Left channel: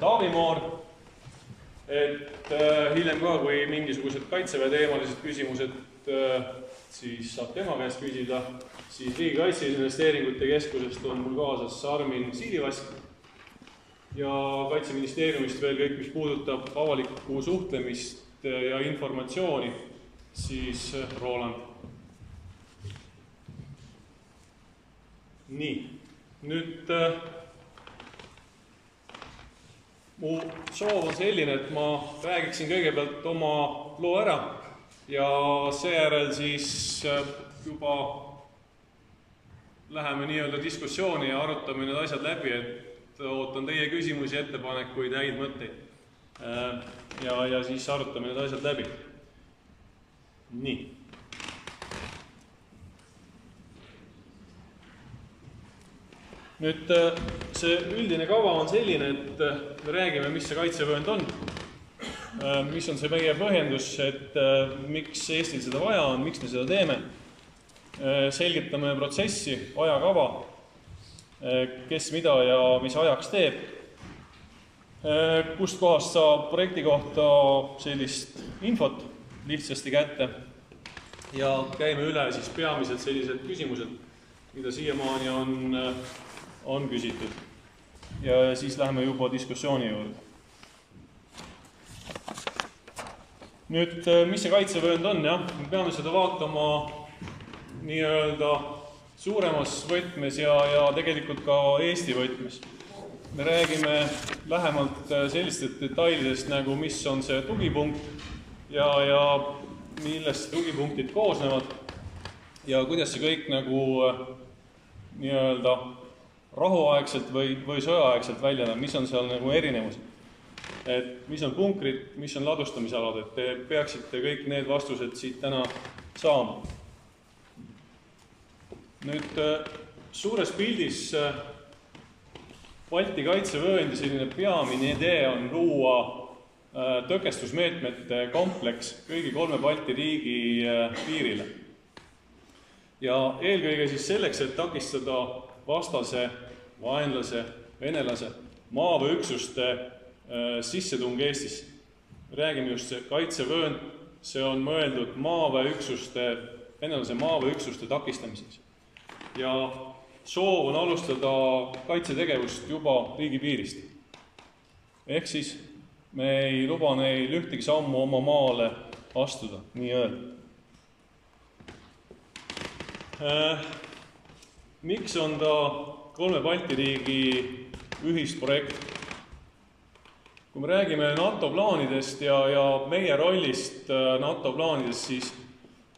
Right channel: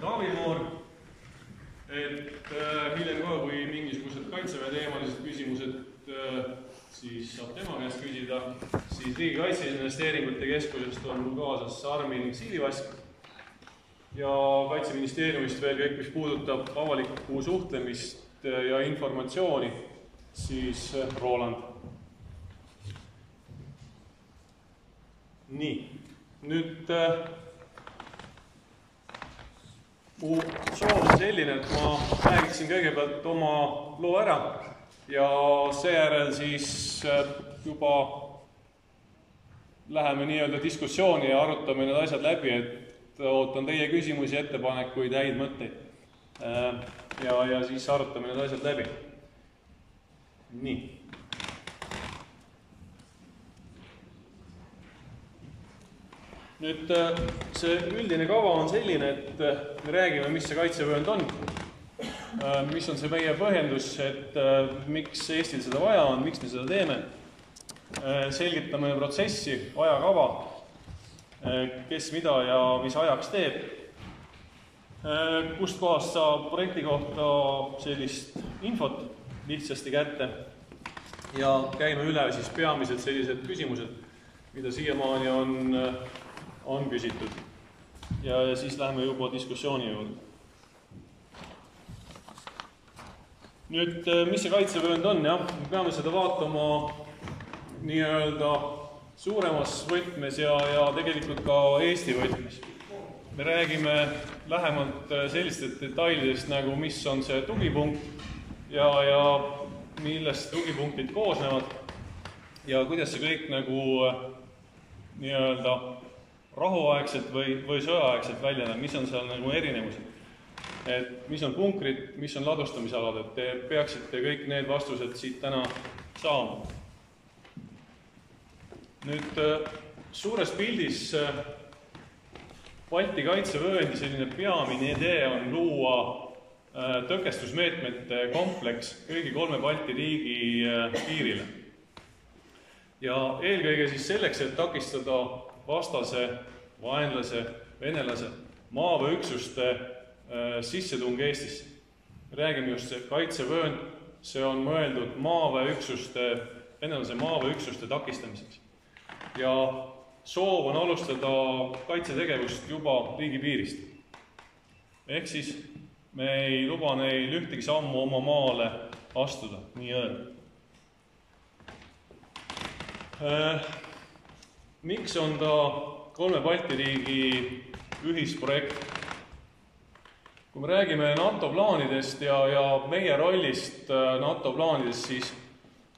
Taavi Moor, et hiljem ka, kui mingisugused kaitseväe teemalised küsimused siis saab tema käest küsida, siis Riigi Kaitseinvesteeringute Keskusest on mul kaasas Armin Siilivask ja Kaitseministeeriumist veel kõik, mis puudutab avalikku suhtlemist ja informatsiooni, siis Roland. Nii, nüüd mu soov on selline, et ma räägiksin kõigepealt oma loo ära ja seejärel siis juba läheme nii-öelda diskussiooni ja arutame need asjad läbi, et ootan teie küsimusi, ettepanekuid, häid mõtteid. Ja siis arutame need asjad läbi. Nii. Nüüd see üldine kava on selline, et me räägime, mis see kaitsevöönd on, mis on see meie põhjendus, et miks Eestil seda vaja on, miks me seda teeme. Selgitame protsessi, ajakava, kes mida ja mis ajaks teeb. Kust kohast saab projekti kohta sellist infot lihtsasti kätte ja käime üle siis peamiselt sellised küsimused, mida siiamaani on küsitud. Ja siis läheme juba diskussiooni juurde. Nüüd, mis see kaitsevöönd on? Jah, me peame seda vaatama nii-öelda suuremas võtmes ja tegelikult ka Eesti võtmes. Me räägime lähemalt sellistest detailidest, nagu mis on see tugipunkt ja millest tugipunktid koosnevad ja kuidas see kõik nagu nii-öelda rahuaegselt või sõjaaegselt välja näeb, mis on seal nagu erinevused. Et mis on punkrid, mis on ladustamisalad, et te peaksite kõik need vastused siit täna saama. Nüüd suures pildis Balti kaitsevööndi selline peamine idee on luua tõkestusmeetmete kompleks kõigi 3 Balti riigi piirile. Ja eelkõige siis selleks, et takistada vastase, vaenlase, venelase maaväeüksuste sissetung Eestisse. Räägime just see kaitsevöönd, see on mõeldud venelase maaväeüksuste takistamiseks. Ja soov on alustada kaitsetegevust juba riigipiirist. Ehk siis me ei luba neil ühtegi sammu oma maale astuda, nii öelda. Miks on ta 3 Balti riigi ühisprojekt? Kui me räägime NATO plaanidest ja meie rollist NATO plaanidest,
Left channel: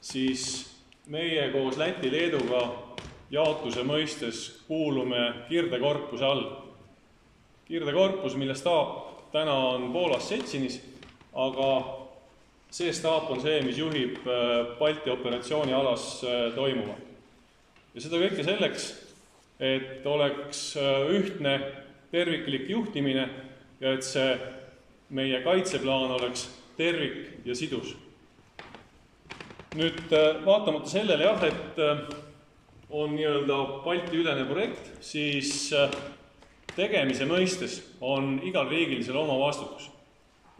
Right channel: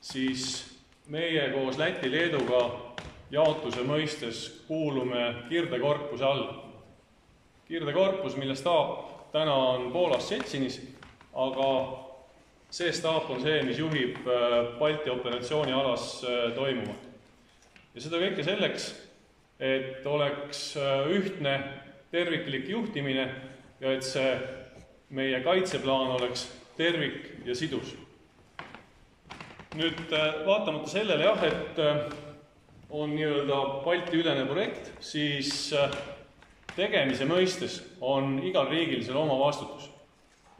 siis meie koos Läti Leeduga jaotuse mõistes kuulume Kirdekorpuse all. Kirdekorpus, mille staap täna on Poolas Ščecinis, aga see staap on see, mis juhib Balti operatsioonialas toimuva. Ja seda kõike selleks, et oleks ühtne terviklik juhtimine ja et see meie kaitseplaan oleks tervik ja sidus. Nüüd vaatamata sellele jah, et on nii-öelda Balti-ülene projekt, siis tegemise mõistes on igal riigil selle oma vastutus.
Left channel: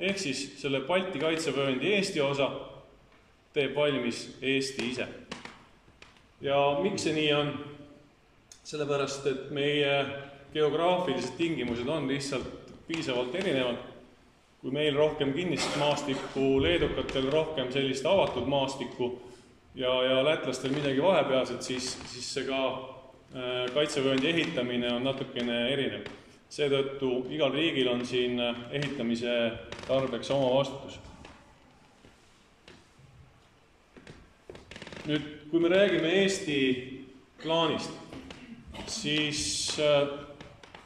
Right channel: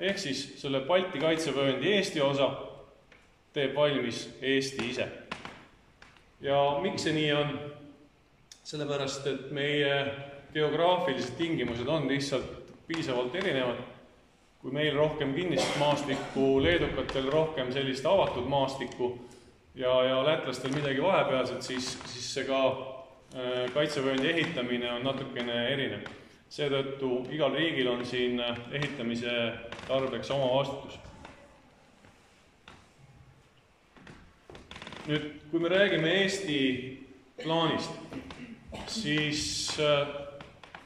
Ehk siis selle Balti kaitsevööndi Eesti osa teeb valmis Eesti ise. Ja miks see nii on? Sellepärast, et meie geograafilised tingimused on lihtsalt piisavalt erinevad. Kui meil rohkem kinnist maastikku, leedukatel rohkem sellist avatud maastikku ja lätlastel midagi vahepealset, siis see ka kaitsevööndi ehitamine on natukene erinev. Seetõttu igal riigil on siin ehitamise tarbeks oma vastutus. Nüüd, kui me räägime Eesti plaanist, siis see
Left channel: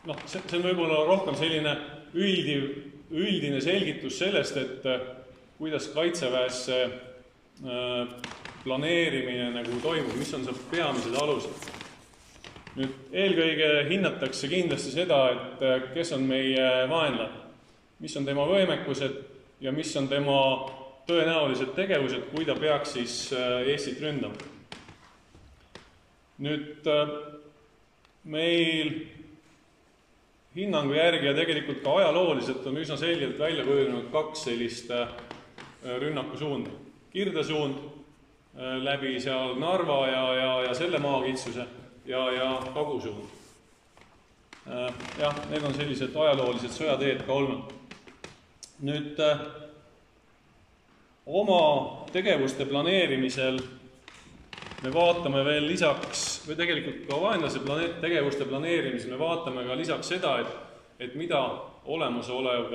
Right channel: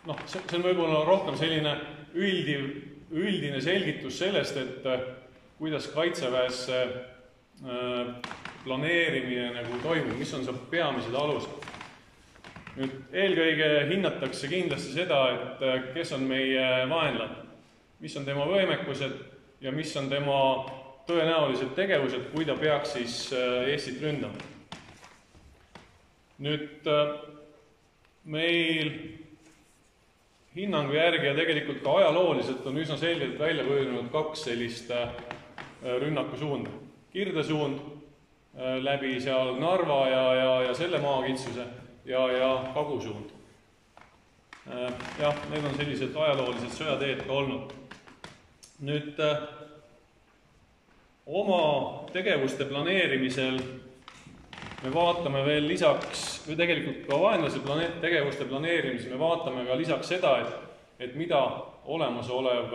on võib-olla rohkem selline üldine selgitus sellest, et kuidas kaitseväes planeerimine nagu toimub, mis on see peamised alused. Nüüd, eelkõige hinnatakse kindlasti seda, et kes on meie vaenlane, mis on tema võimekused ja mis on tema tõenäolised tegevused, kui ta peaks siis Eestit ründama. Nüüd meil hinnangu järgi ja tegelikult ka ajalooliselt on üsna selgelt välja kujunenud kaks sellist rünnakusuunda. Kirdesuund läbi seal Narva ja selle maakitsuse ja kagusuund. Jah, need on sellised ajaloolised sõjateed ka olnud. Nüüd oma tegevuste planeerimisel me vaatame veel lisaks, või tegelikult ka vaenlase tegevuste planeerimisel me vaatame ka lisaks seda, et mida olemasolev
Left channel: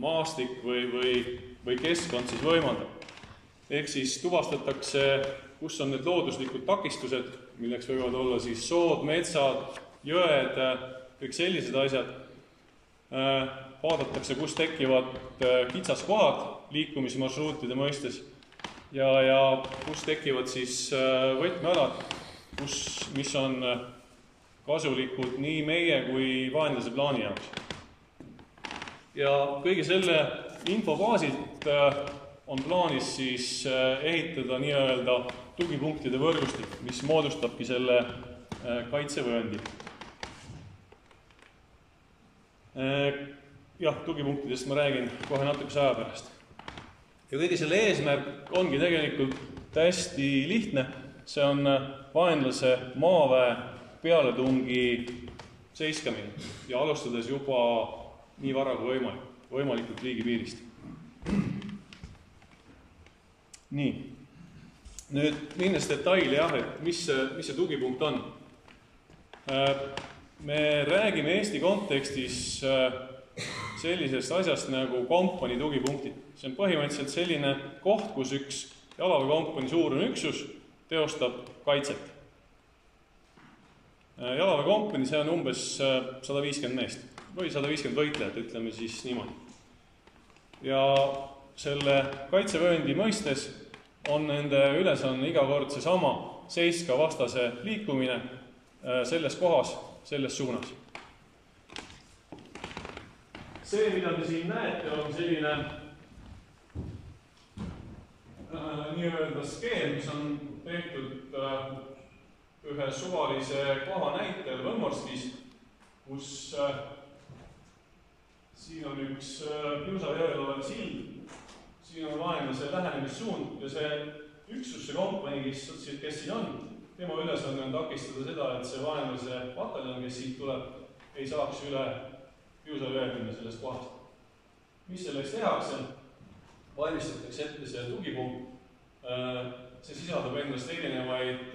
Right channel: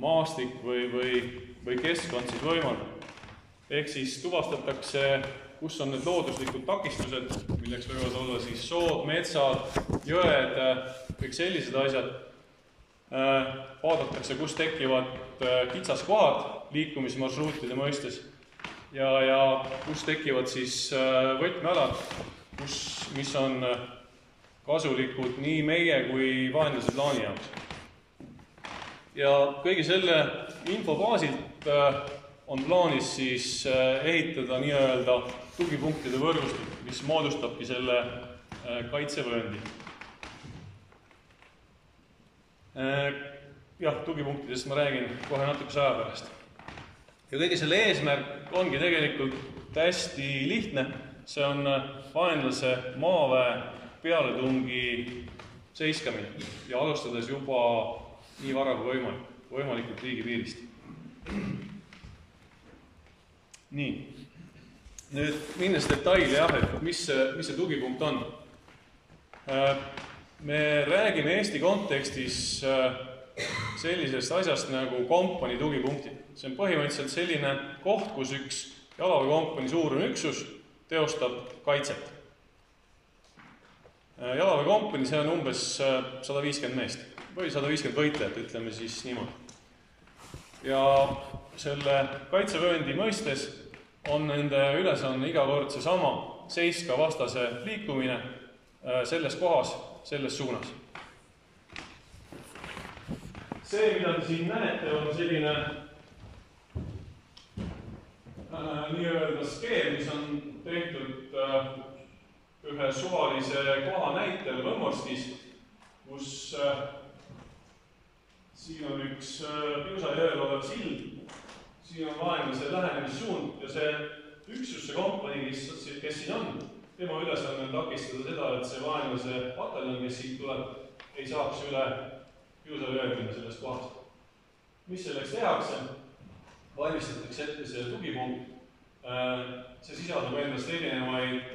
maastik või keskkond siis võimaldab. Ehk siis tuvastatakse, kus on need looduslikud takistused, milleks võivad olla siis sood, metsad, jõed, kõik sellised asjad. Vaadatakse, kus tekivad kitsaskohad liikumismarsruutide mõistes ja kus tekivad siis võtmealad, mis on kasulikud nii meie kui vaenlase plaani jaoks. Ja kõige selle info baasilt on plaanis siis ehitada nii-öelda tugipunktide võrgustik, mis moodustabki selle kaitsevööndi. Jah, tugipunktidest ma räägin kohe natukese aja pärast. Ja kõige selle eesmärk ongi tegelikult hästi lihtne. See on vaenlase maaväe pealetungi seiskamine ja alustades juba nii vara kui võimalikult riigipiirist. Nii, nüüd minnes detaili jah, et mis see tugipunkt on. Me räägime Eesti kontekstis sellisest asjast nagu kompanii tugipunktid. See on põhimõtteliselt selline koht, kus üks jalaväekompanii suurune üksus teostab kaitset. Jalaväekompanii, see on umbes 150 meest või 150 võitlejat, ütleme siis niimoodi. Ja selle kaitsevööndi mõistes on nende ülesanne iga kord seesama seiska vastase liikumine selles kohas, selles suunas. See, mida te siin näete, on selline nii-öelda skeem, mis on tehtud ühe suvalise koha näitel Võmmorstis, kus siin on üks Piusa jõel olev sild, siin on vaenlase lähenemissuund ja see üksus, see kompanii, kes siin on, tema ülesanne on takistada seda, et see vaenlase pataljon, kes siit tuleb, ei saaks üle Piusa jõel minna sellest kohast. Mis selleks tehakse? Valmistatakse ette see tugipunkt. See sisaldab endast erinevaid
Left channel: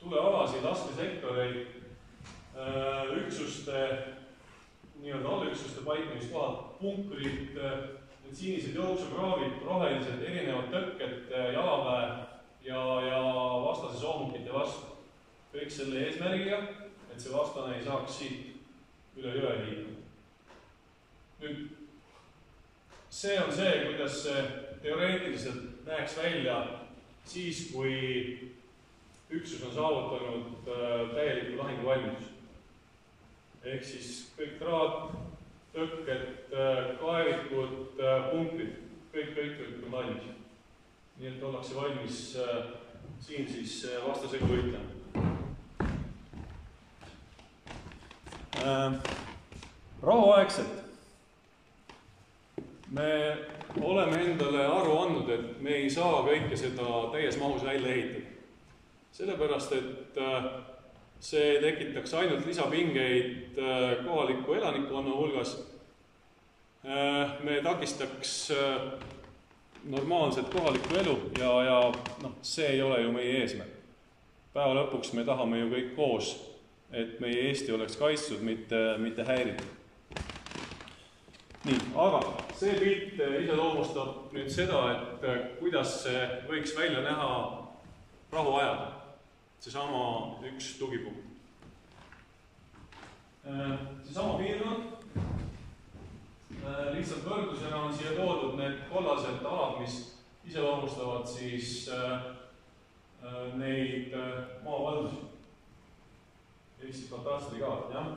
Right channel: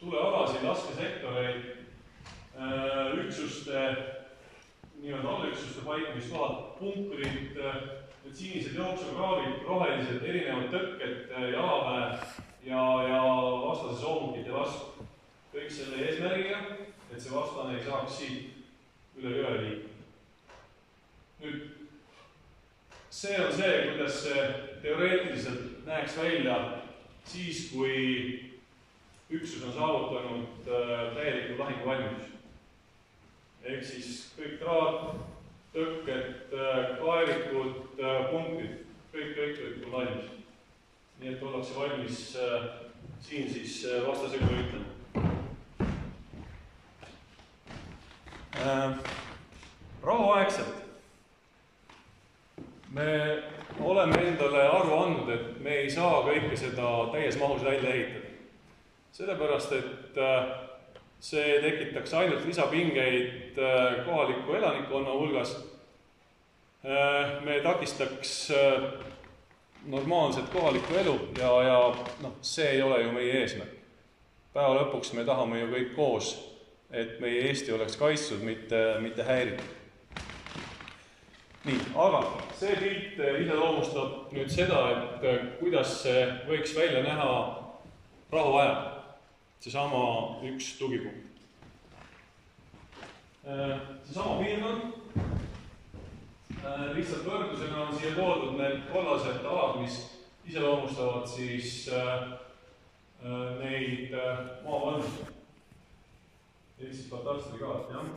tulealasid, laskesektoreid, üksuste, nii-öelda allüksuste paikamiskohad, punkrid, need sinised jooksukraavid, rohelised, erinevad tõkked, jalaväe ja vastase soomukite vastu. Kõik selle eesmärgiga, et see vastane ei saaks siit üle jõe liikuda. Nüüd, see on see, kuidas see teoreetiliselt näeks välja siis, kui üksus on saavutanud täieliku lahinguvalmidus. Ehk siis kõik traat, tõkked, kaevikud, punkrid, kõik on valmis. Nii et ollakse valmis siin siis vastasega võitlema. Rahuaegselt me oleme endale aru andnud, et me ei saa kõike seda täies mahus välja ehitada. Sellepärast, et see tekitaks ainult lisapingeid kohaliku elanikkonna hulgas. Me takistaks normaalset kohalikku elu ja see ei ole ju meie eesmärk. Päeva lõpuks me tahame ju kõik koos, et meie Eesti oleks kaitstud, mitte häiritud. Nii, aga see pilt iseloomustab nüüd seda, et kuidas see võiks välja näha rahuajal. Seesama üks tugipunkt. Seesama piirkond. Lihtsalt võrdlusena on siia toodud need kollased alad, mis iseloomustavad siis neid maavalmisi. Ehk siis katastrikaart, jah.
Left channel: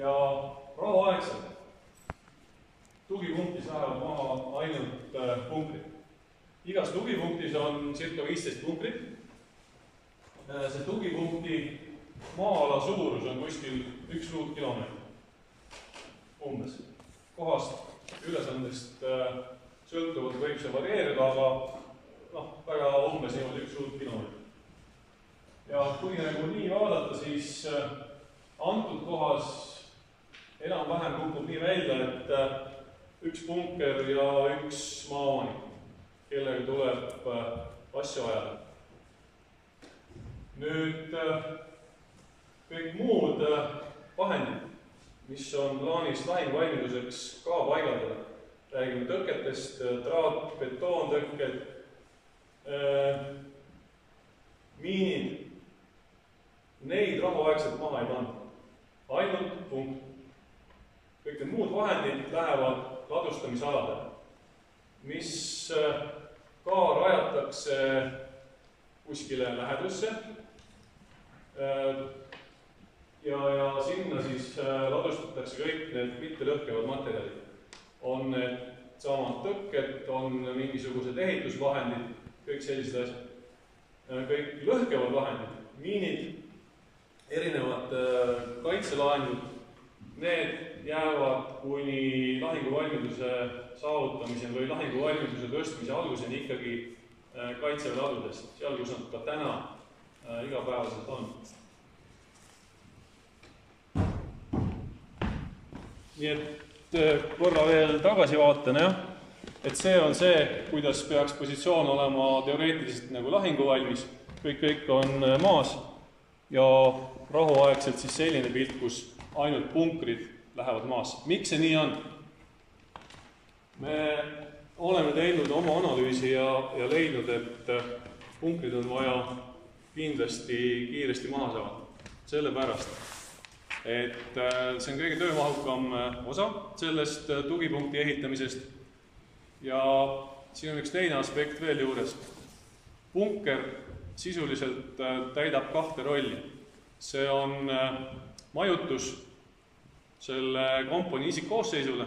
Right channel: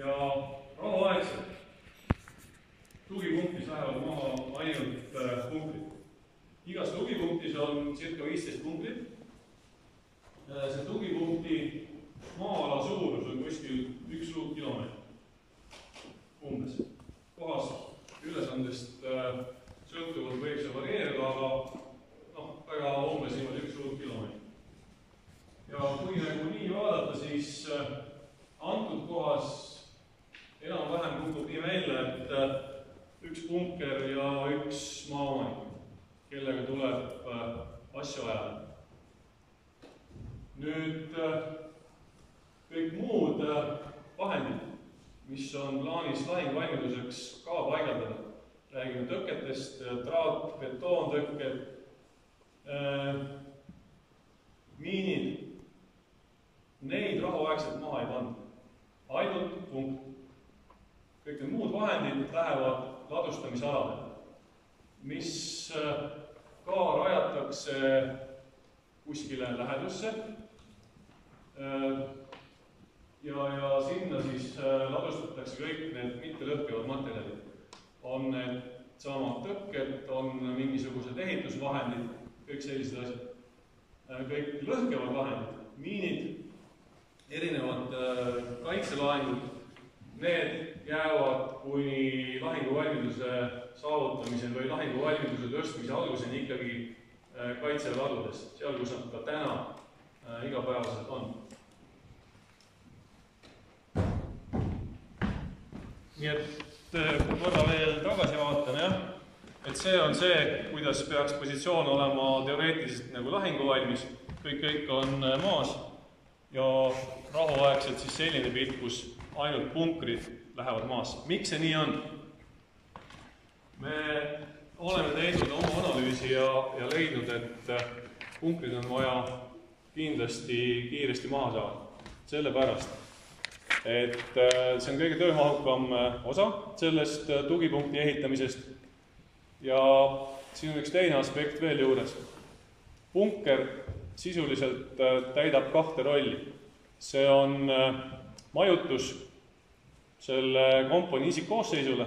Ja rahuaegselt tugipunktis lähevad maha ainult punktid. Igas tugipunktis on circa 15 punktit. See tugipunkti maa-ala suurus on kuskil 1 ruutkilomeetrit umbes. Kohast ülesandest sõltuvalt võib see varieerida, aga väga umbes niimoodi 1 ruutkilomeetrit. Ja kui nagu nii vaadata, siis antud kohas enam-vähem kukub nii välja, et 1 punker ja 1 maaomanik, kellega tuleb asju ajada. Nüüd kõik muud vahendid, mis on plaanis lahinguvalmiduseks ka paigaldada. Räägime tõketest, traat, betoontõkked, miinid. Neid rahuaegselt maha ei panda. Ainult punkt. Kõik need muud vahendid lähevad ladustamisaladele, mis ka rajatakse kuskile lähedusse. Ja sinna siis ladustatakse kõik need mittelõhkevad materjalid. On need samad tõkked, on mingisugused ehitusvahendid, kõik sellised asjad. Kõik lõhkevad vahendid, miinid, erinevad kaitselaengud, need jäävad kuni lahinguvalmiduse saavutamisel või lahinguvalmiduse tõstmise alguseni ikkagi kaitseväeladudes, seal kus nad ka täna igapäevaselt on. Nii et korra veel tagasi vaatan, et see on see, kuidas peaks positsioon olema teoreetiliselt nagu lahinguvalmis. Kõik on maas ja rahuaegselt siis selline pilt, kus ainult punkrid lähevad maasse. Miks see nii on? Me oleme teinud oma analüüsi ja leidnud, et punkrid on vaja kindlasti kiiresti maha saada. Sellepärast, et see on kõige töömahukam osa sellest tugipunkti ehitamisest. Ja siin on üks teine aspekt veel juures. Punker sisuliselt täidab 2 rolli. See on majutus selle kompani isikkoosseisule,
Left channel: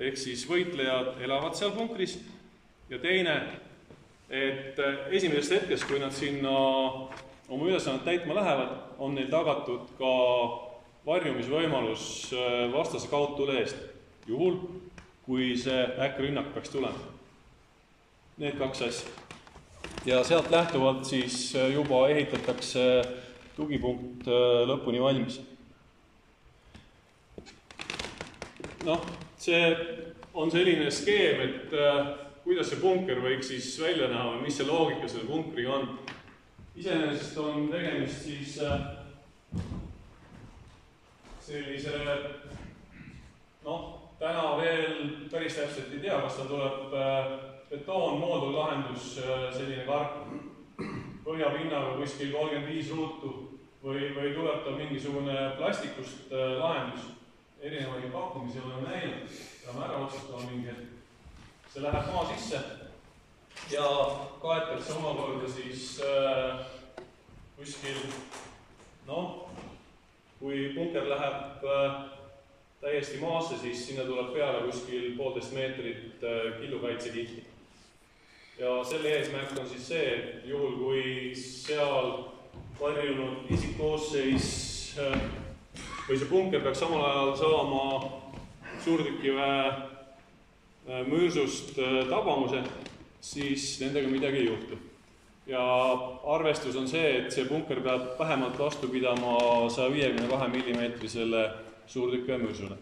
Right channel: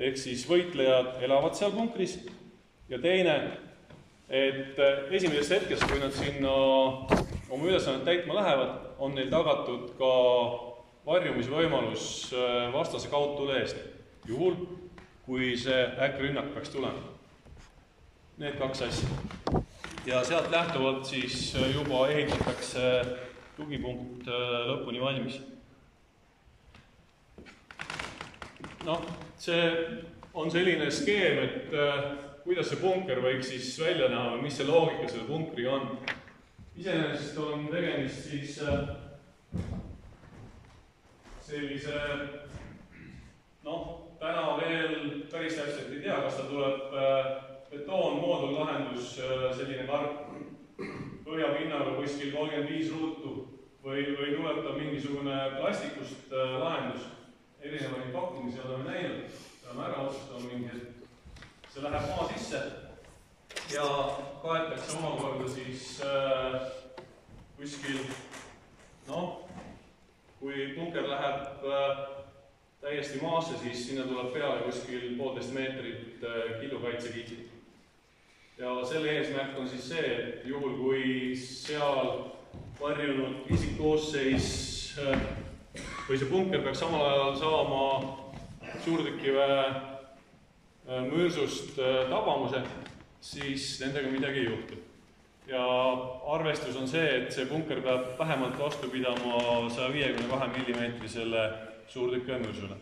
ehk siis võitlejad elavad seal punkris. Ja teine, et esimesest hetkest, kui nad sinna oma ülesannet täitma lähevad, on neil tagatud ka varjumisvõimalus vastase kaudtule eest, juhul kui see äkkrünnak peaks tulema. Need 2 asja. Ja sealt lähtuvalt siis juba ehitatakse tugipunkt lõpuni valmis. See on selline skeem, et kuidas see punker võiks siis välja näha või mis see loogika selle punkriga on. Iseenesest on tegemist siis sellise, täna veel päris täpselt ei tea, kas ta tuleb betoonmoodul-lahendus, selline karp põhjapinnaga kuskil 35 ruutu või tuleb ta mingisugune plastikust lahendus. Erinevaid pakkumisi oleme näinud ja me ära otsustame mingi hetk. See läheb maa sisse ja kaetakse omakorda siis kuskil, kui punker läheb täiesti maasse, siis sinna tuleb peale kuskil 1,5 meetrit killukaitsekihti. Ja selle eesmärk on siis see, et juhul kui seal varjunud isikkoosseis või see punker peaks samal ajal saama suurtükiväe mürsust tabamuse, siis nendega midagi ei juhtu. Ja arvestus on see, et see punker peab vähemalt vastu pidama 152 millimeetrisele suurtükiväe mürsule.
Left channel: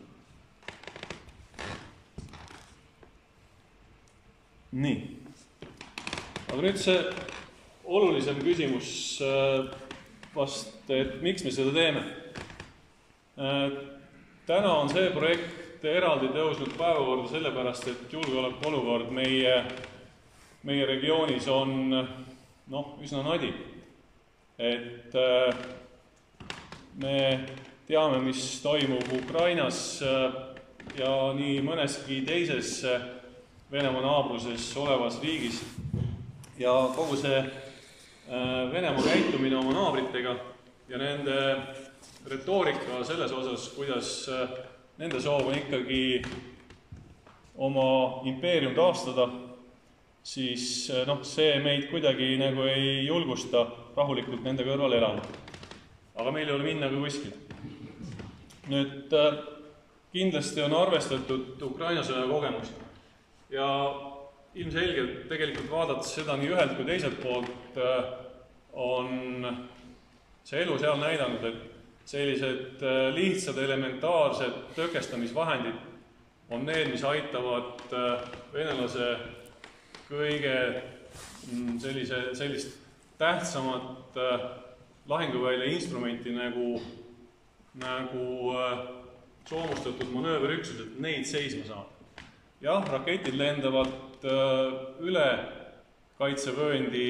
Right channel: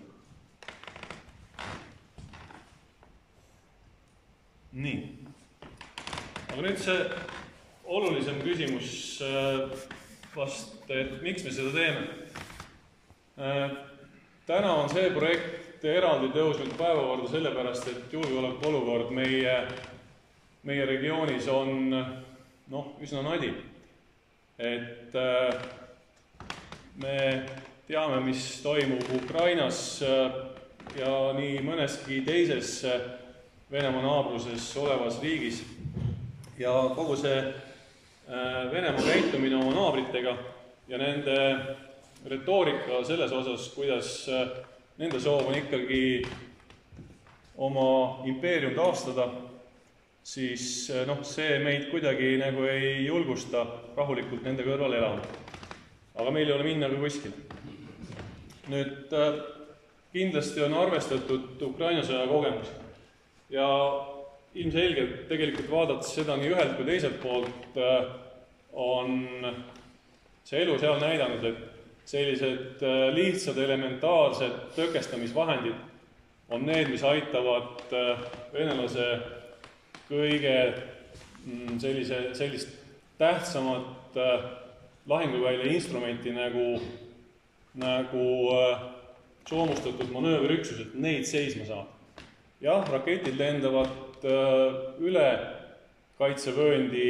Nii. Aga nüüd see olulisem küsimus vast, et miks me seda teeme. Täna on see projekt eraldi tõusnud päevakorda sellepärast, et julgeolekuolukord meie regioonis on üsna nadi. Et me teame, mis toimub Ukrainas ja nii mõneski teises Venemaa naabruses olevas riigis. Ja kogu see Venemaa käitumine oma naabritega ja nende retoorika selles osas, kuidas nende soov on ikkagi oma impeerium taastada, siis see meid kuidagi nagu ei julgusta rahulikult nende kõrval elama. aga meil ei ole minna ka kuskile. Nüüd kindlasti on arvestatud Ukraina sõja kogemusi ja ilmselgelt tegelikult vaadates seda nii ühelt kui teiselt poolt on see elu seal näidanud, et sellised lihtsad elementaarsed tõkestamisvahendid on need, mis aitavad venelase kõige sellist tähtsamat lahinguvälja instrumenti nagu soomustatud manööverüksused, neid seisma saab. Jah, raketid lendavad üle kaitsevööndi,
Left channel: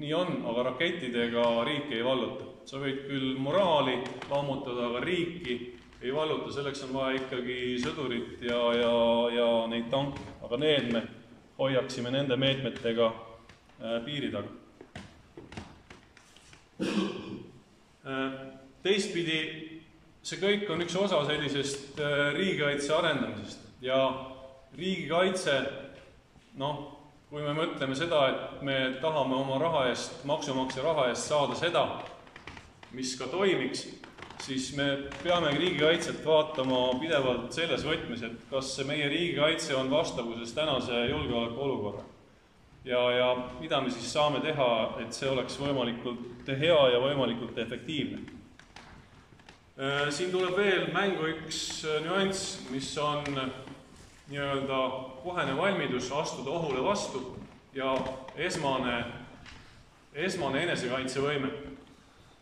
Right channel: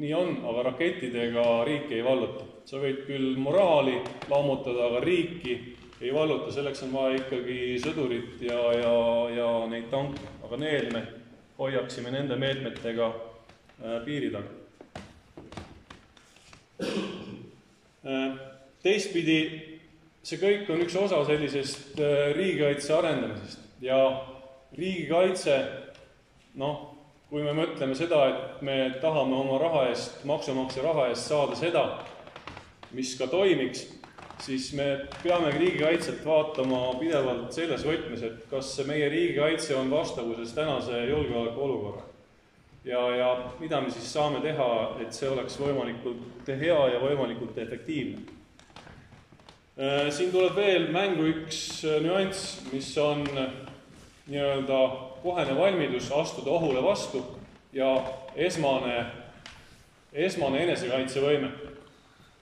nii on, aga rakettidega riiki ei valluta. Sa võid küll moraali lammutada, aga riiki ei valluta, selleks on vaja ikkagi sõdurit ja neid tanke, aga need me hoiaksime nende meetmetega piiri taga. Teistpidi, see kõik on üks osa sellisest riigikaitse arendamisest ja riigikaitse, kui me mõtleme seda, et me tahame oma raha eest, maksumaksja raha eest saada seda, mis ka toimiks, siis me peamegi riigikaitset vaatama pidevalt selles võtmes, et kas see meie riigikaitse on vastavuses tänase julgeoleku olukorra. Ja mida me siis saame teha, et see oleks võimalikult hea ja võimalikult efektiivne. Siin tuleb veel mängu üks nüanss, mis on nii-öelda kohene valmidus astuda ohule vastu ja esmane enesekaitsevõime.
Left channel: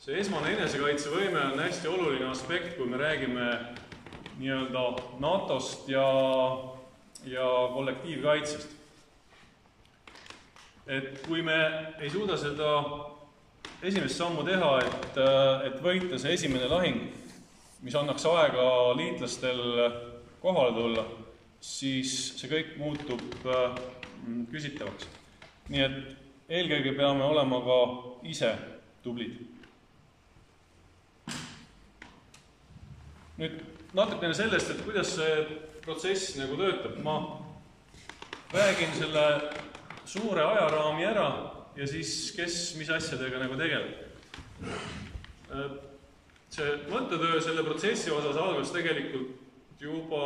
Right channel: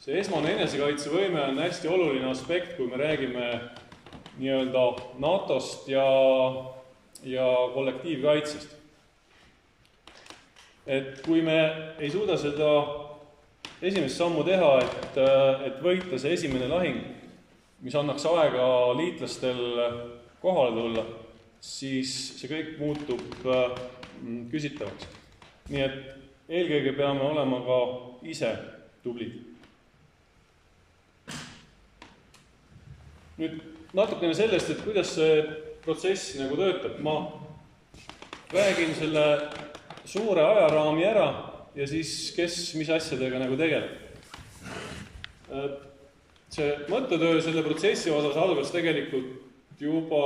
See esmane enesekaitsevõime on hästi oluline aspekt, kui me räägime nii-öelda NATO-st ja kollektiivkaitsest. Et kui me ei suuda seda esimest sammu teha, et võita see esimene lahing, mis annaks aega liitlastel kohale tulla, siis see kõik muutub küsitavaks. Nii et eelkõige peame olema ka ise tublid. Nüüd natukene sellest, et kuidas see protsess nagu töötab. Ma räägin selle suure ajaraami ära ja siis kes mis asjadega nagu tegeleb. See mõttetöö selle protsessi osas algas tegelikult juba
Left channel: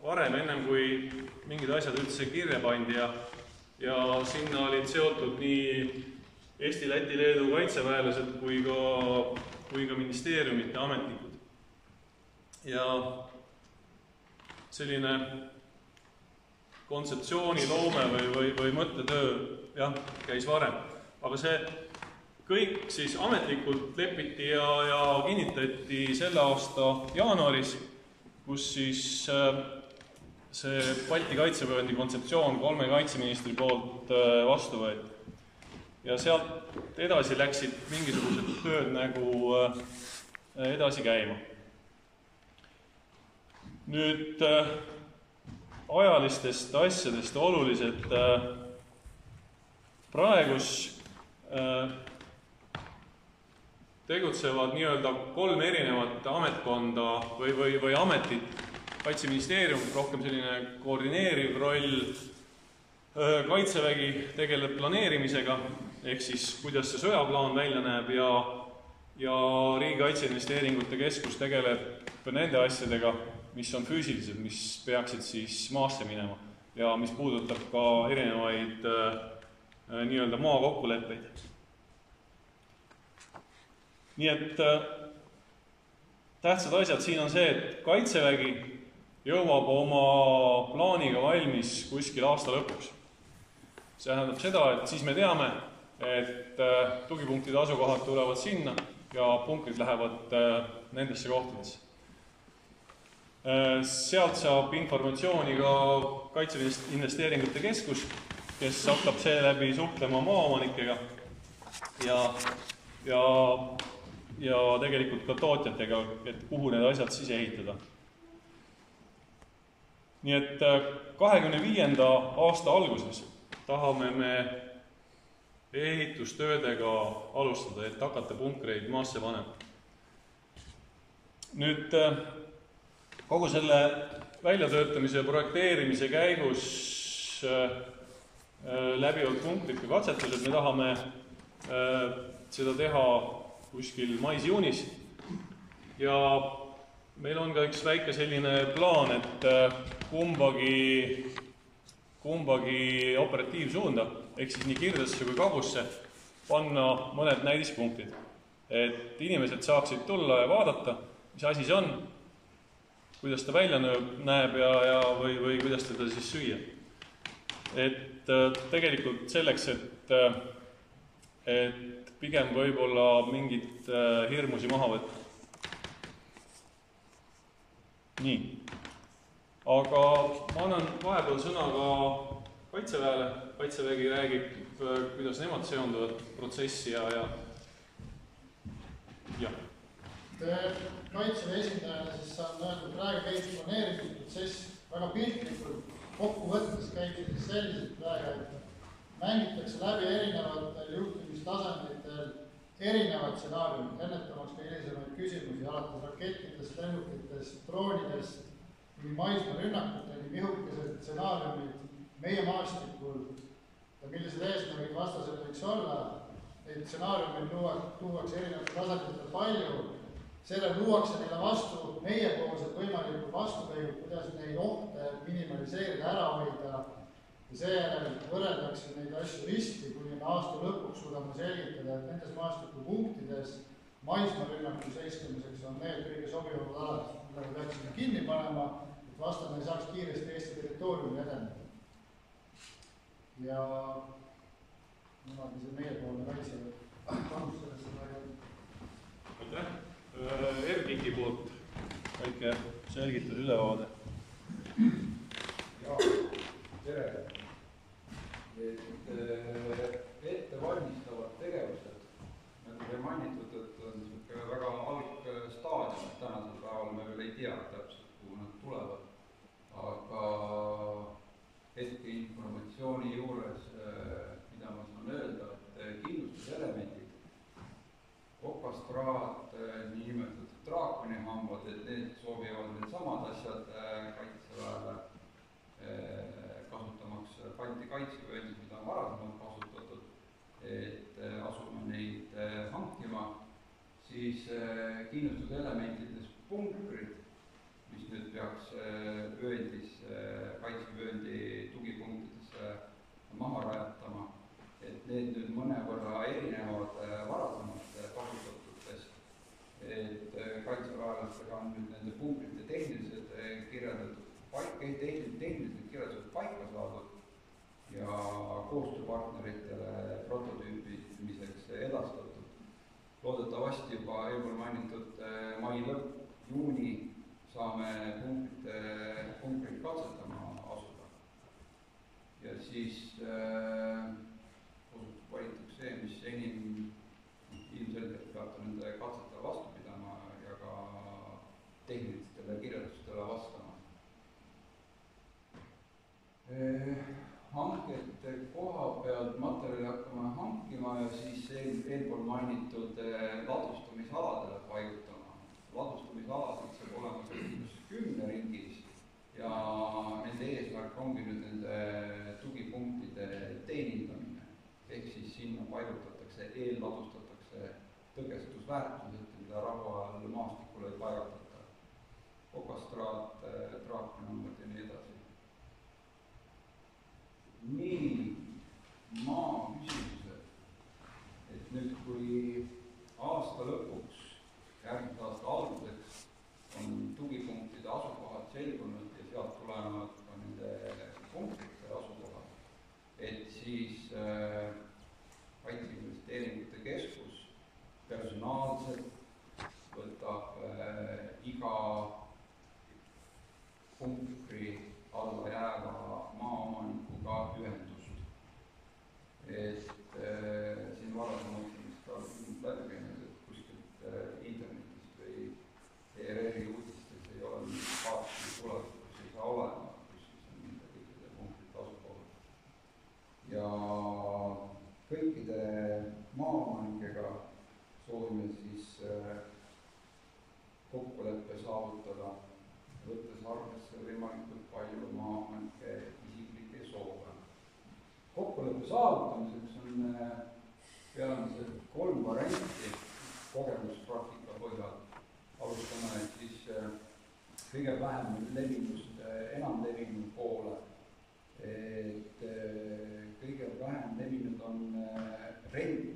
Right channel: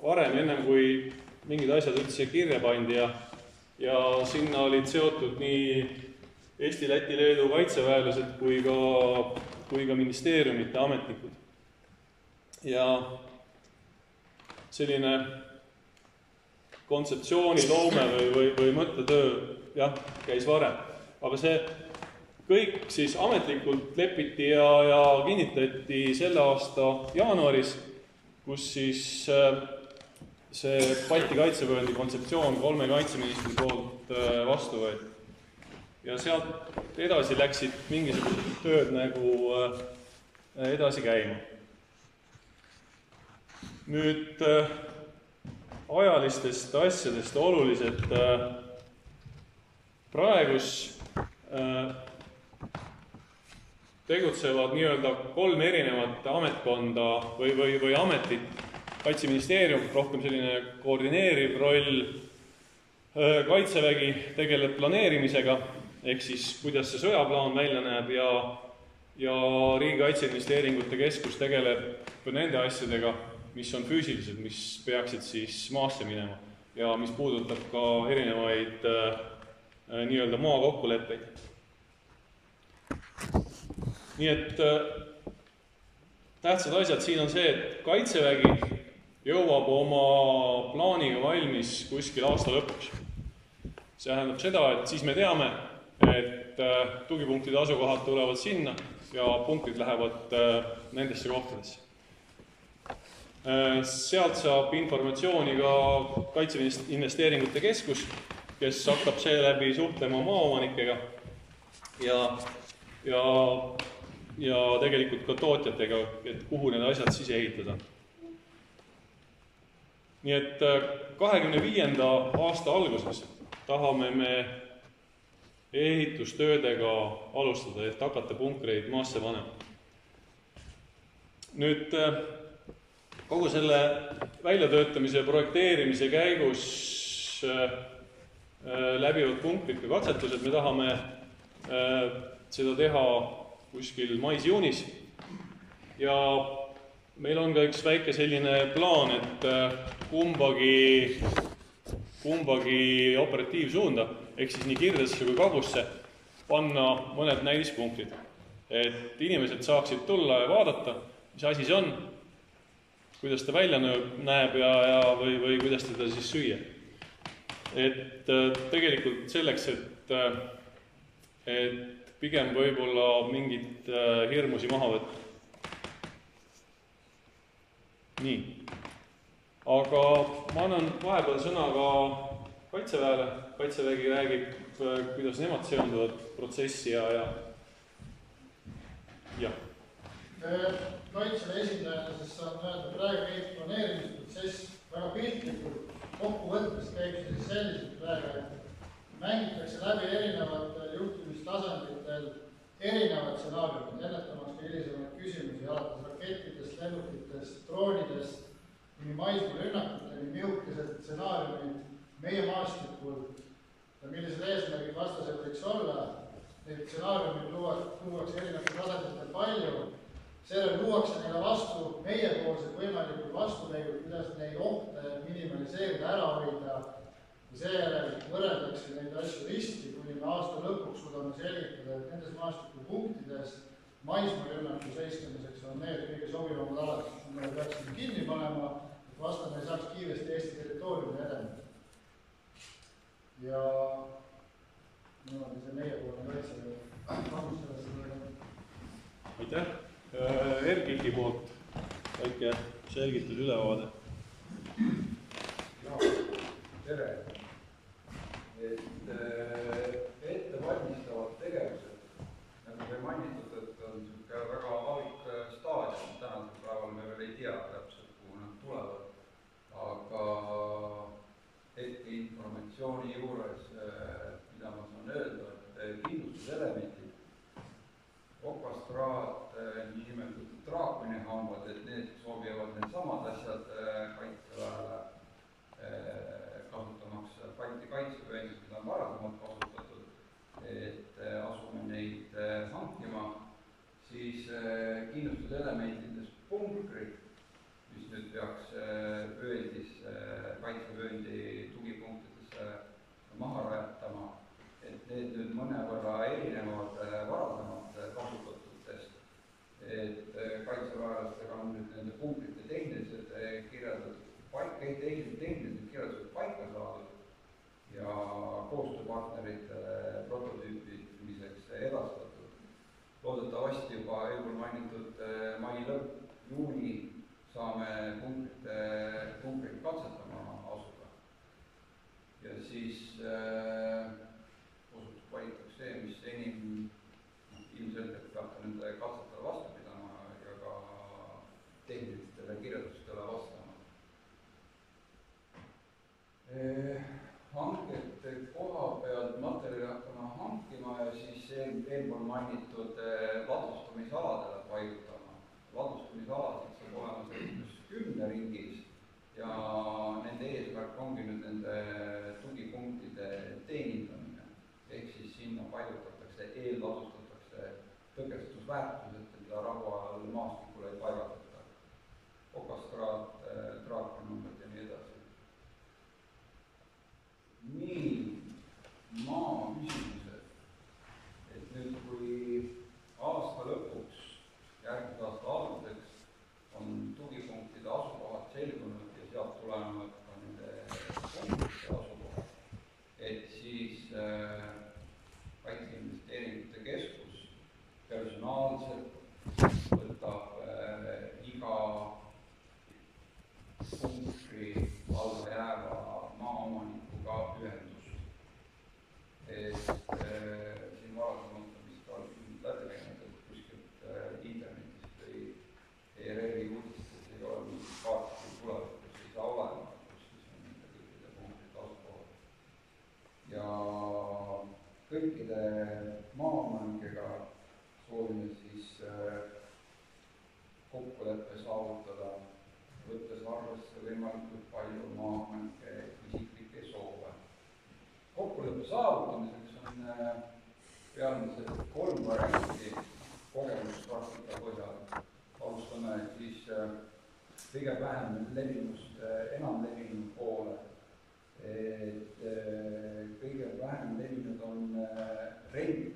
varem, ennem kui mingid asjad üldse kirja pandi ja sinna olid seotud nii Eesti, Läti, Leedu kaitseväelased kui ka ministeeriumite ametnikud. Ja selline kontseptsiooniloome või mõttetöö käis varem. Aga see kõik siis ametlikult lepiti ja kinnitati selle aasta jaanuaris, kus siis see Balti kaitsevööndi kontseptsioon 3 kaitseministri poolt vastu võeti. Ja sealt edasi läksid mingisugused tööd nagu edasi käima. Nüüd ajalistest asjadest olulised praegus tegutsevad nii-öelda 3 erinevat ametkonda või ametit. Kaitseministeerium, rohkem selline koordineeriv roll, kaitsevägi tegeleb planeerimisega, ehk siis kuidas see sõjaplaan välja näeb ja Riigikaitse Investeeringute Keskus tegeleb nende asjadega, mis on füüsilised, mis peaksid siis maasse minema ja mis puudutab ka erinevaid nii-öelda maakokkuleppeid. Nii et tähtsad asjad siin on see, et kaitsevägi jõuab oma plaaniga valmis kuskil aasta lõpuks. See tähendab seda, et siis me teame, et tugipunktide asukohad tulevad sinna ja punktid lähevad nendesse kohtadesse. Sealt saab informatsiooni ka Kaitseinvesteeringute Keskus, kes hakkab seeläbi suhtlema maaomanikega ja tegelikult ka tootjatega, et kuhu need asjad siis ehitada. Nii et 25. aasta alguses tahame me ehitustöödega alustada, et hakata punkreid maasse panema. Nüüd kogu selle väljatöötamise ja projekteerimise käigus läbivad punkrid ka katsetused. Me tahame seda teha kuskil mais-juunis ja meil on ka üks väike selline plaan, et kumbagi operatiivsuunda, ehk siis nii Kirdesse kui Kagusse, panna mõned näidispunktid, et inimesed saaksid tulla ja vaadata, mis asi see on, kuidas ta välja näeb või kuidas teda siis süüa. Et tegelikult selleks, et pigem võib-olla mingit hirmusi maha võtta. Nii. Aga ma annan vahepeal sõna ka Kaitseväele. Kaitsevägi räägib, kuidas nemad seonduvad protsessi ja. Kaitseväe esindajana siis saan öelda, praegu käib planeerimisprotsess väga piltlikult. Kokkuvõttes käib siis selliselt praegu, et mängitakse läbi erinevatel juhtimistasanditel erinevad stsenaariumid, ennetamaks ka hilisemaid küsimusi, alates rakettidest, lennukitest, droonidest, kuni maismaarünnakuteni, mihukesed stsenaariumid meie maastikul ja millised eesmärgid vastasel võiks olla. Neid stsenaariumid tuuakse erinevatel tasanditel palju. Seejärel luuakse neile vastu meiepoolsed võimalikud vastupeigud, kuidas neid ohte minimaliseerida, ära hoida. Ja seejärel võrreldakse neid asju risti, kuni me aasta lõpuks suudame selgitada, et nendes maastikupunktides maismaarünnaku seiskamiseks on need kõige sobivamad alad, mille peaksime kinni panema, et vastane ei saaks kiiresti Eesti territooriumi edeneda. Ja niimoodi see meiepoolne kaitseväe. Aitäh! Erkiki poolt väike selgitud ülevaade. Ja, tere! Ettevalmistavad tegevused, nagu te mainitud, et on väga algstaadium. Tänasel päeval me veel ei tea täpselt, kuhu nad tulevad. Aga informatsiooni juures, mida ma saan öelda, et kindlustuselemendid, okastraat, niinimetatud draakonihambad, et need sobivad need samad asjad Kaitseväele, kasutamaks Balti kaitsevööndis, mida on varasemalt kasutatud, et asume neid hankima, siis kindlustuselementides punkrid, mis nüüd peaks vööndis, kaitsevööndi tugipunktidesse maha rajatama, et need nüüd mõnevõrra erinevad varasemalt kasutatutest, et kaitseväelastega on nüüd nende punkrite tehnilised kirjeldatud paika saadud ja koostööpartneritele prototüüpimiseks edastatud. Loodetavasti juba eelpool mainitud mai lõpp, juuni saame punkrid katsetama asuda. Ja siis valitakse see, mis enim ilmselgelt peab nende katsetele vastu pidama ja ka tehnilistele kirjeldustele vastama. Hankete koha pealt materjali hakkame hankima ja siis eelpool mainitud ladustamisaladele paigutama. Ladustamisalasid saab olema sellises 10 ringis ja nende eesmärk ongi nüüd nende tugipunktide teenindamine. Ehk siis sinna paigutatakse, eelladustatakse tõkestusväärtused, mida rahuajal maastikule ei paigatata. Okastraat, draakonihambad ja nii edasi. Nii, maa küsimused. Et nüüd, kui aasta lõpuks, järgmise aasta alguseks on tugipunktide asukohad selgunud ja sealt tulevad ka nende punktide asukohad, et siis Kaitseinvesteeringute Keskus personaalselt võtab iga punkri alla jääva maaomanikuga ühendust. Et siin varasemalt vist ka läbi käinud, et kuskilt internetist või ERR-i uudistes ei ole mingit kaarti tulevikus ei saa olema, kus on nende kõikide punktide asukohad. Ja kõikide maaomanikega soovime siis kokkuleppe saavutada, võttes arvesse võimalikult palju maaomanike isiklikke soove. Kokkuleppe saavutamiseks on peamiselt 3 varianti kogemuspraktika põhjal. alustame siis kõige vähem levinust enam levinud poole. Et kõige vähem levinud on rent.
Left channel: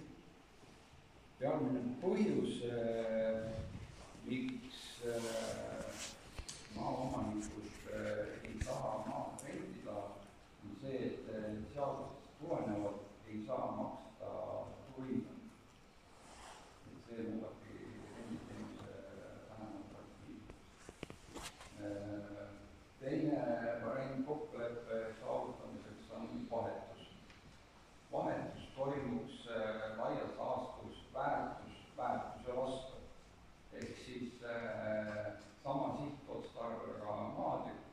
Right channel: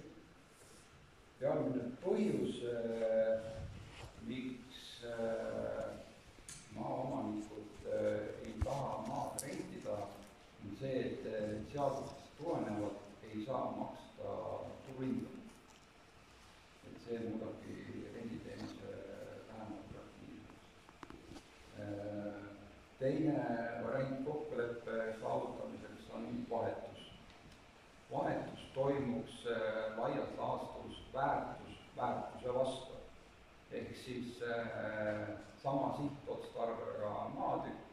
Peamine põhjus, miks maaomanikud ei taha maad rentida, on see, et seadusest tulenevalt ei saa maksta turuhinda. Et see muudabki renditeenuse vähem atraktiivseks. Teine variant kokkuleppe saavutamiseks on vahetus. Vahetus toimuks laias laastus väärtuse vastu. Ehk siis sama sihtotstarbega maatüki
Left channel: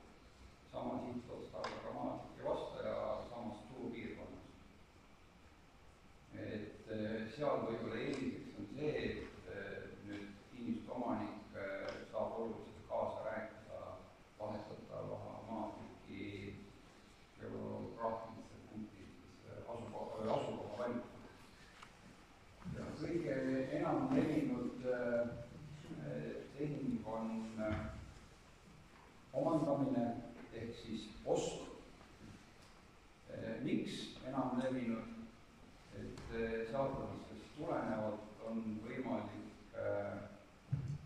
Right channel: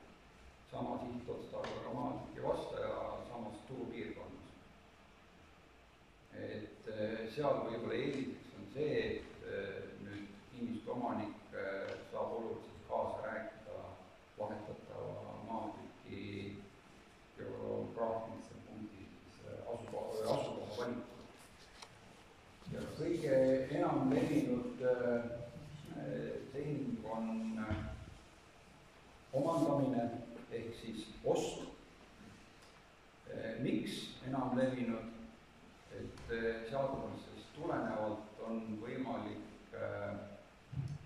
vastu ja samas turupiirkonnas. Et seal võib-olla eeliseks on see, et nüüd kinnistu omanik saab oluliselt kaasa rääkida vahetatava maatüki geograafilistel punktis asukoha valikul. Ja kõige enam levinud tehing on omandamine ehk siis ost. Miks enam levinud? Et seadusest tulenevalt on võimalik,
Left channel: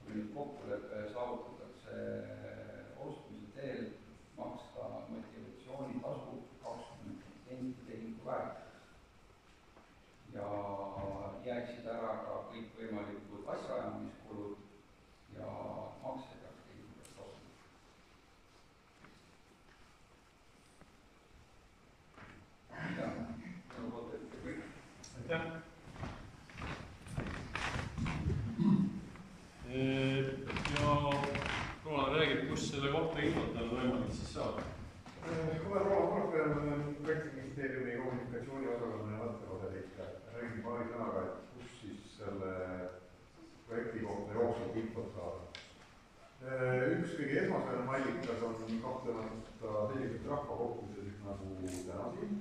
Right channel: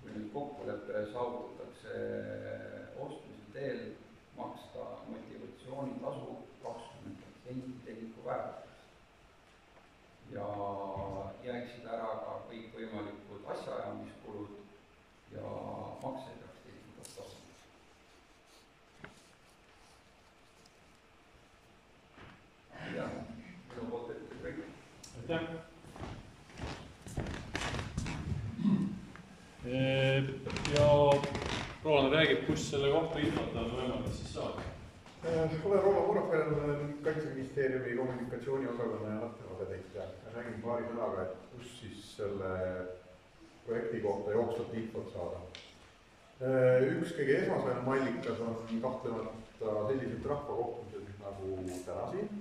kui nüüd kokkulepe saavutatakse ostmise teel, maksta motivatsioonitasu 20% tehingu väärtusest. Ja jääksid ära ka kõikvõimalikud asjaajamiskulud ja makse peaks tehingut tasuma. Ja minu poolt ette kõik. Aitäh! Ja Roland räägib, kus selle kohta infot on võimalik siis saada. Olen Roland Murafel, Kaitseministeeriumi kommunikatsiooniosakonna ja nattevadeteid. Räägin paari sõnaga, et kus siis selle projekti kohta jooksvalt infot saada. Üks kõige esmaspäevane allikas on kahtlemata sellised rahvakohtumised nagu täna siin.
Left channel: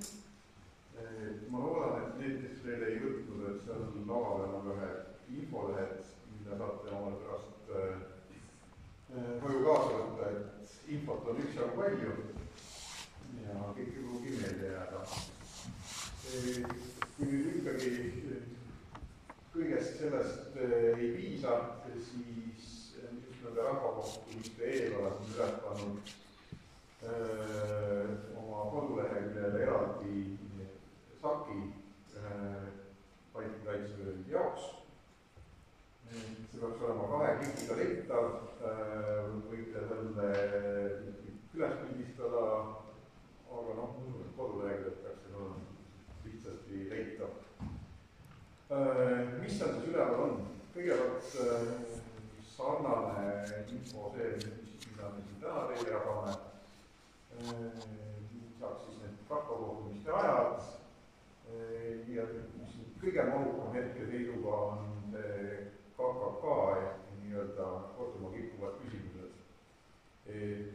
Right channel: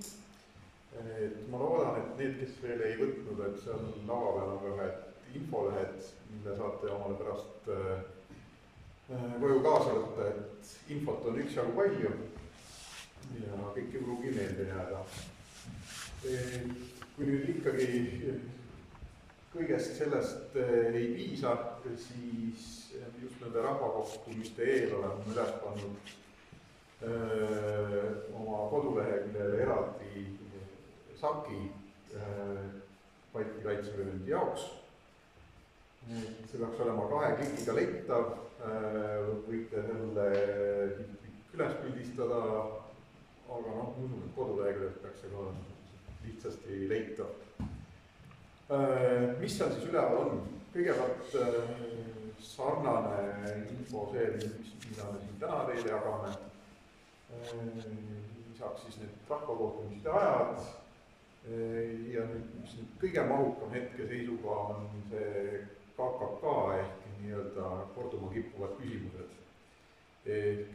Ma loodan, et need, kes veel ei võtnud, et seal lava peal on ühed infolehed, mille saate omale pärast koju kaasa võtta, et infot on üksjagu palju ja kõik ei pruugi meelde jääda. Kui nüüd ikkagi kõigest sellest ei piisa, siis just nende rahvakohtumiste eel oleme üles pannud oma koduleheküljele eraldi saki Balti kaitsevööndi jaoks. See peaks olema 2 klikiga leitav, võite selle üles pildistada, aga usun, et koduleheküljest peaks see ka lihtsasti leitav. Mis seal siis üleval on? Kõigepealt sarnane info see, mida me siin täna teile jagame. Lisaks siis need rahvakohtumiste ajad ja mis kõige mahukam hetkeseisuga on see KKK ehk nii-öelda korduma kippuvad küsimused.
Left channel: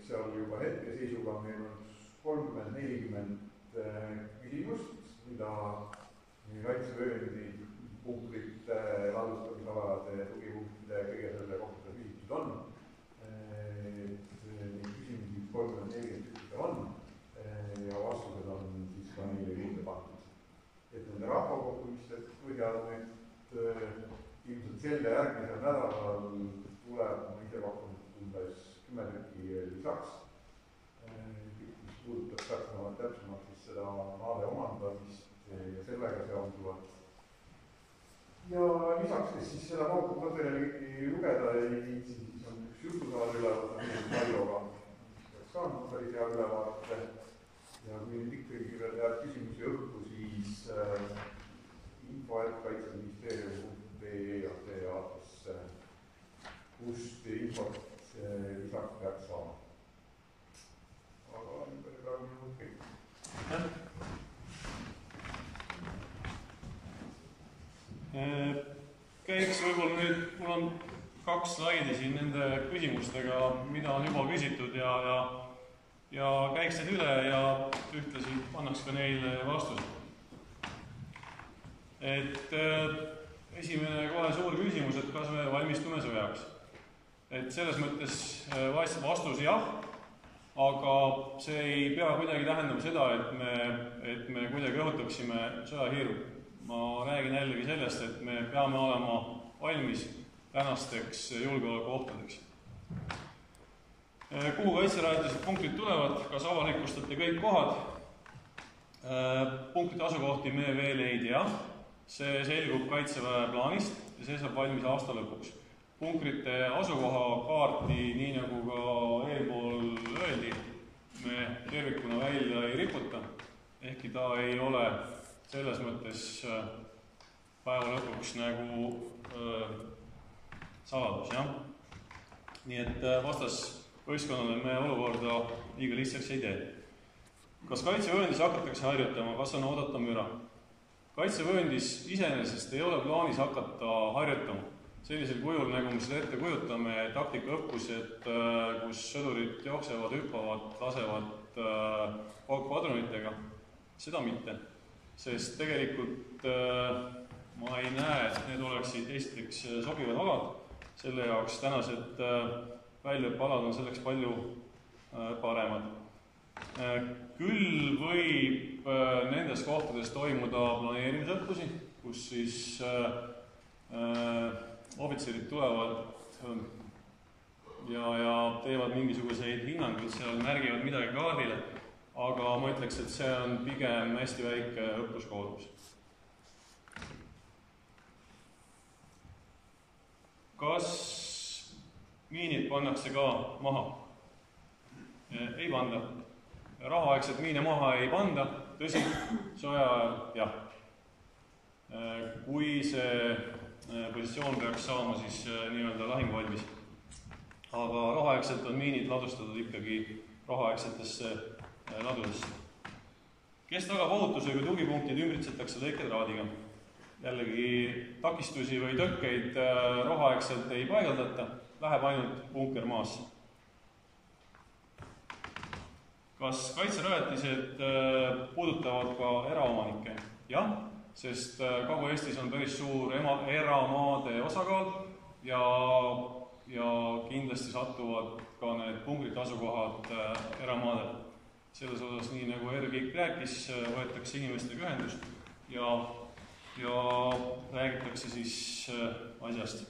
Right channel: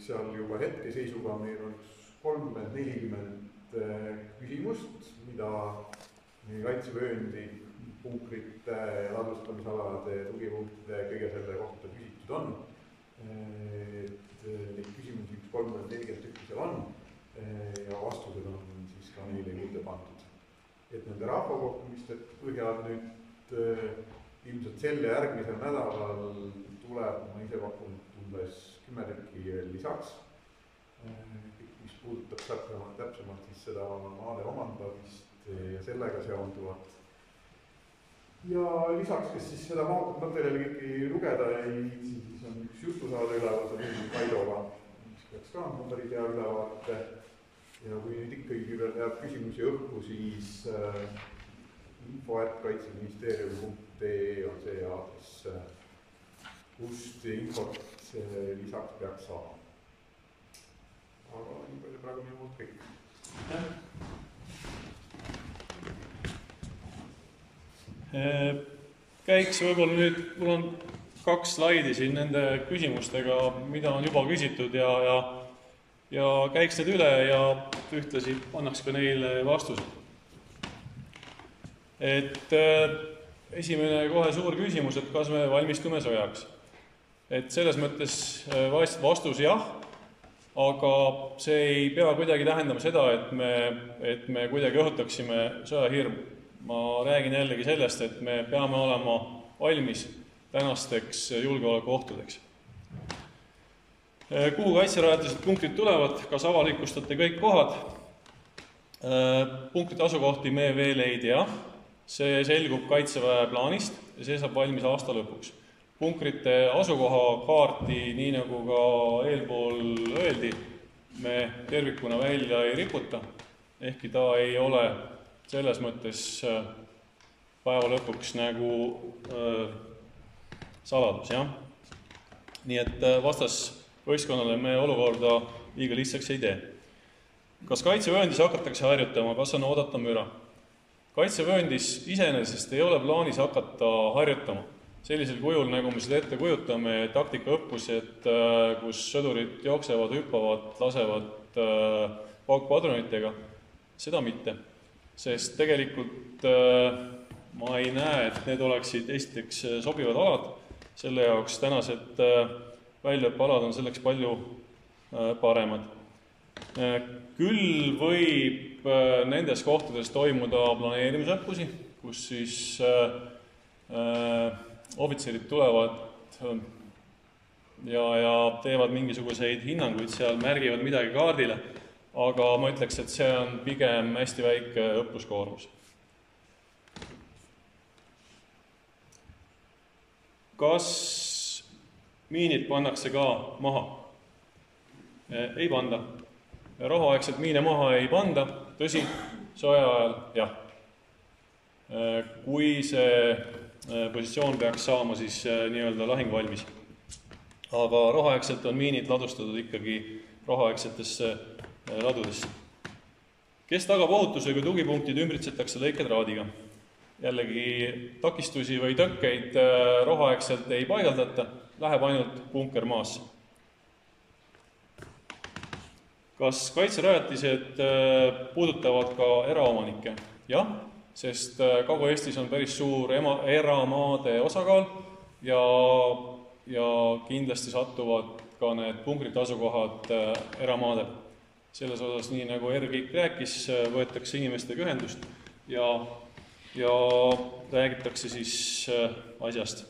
Seal juba hetkeseisuga meil on 30-40 küsimust, mida kaitsevööndi punkrite, ladustamisalade ja tugipunktide kõige selle kohta küsitud on. Neid küsimusi 30-40 tükki seal on ja vastused on siis ka neile juurde pandud. Et nende rahvakohtumiste põhjal nüüd ilmselt selle järgmisel nädalal tuleb, ma ise pakun umbes 10 tükki veel lisaks, mis puudutab täpsemalt siis seda maade omandamist ja sellega seonduvat. Ja lisaks, kes siis seda materjali kõiki lugeda siis on üks jutusaade ülevaate Kaioga, mis peaks ka andma päris hea ülevaate. Ja kui nüüd ikkagi jääb küsimusi õhku, siis info@kaitseministeeriumi.ee on see aadress, kust infot lisaks peaks saama. Aga nii palju praegu minu poolt kõik. Käiks võib-olla nüüd, mul on 2 slaidi siin nende küsimustega, mida on juba küsitud ja käiks need üle ja ühtlasi annaks ka neile vastused. Et esimene kohe suur küsimus, et kas me valmistume sõjaks. et selles mõttes vastus jah, aga see ei pea kuidagi tähendama seda, et me kuidagi õhutaksime sõjahirmu. Ma räägin jällegi sellest, et me peame olema valmis tänasteks julgeolekuohtudeks. Kuhu kaitserajatised punktid tulevad, kas avalikustate kõik kohad? Punktide asukohti me veel ei tea, see selgub Kaitseväe plaanist ja see saab valmis aasta lõpuks. Punkrite asukoha kaarti, nii nagu ka eelpool öeldi, me tervikuna välja ei riputa, ehkki ta ei ole selles mõttes päeva lõpuks nagu saladus, jah. Nii et vastasvõistkonnale me olukorda liiga lihtsaks ei tee. Kas kaitsevööndis hakatakse harjutama, kas on oodata müra? Kaitsevööndis iseenesest ei ole plaanis hakata harjutama. Sellisel kujul, nagu me seda ette kujutame, taktikaõppused, kus sõdurid jooksevad, hüppavad, lasevad paukpadrunitega, seda mitte. Sest tegelikult ma ei näe, et need oleksid esiteks sobivad alad, selle jaoks tänased väljaõppealad on selleks palju paremad. Küll võib nendes kohtades toimuda planeerimisõppusi, kus siis ohvitserid tulevad ja teevad mingisuguseid hinnanguid seal, märgivad midagi kaardile, aga ma ütleks, et see on pigem hästi väike õppuskoormus. Kas miinid pannakse ka maha? Ei panda. Rahuaegselt miine maha ei panda, tõsi, soe ajal jah. Kui see positsioon peaks saama siis nii-öelda lahingvalmis. Aga rahuaegselt on miinid ladustatud ikkagi rahuaegsetesse ladudesse. Kes tagab ohutuse, kui tugipunktid ümbritsetakse lõiketraadiga? Jällegi takistusi või tõkkeid rahuaegselt ei paigaldata, läheb ainult punker maasse. Kas kaitserajatised puudutavad ka eraomanikke? Jah, sest Kagu-Eestis on päris suur eramaade osakaal ja kindlasti satuvad ka need punkrite asukohad eramaadel. Selles osas, nii nagu Ervik rääkis, võetakse inimestega ühendust ja räägitakse siis asjast.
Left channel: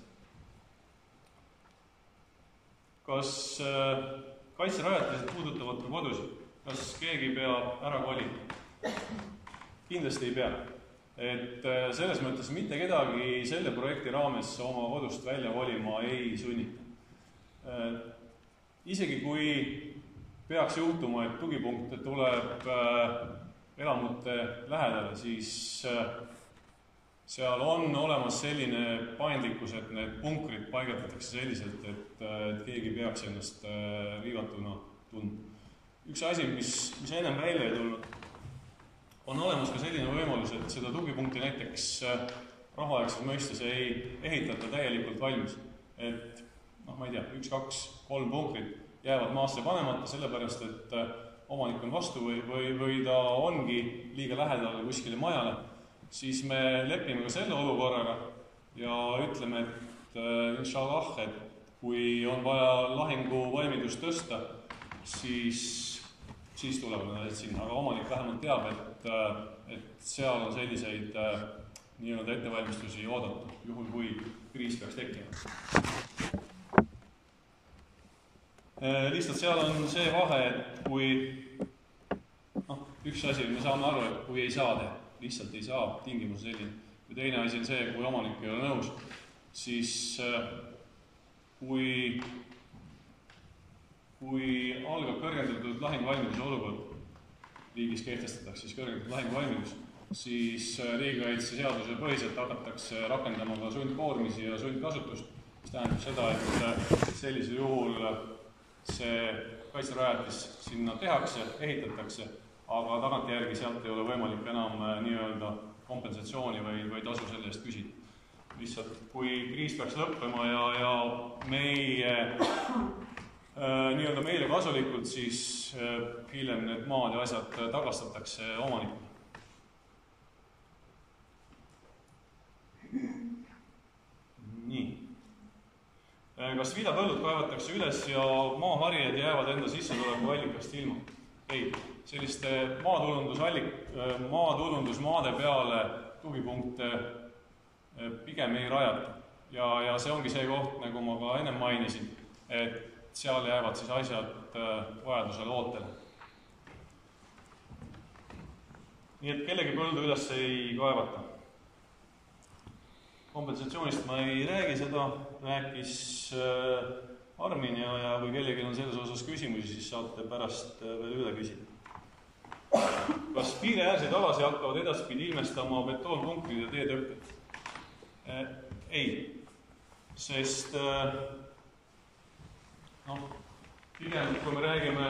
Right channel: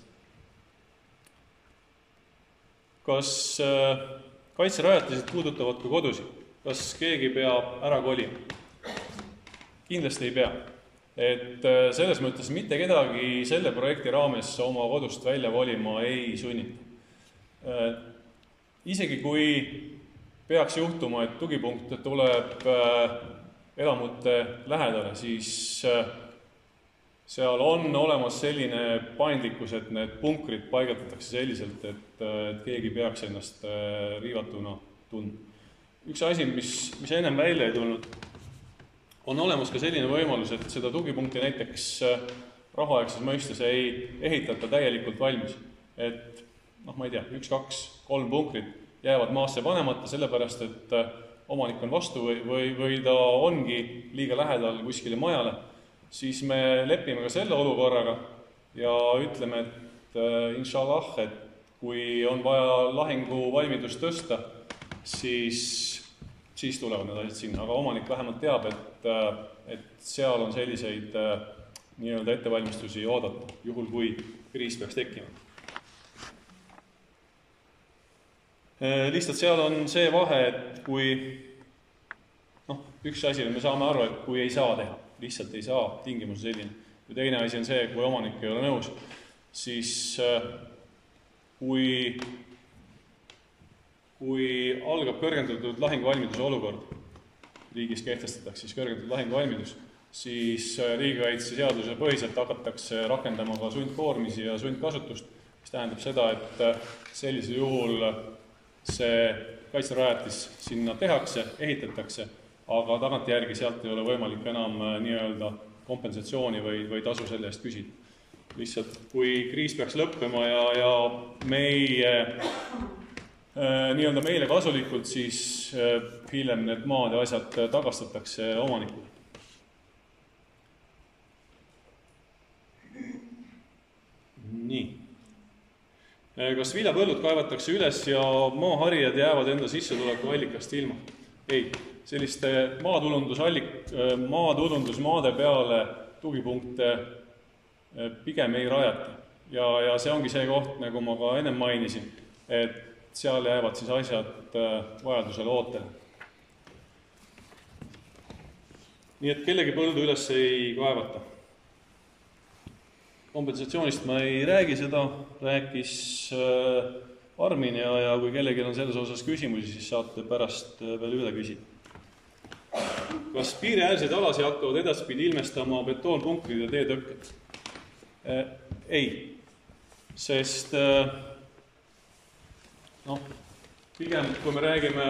Kas kaitserajatised puudutavad ka kodusid? Kas keegi peab ära kolima? Kindlasti ei pea. Et selles mõttes mitte kedagi selle projekti raames oma kodust välja kolima ei sunnita. Isegi kui peaks juhtuma, et tugipunkt tuleb elamute lähedale, siis seal on olemas selline paindlikkus, et need punkrid paigaldatakse selliselt, et keegi peaks ennast riivatuna tundma. Üks asi, mis ennem välja ei tulnud, on olemas ka selline võimalus, et seda tugipunkti näiteks rahuaegses mõistes ei ehitata täielikult valmis. Et ma ei tea, 1, 2, 3 punkrid jäävad maasse panemata, sellepärast, et omanik on vastu või ta ongi liiga lähedal kuskile majale, siis me lepime ka selle olukorraga ja ütleme, et inshallah, et kui on vaja lahinguvalmidust tõsta, siis tulevad need asjad sinna. Aga omanik vähemalt teab, et seal on selliseid nii-öelda ettevalmistusi oodata, juhul kui kriis peaks tekkima. Lihtsalt seal on see vahe, et kui üks asi, me saame aru, et kui ei saa teha, lihtsalt ei saa, tingimus selline. Ja teine asi on see, kui omanik ei ole nõus, siis kui algab kõrgendatud lahinguvalmiduse olukord, riigis kehtestatakse siis kõrgendatud lahinguvalmidus, siis riigikaitse seaduse põhiselt hakatakse rakendama ka sundkoormisi ja sundkasutust, mis tähendab seda, et sellisel juhul see kaitserajatis sinna tehakse, ehitatakse, aga tagantjärgi sealt ei ole võimalik enam nii-öelda kompensatsiooni või tasu selle eest küsida. Lihtsalt kui kriis peaks lõppema ja nii-öelda meile kasulikult, siis hiljem need maad ja asjad tagastatakse omanikule. Nii. kas viljapõllud kaevatakse üles ja maaharijad jäävad enda sissetuleku allikast ilma? Ei, selliste maatulundusmaade peale tugipunkte pigem ei rajata. Ja see ongi see koht, nagu ma ka ennem mainisin, et seal jäävad siis asjad vajadusel ootele. Nii et kellegi põldu üles ei kaevata. Kompensatsioonist ma ei räägi seda, rääkis Armin ja kui kellelgi on selles osas küsimusi, siis saate pärast veel üle küsida. Kas piiriäärseid alasi hakkavad edaspidi ilmestama betoonpunkrid ja teetõkked? Ei, sest pigem kui me räägime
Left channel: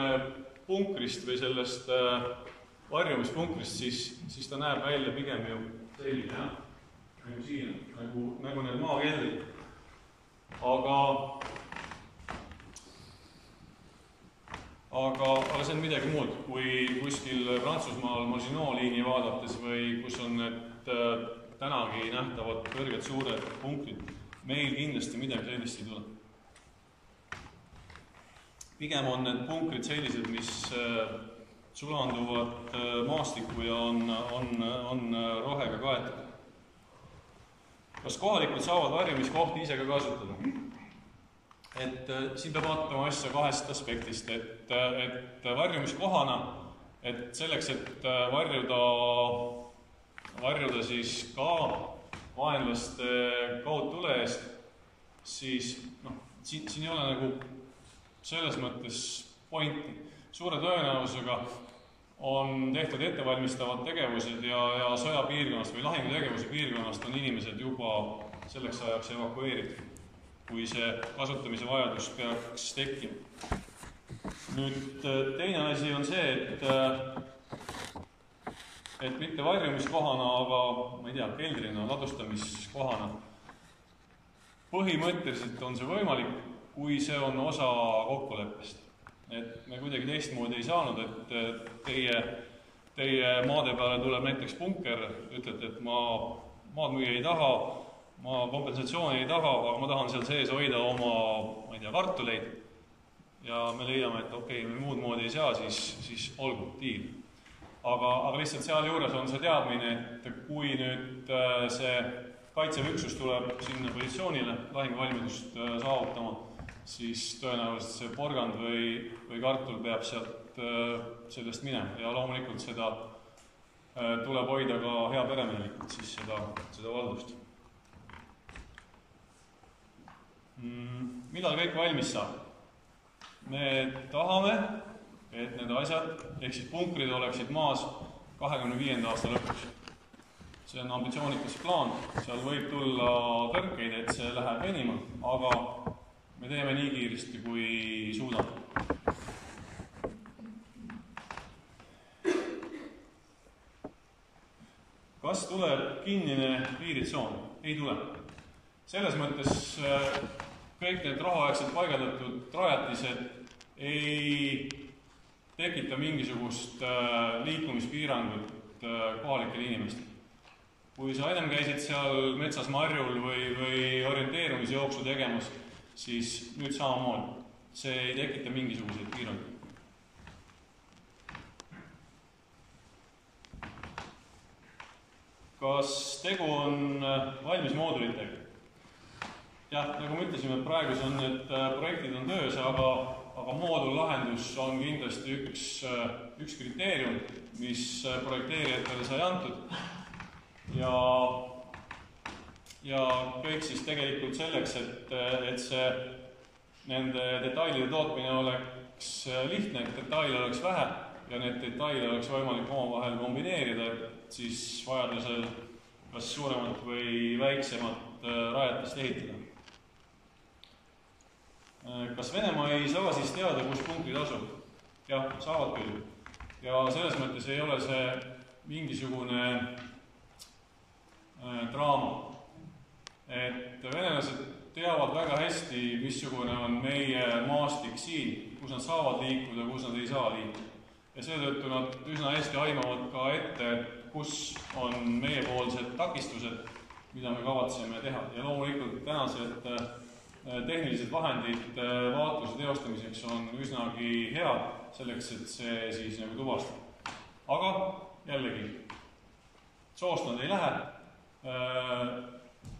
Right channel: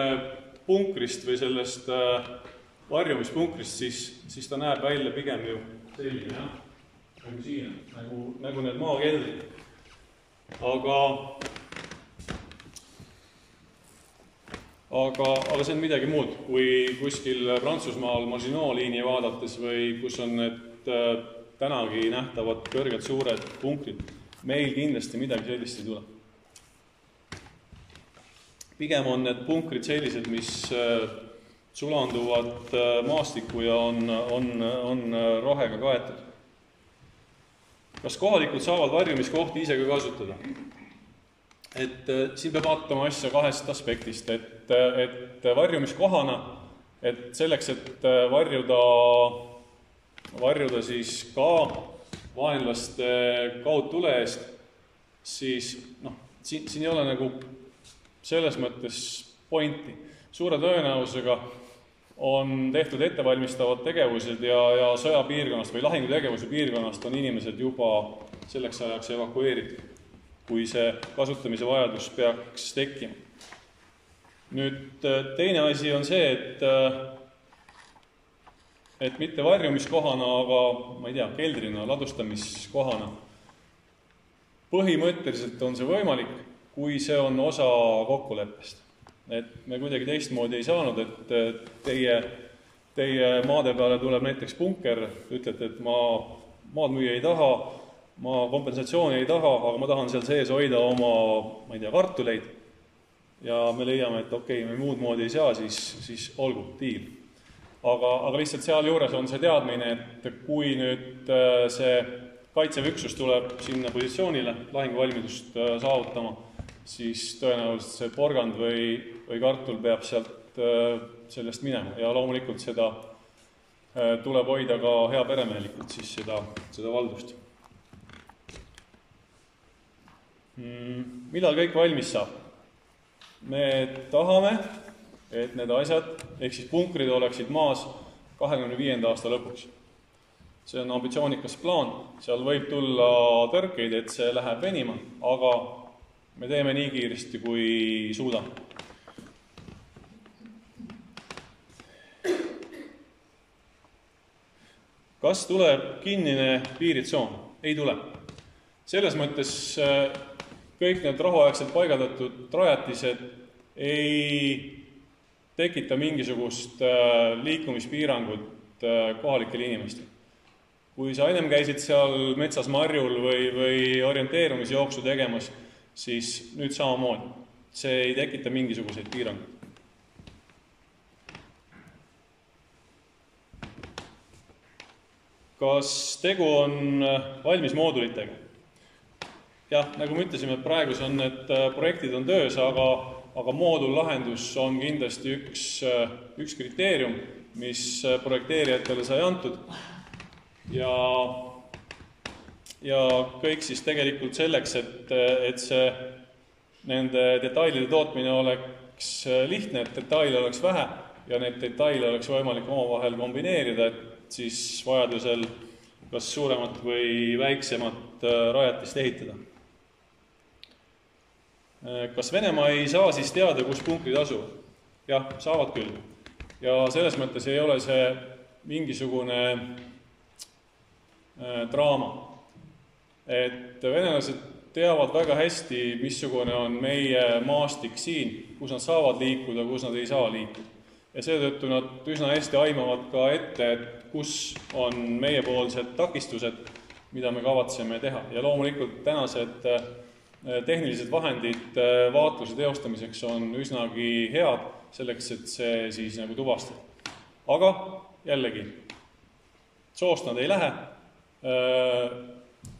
punkrist või sellest varjumispunkrist, siis ta näeb välja pigem ju selline, jah? Nagu siin, nagu need maakeldrid. Aga see on midagi muud, kui kuskil Prantsusmaal Maginot liini vaadates või kus on need tänagi nähtavad kõrged suured punkrid. Meil kindlasti midagi sellist ei tule. Pigem on need punkrid sellised, mis sulanduvad maastikku ja on rohega kaetud. Kas kohalikud saavad varjumiskohti ise ka kasutada? Et siin peab vaatama asja kahest aspektist, et varjumiskohana, et selleks, et varjuda siis ka vaenlaste kaudtule eest, siis siin ei ole nagu selles mõttes pointi. Suure tõenäosusega on tehtud ettevalmistavad tegevused ja sõjapiirkonnast või lahingutegevuse piirkonnast on inimesed juba selleks ajaks evakueeritud, kui see kasutamise vajadus peaks tekkima. Nüüd teine asi on see, et mitte varjumiskohana, aga ma ei tea, keldrina, ladustamiskohana. Põhimõtteliselt on see võimalik, kui see on osa kokkuleppest. Et me kuidagi teistmoodi ei saanud, et teie maade peale tuleb näiteks punker, ütlete, et ma maad müüa ei taha, ma kompensatsiooni ei taha, aga ma tahan seal sees hoida oma, ma ei tea, kartuleid ja me leiame, et okei, me muud moodi ei saa, siis olgu, diil. Aga lihtsalt seal juures on see teadmine, et kui nüüd see kaitsevüksus tuleb sinna positsioonile lahinguvalmidust saavutama, siis tõenäoliselt see porgand või kartul peab sellest minema ja loomulikult seda tuleb hoida ka hea peremehelikult siis seda valdust. Millal kõik valmis saab? Me tahame, et need asjad, ehk siis punkrid oleksid maas 2025. aasta lõpuks. See on ambitsioonikas plaan, seal võib tulla tõrkeid, et see läheb venima, aga me teeme nii kiiresti, kui suudame. Kas tuleb kinnine piiritsoon? Ei tule. Selles mõttes kõik need rahuaegselt paigaldatud rajatised ei tekita mingisugust liikumispiirangut kohalikele inimestele. Kui sa ennem käisid seal metsas marjul või orienteerumisjooksu tegemas, siis nüüd samamoodi. See ei tekita mingisuguseid piiranguid. Kas tegu on valmis moodulitega? Jah, nagu me ütlesime, praegu on need projektid on töös, aga moodullahendus on kindlasti üks kriteerium, mis projekteerijatele sai antud. Ja kõik siis tegelikult selleks, et see nende detailide tootmine oleks lihtne, et detaile oleks vähe ja need detaile oleks võimalik omavahel kombineerida, et siis vajadusel kas suuremat või väiksemat rajatist ehitada. Kas Venemaa ei saa siis teada, kus punkrid asuvad? Jah, saavad küll. Ja selles mõttes ei ole see mingisugune draama. Et venelased teavad väga hästi, missugune on meie maastik siin, kus nad saavad liikuda, kus nad ei saa liikuda. Ja seetõttu nad üsna hästi aimavad ka ette, et kus on meiepoolsed takistused, mida me kavatseme teha. Ja loomulikult tänased tehnilised vahendid vaatluse teostamiseks on üsnagi head selleks, et see siis nagu tuvastada. Aga jällegi, soost nad ei lähe,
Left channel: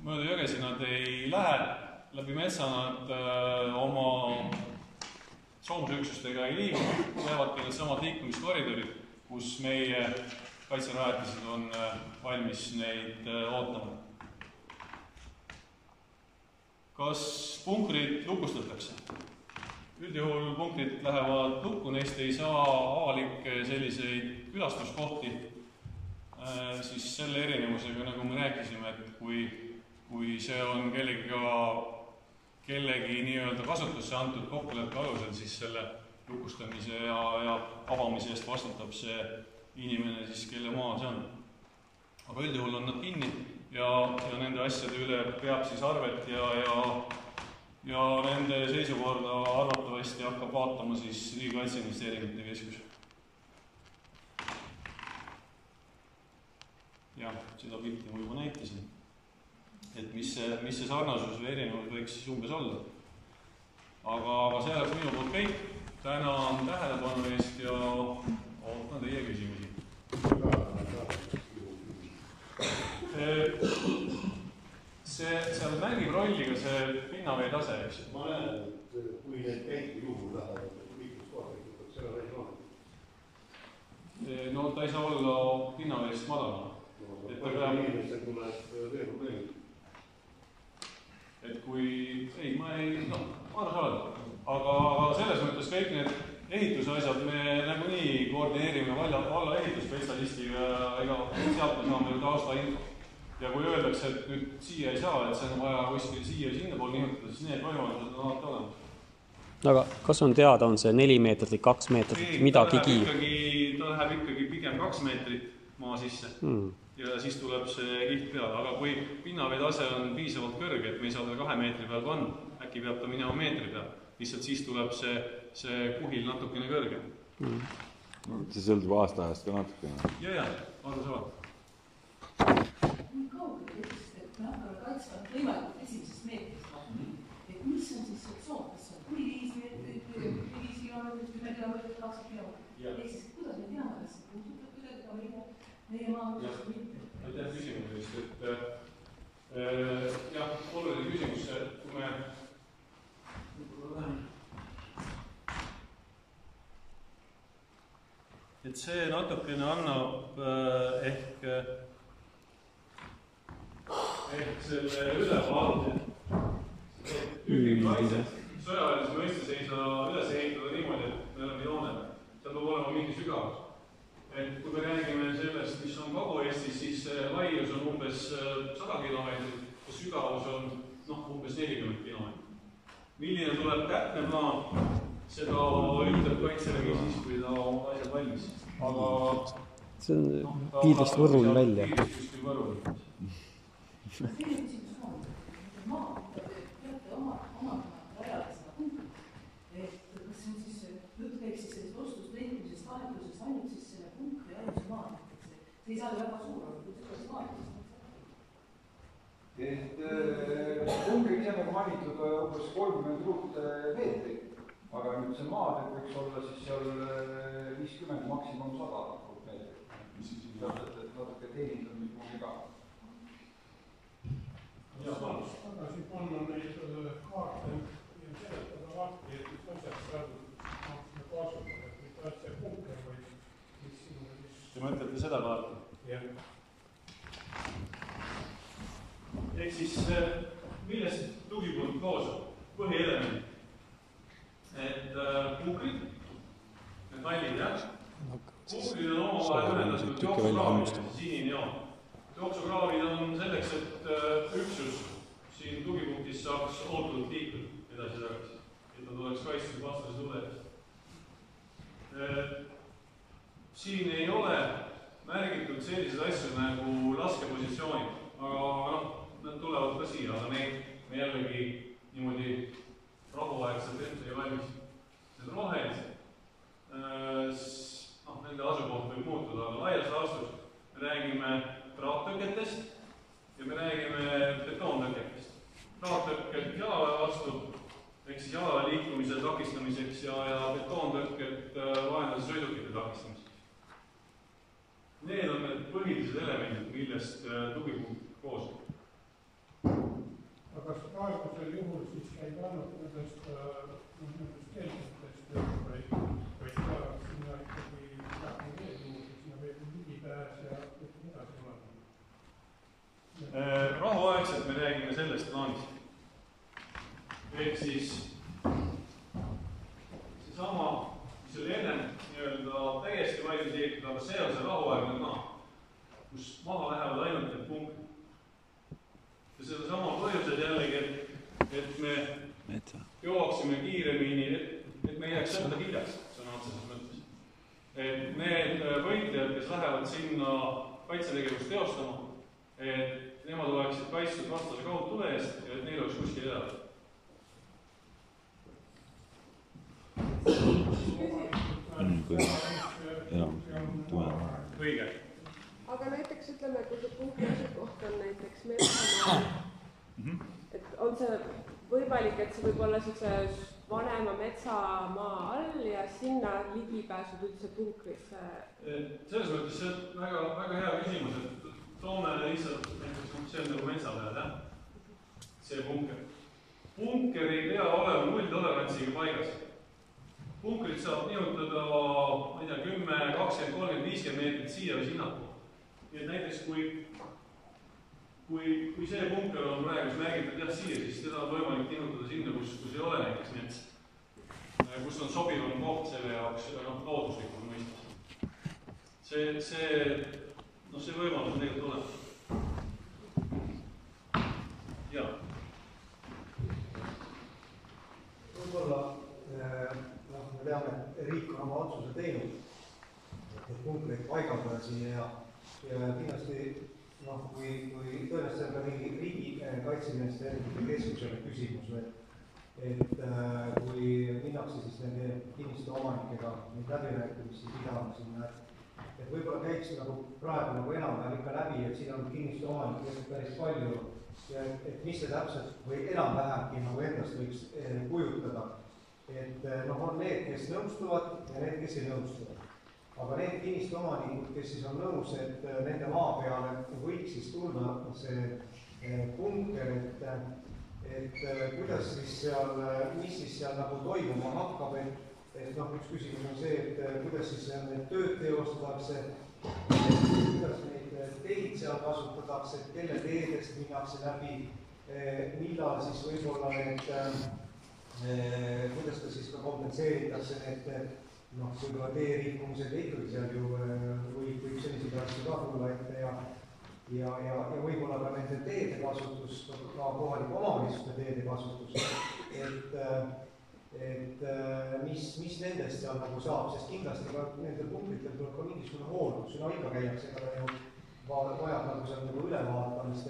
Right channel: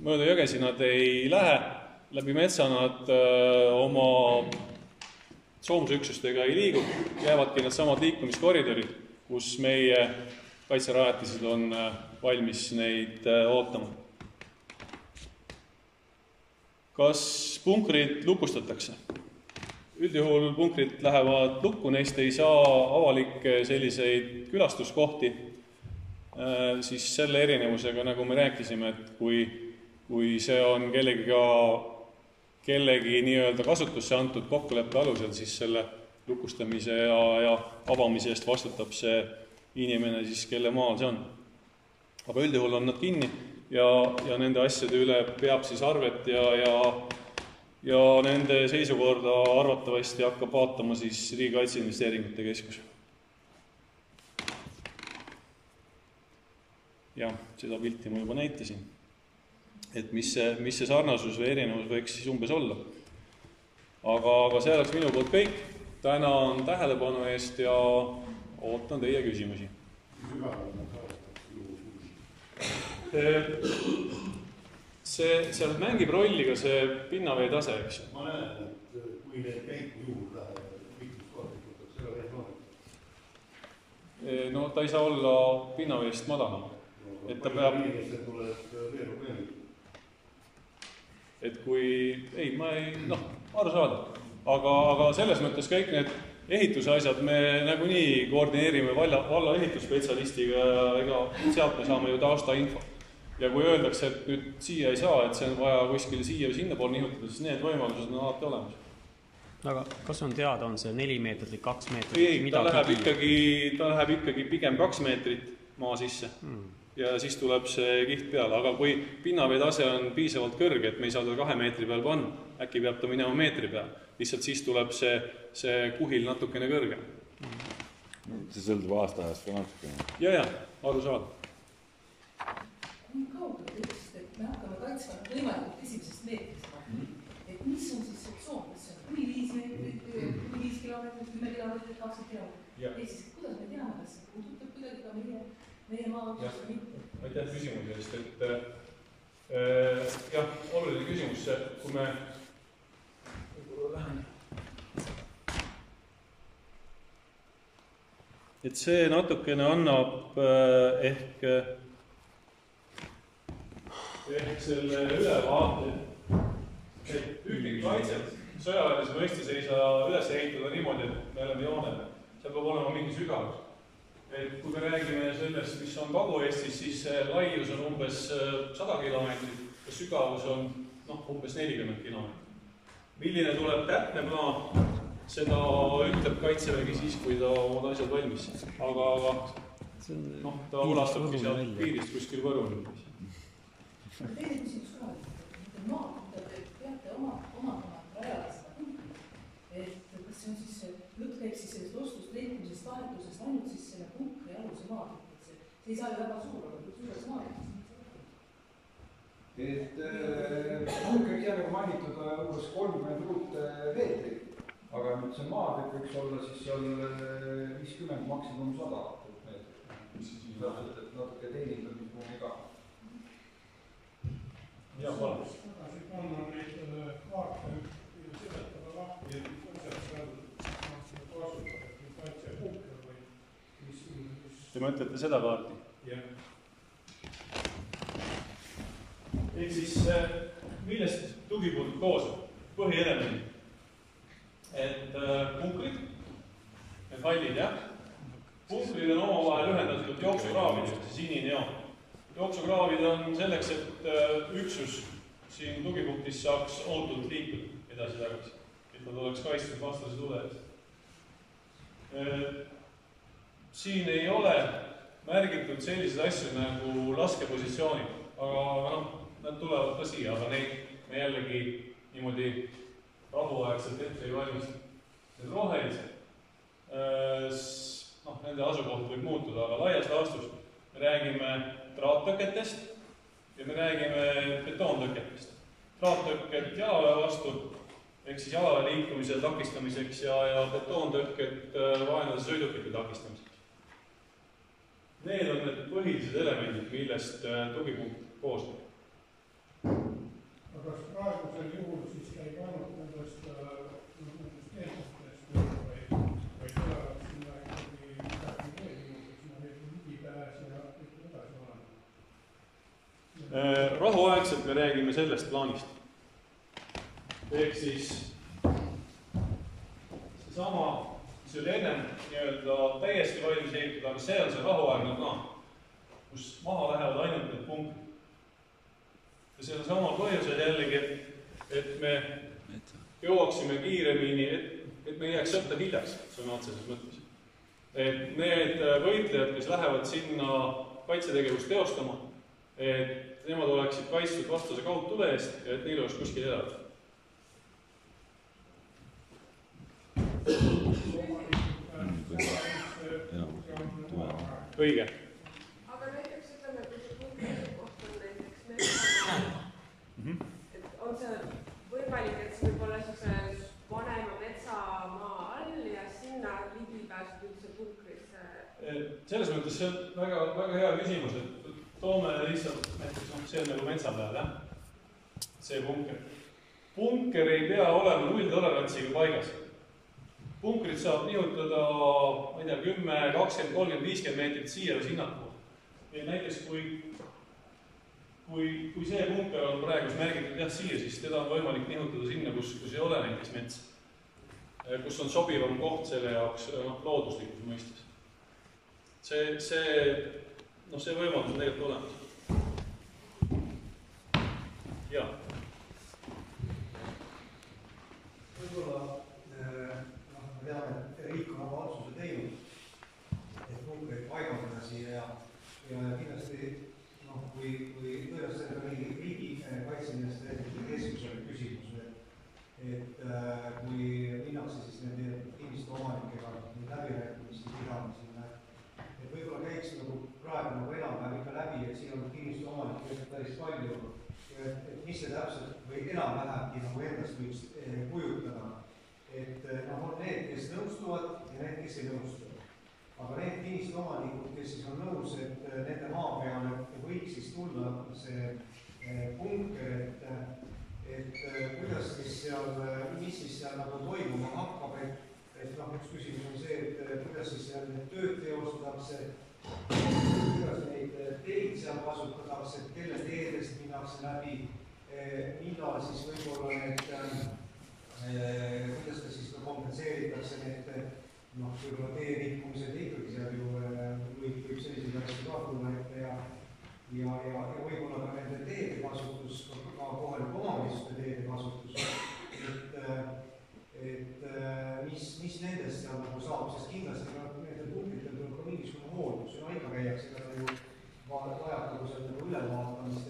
mööda jõgesi nad ei lähe, läbi metsa nad oma soomusüksustega ei liigu, jäävadki need samad liikumiskoridorid, kus meie kaitserajatised on valmis neid ootama. Kas punkrid lukustatakse? Üldjuhul punkrid lähevad lukku, neist ei saa avalikke selliseid külastuskohti, siis selle erinevusega, nagu me rääkisime, et kui see on kellegi nii-öelda kasutusse antud kokkuleppe alusel, siis selle lukustamise ja avamise eest vastutab see inimene siis, kelle maal see on. Aga üldjuhul on nad kinni ja nende asjade üle peab siis arvet ja nende seisukorda arvatavasti hakkab vaatama siis Riigikaitse Investeeringute Keskus. Ja seda pilti ma juba näitasin, et mis see sarnasus või erinevus võiks siis umbes olla. Aga see oleks minu poolt kõik. Tänan tähelepanu eest ja ootan teie küsimusi. See mängib rolli ka see pinnavee tase, eks ju? Ma näen, et kui need käiku juhul lähevad, mitus korda, et seda ei ole. No ta ei saa olla pinnaveest madalama. Et ta peab... Inimesed tuleb veel probleemid. Et kui... Ei, ma ei... aru saada. Aga selles mõttes kõik need ehituse asjad me nagunii koordineerime valla ehitusspetsialistiga, ega sealt me saame ju taasta info. Ja kui öeldakse, et nüüd siia ei saa, et see on vaja kuskil siia või sinna pool nihutada, siis need võimalused on alati olemas. Aga kas on teada, on see 4 meetrit või 2 meetrit, midagi kiir? Ta läheb ikkagi pigem 2 meetrit maa sisse ja siis tuleb see kiht peale. Aga kui pinnavee tase on piisavalt kõrge, et me ei saa ta 2 meetri peal panna, äkki peab ta minema meetri peal, lihtsalt siis tuleb see kuhil natukene kõrge. See sõldub aastaajast ka natukene. Ja, aru saada. Me hakkame kaitsma võimalikult esimesest meetrist. Et mis on siis see tsoon, kas see on kuni 5 meetrit, kuni 5 kilomeetrit, 10 kilomeetrit, 20 kilomeetrit? Ehk siis kuidas me teame, kas see puudutab kuidagi ka meie maa osas või mitte? Aitäh küsimuse eest, et jah, oluline küsimus, kui me et see natukene annab ehk selle ülevaate, et üldkaitset sõjaväelise mõistes ei saa üles ehitada niimoodi, et me oleme joonele. Seal peab olema mingi sügavus. Et kui me räägime sellest, mis on Kagu-Eestis, siis laius on umbes 100 kilomeetrit ja sügavus on umbes 40 kilomeetrit. Milline tuleb täpne plaan, seda ütleb Kaitsevägi siis, kui ta omad asjad valmis. Aga see on piirist võrul välja. Piirist kuskil võrul. Teine küsimus ka, et maa, mida te peate omandama rajada seda punkti, et kas see on siis, jutt käib siis sellest ostust, leidmisest, vahetusest, ainult siis selle punkri aluse maad, et see ei saa ju väga suur olla, kui suures maad. Et punkri ise nagu mainitud umbes 30 ruutmeetrit, aga nüüd see maad võiks olla siis seal 50, maksimum 100 ruutmeetrit. Natuke teenindamismoodi ka. Tagasi panna neid kaarte ja seletada lahti, et asjad saadud kasutada, et mitte see punker või mis siin... Te mõtlete seda kaarti? Jah. Ehk siis, millest tugipunkt koosab? Põhielement. Et punkrid, need hallid, jah? Punkrid on omavahel ühendatud jooksukraavidest, sinine joon. Jooksukraavid on selleks, et üksus siin tugipunktis saaks ootult liikuda edasi-tagasi, et nad oleks kaitstud vastase tule. Siin ei ole märgitud sellised asjad nagu laskepositsioonid, aga nad tulevad ka siia, aga neid me jällegi niimoodi rahuaegselt ette ei valmista. Need rohelised, nende asukoht võib muutuda, aga laias laastus me räägime traattõketest ja me räägime betoontõketest. traattõkked jalaväe vastu, ehk siis jalaväe liikumisel takistamiseks ja betoontõkked vaenlase sõidukite takistamiseks. Need on need põhilised elemendid, millest tugipunkt koosneb. aga kas praegusel juhul siis käib ainult nendest keelsetest, vaid tulevad sinna ikkagi midagi veel juurde, sinna veel ligipääs ja edasi olema? Rahuaegselt me räägime sellest plaanist. Ehk siis seesama, mis oli ennem nii-öelda täiesti valmis ehitatud, aga see on see rahuaegne plaan, kus maha lähevad ainult need punktid. Ja selle sama põhjusel jällegi, et me jõuaksime kiiremini, et me ei jääks sõtta hiljaks, sõna otseses mõttes. Et need võitlejad, kes lähevad sinna kaitsetegevust teostama, et nemad oleksid kaitstud vastase kaudtule eest ja et neil oleks kuskil elada. Õige. Aga näiteks ütleme, kui see punkti asukoht on näiteks metsamaa, et on see võimalik, et see võib olla sellise vanema metsamaa all ja sinna ligipääsud üldse punkrisse? Selles mõttes see on väga, väga hea küsimus, et toome lihtsalt näiteks, see on nagu metsa peal, jah? See punker. Punker ei pea olema nulltolerantsiga paigas. Punkrit saab nihutada, ma ei tea, 10, 20, 30, 50 meetrit siia või sinnapoole. Ja näiteks kui see punker on praegu märgitud jah siia, siis teda on võimalik nihutada sinna, kus ei ole näiteks mets. Kus on sobivam koht selle jaoks looduslikus mõistes. See võimalus on tegelikult olemas. Jaa. Võib-olla me teame, et riik on oma otsuse teinud, et punkreid paigaldada siia ja kindlasti kui tõenäoliselt on ka mingi riigi kaitseministeeriumide keskusele küsimus, et kui minnakse siis nende kinnistu omanikega läbirääkimisi pidama sinna, et võib-olla käiks nagu praegu nagu enam-vähem ikka läbi, et siin on kinnistu omanikke päris palju ja et mis see täpselt või enam-vähemgi nagu endast võiks kujutada. Et on need, kes nõustuvad ja need, kes ei nõustuvad. Aga need kinnistu omanikud, kes siis on nõus, et nende maa peale võiks siis tulla see punker, et kuidas siis seal, mis siis seal nagu toimuma hakkab, et üks küsimus on see, et kuidas siis seal need tööd teostatakse, kuidas neid teid seal kasutatakse, kelle teedest minnakse läbi, millal siis võib-olla need, kuidas ta siis ka kompenseeritakse need võib-olla tee rikkumised ikkagi seal ju võib selliseid asju ka tulla ette ja võib-olla ka nende teede kasutus, ka kohalike omavalitsuste teede kasutus, et mis nendest seal nagu saab, sest kindlasti ka nendel punkritel tuleb ka mingisugune hooldus, ikka käiakse ka ju vajab nagu seal nagu ülevaatamist,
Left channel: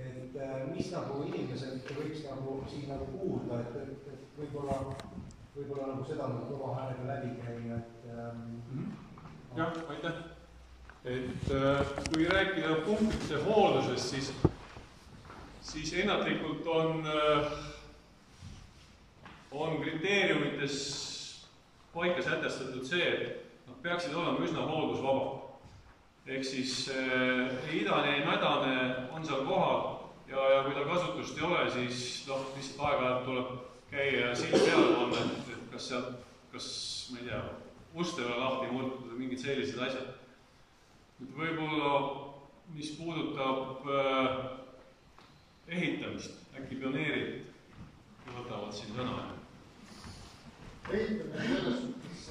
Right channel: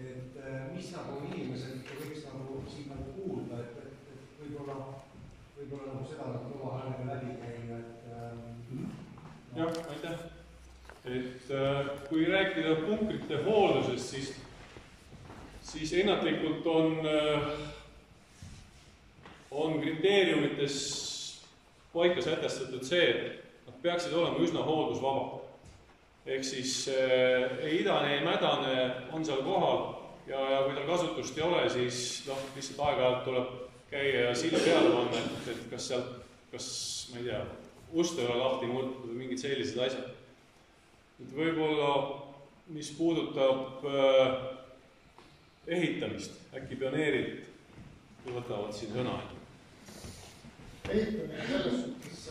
et mis nagu inimesed võiks nagu siin nagu kuulda, et võib-olla nagu seda nagu kõva häälega läbi käia, et jah, aitäh. Et kui rääkida punkrite hooldusest, siis ennatlikult on kriteeriumites paika sätestatud see, et peaksid olema üsna hooldusvabad. Ehk siis ei idane, ei mädane on seal kohal ja kui tal kasutust ei ole, siis lihtsalt aeg-ajalt tuleb käia ja sild peale panna, et kas ma ei tea, ust ei ole lahti murtud või mingid sellised asjad. Et võib-olla, mis puudutab ehitamist, äkki pioneerid võtavad siin sõna. Ehitamine selles suhtes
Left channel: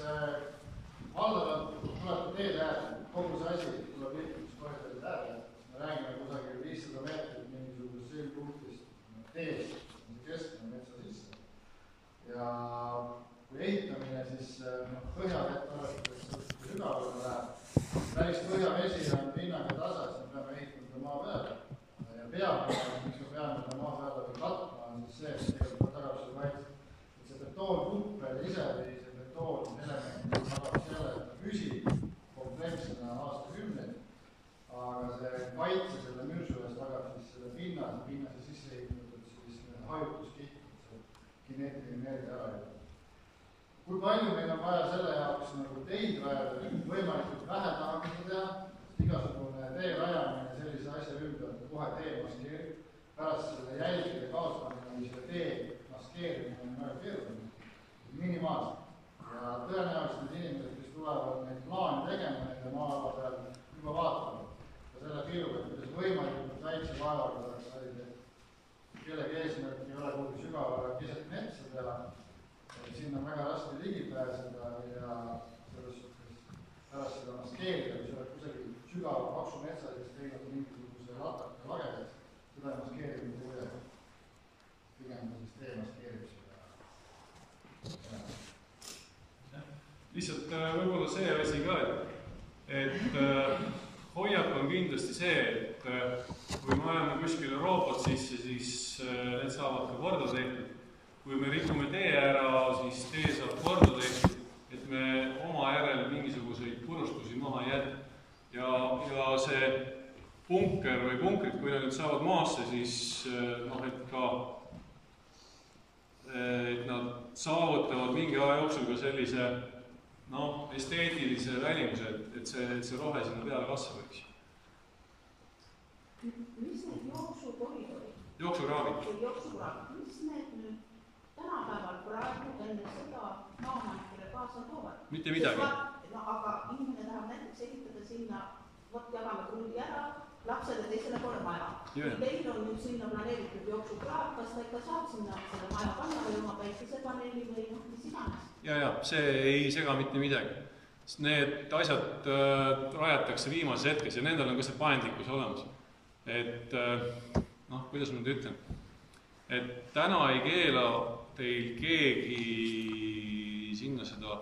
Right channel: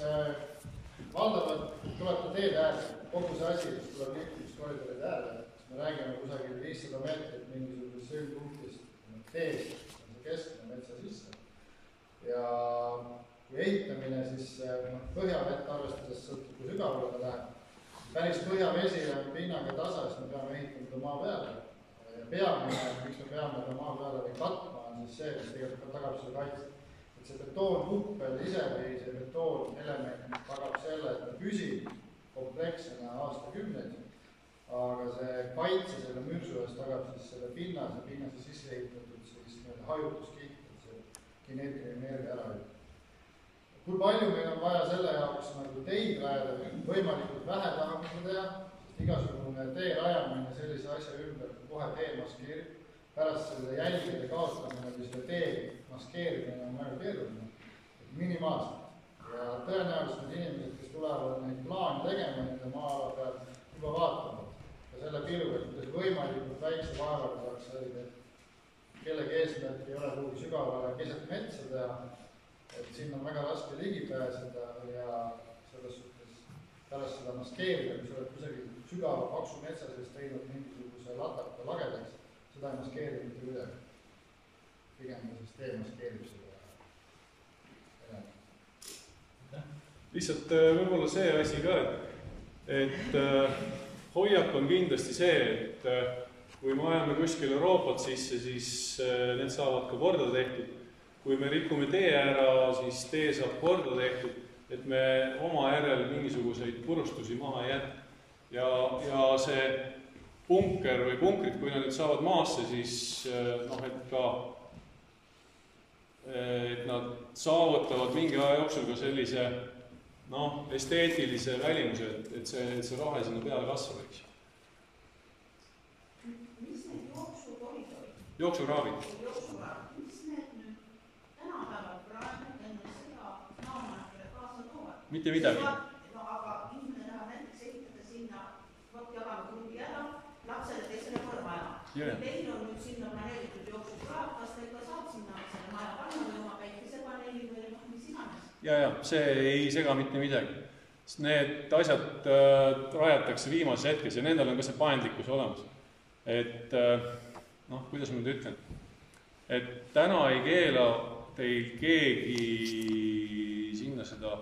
valdavalt tulete teed äärde, kogu see asi tuleb liikumiskoridoride äärde, me räägime kusagil 500 meetrit mingisugusest sõlmpunktist teest, keskne metsa sisse. Ja kui ehitamine, siis põhjavett arvestades kui sügavale ta läheb. Päris põhjavesi on pinnaga tasa, siis me peame ehitama maa peale. Ja peamine, miks me peame maa peale või katma, on siis see, et tegelikult tagab selle kaitse. Et see betoonkuppel ise või see betoonelement tagab selle, et ta püsib komplekssena aastakümneid, aga see kaitse selle mürsu eest tagab siis selle pinnase sisse ehitatud hajutuskiht, et see kineetiline energia ära ei. Kui palju meil on vaja selle jaoks nagu teid rajada, võimalikult vähe tahame teha, sest igasugune tee rajamine sellise asja ümber kohe tee maskeerib. Pärast selle jälgide kaotamine või selle tee maskeerimine on väga keeruline, minimaalselt. Ja tõenäoliselt need inimesed, kes tulevad neid plaane tegema nende maa-ala peal, juba vaatavad. Ja selle pilgu, et kuidas võimalikult väikse vaevaga tahaks saada, et kellegi eesmärk ei ole kuhugi sügavale keset metsa teha, et sinna on väga raske ligi pääseda ja selles suhtes pärast seda maskeerida, kui sa oled kusagil sügava paksu metsa, kes teinud mingisuguse lataka lagedaks, seda ei maskeeri mitte kuidagi. Pigem siis tee maskeerib seda. Lihtsalt võib-olla see asi ka, et hoiak on kindlasti see, et kui me ajame kuskil Euroopat sisse, siis need saavad ka korda tehtud. Kui me rikume tee ära, siis tee saab korda tehtud, et me oma järel mingisuguseid purustusi maha ei jätta. Ja see punker või punkrid, kui nad nüüd saavad maasse, siis et nad saavutavad mingi aja jooksul ka sellise esteetilise välimuse, et see rohe sinna peale kasvab. Mis need jooksukoridoorid? Jooksuraavid. Mis need nüüd tänapäeval praegu enne seda maaomanikele kaasa toovad? Mitte midagi. Aga inimene tahab näiteks ehitada sinna, jagame krundi ära, lapsed ja teisele pole maja. Teil on nüüd sinna planeeritud jooksukraad, kas ta ikka saab sinna selle maja panna või oma päikesepaneeli või mis iganes? Ja, see ei sega mitte midagi. Need asjad rajatakse viimases hetkes ja nendel on ka see paindlikkus olemas. Et, kuidas ma nüüd ütlen? Et täna ei keela teil keegi sinna seda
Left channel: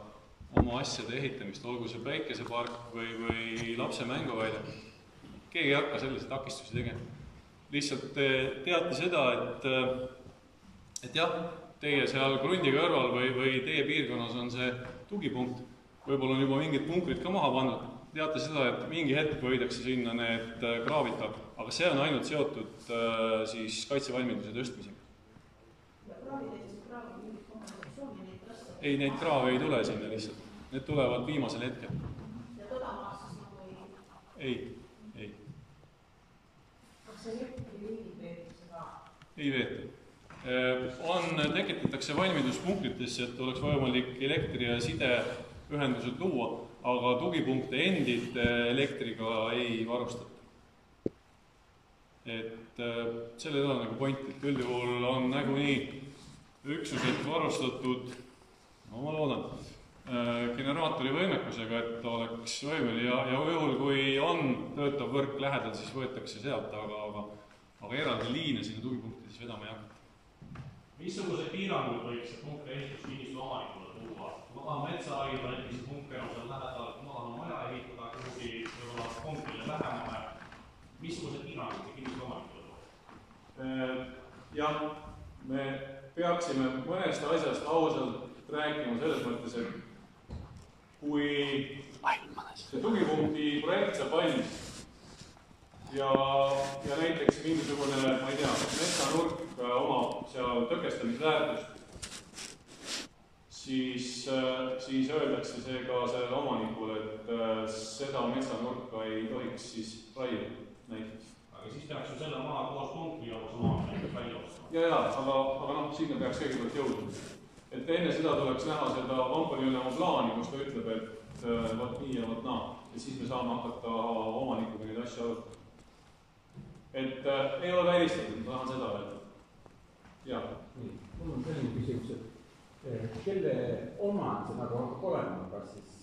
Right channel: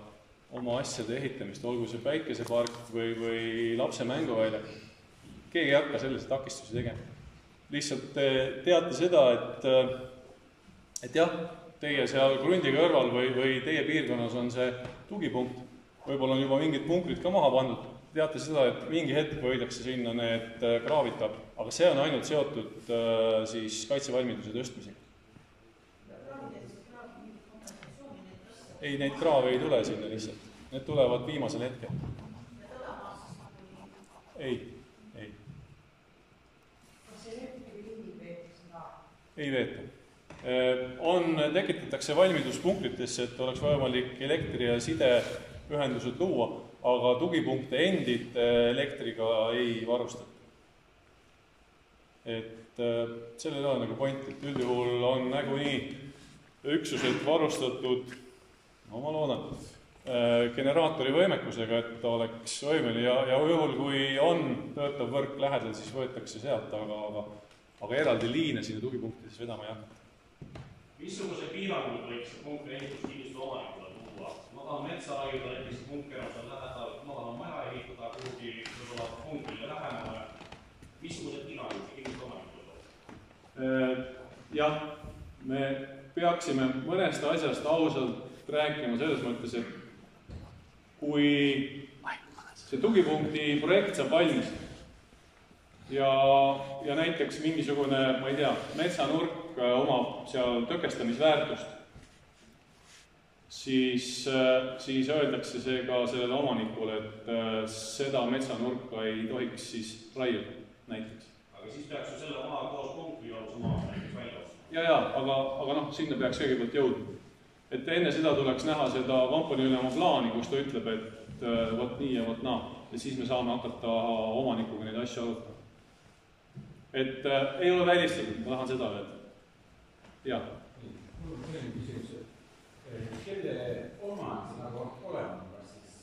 oma asjade ehitamist, olgu see päikesepark või lapse mänguväljak. Keegi ei hakka sellise takistusi tegema. Lihtsalt teate seda, et jah, teie seal krundi kõrval või teie piirkonnas on see tugipunkt. Võib-olla on juba mingid punkrid ka maha pandud. Teate seda, et mingi hetk võidakse sinna need kraavid taga, aga see on ainult seotud siis kaitsevalmiduse tõstmisega. Ei, neid kraave ei tule sinna lihtsalt. Need tulevad viimasel hetkel. Ja teda maastas nagu ei. Kas see elektriliini veetakse seda? Ei veeta. Tekitatakse valmiduspunktitesse, et oleks võimalik elektri- ja sideühendused luua, aga tugipunkte endid elektriga ei varustata. Et sellel on nagu point, et üldjuhul on nagunii üksused varustatud, ma loodan, generaatori võimekusega, et oleks võimeline ja juhul, kui on töötav võrk lähedal, siis võetakse sealt, aga eraldi liine sinna tugipunktidesse vedama ei hakata. Missuguse piirangud võiks see punkri ehituskinnistu omanikule tuua? Ma tahan metsaaiga, näiteks punker on seal lähedal, ma tahan maja ehitada kuhugi võib-olla punkrile lähemale. Missuguse piirangud see kinnistu omanikule tuua? Jah, me peaksime mõnest asjast ausalt rääkima selles mõttes, et kui see tugipunkti projekt saab valmis ja näiteks mingisugune, ma ei tea, metsanurk omab seal tõkestamisväärtust, siis öeldakse see ka sellele omanikule, et seda metsanurka ei tohiks siis raiuda näiteks. Aga siis peaks ju selle maha koos punkri jaoks oma näiteks välja ostma. Ja, aga sinna peaks kõigepealt jõudma. Et enne seda tuleks näha seda kompaniülema plaani, kus ta ütleb, et võt nii ja võt naa. Ja siis me saame hakata omanikuga neid asju arutama. Et ei ole välistatud, ma tahan seda öelda. Jah. Mul on selline küsimus, et kelle oma see nagu on olema, kas siis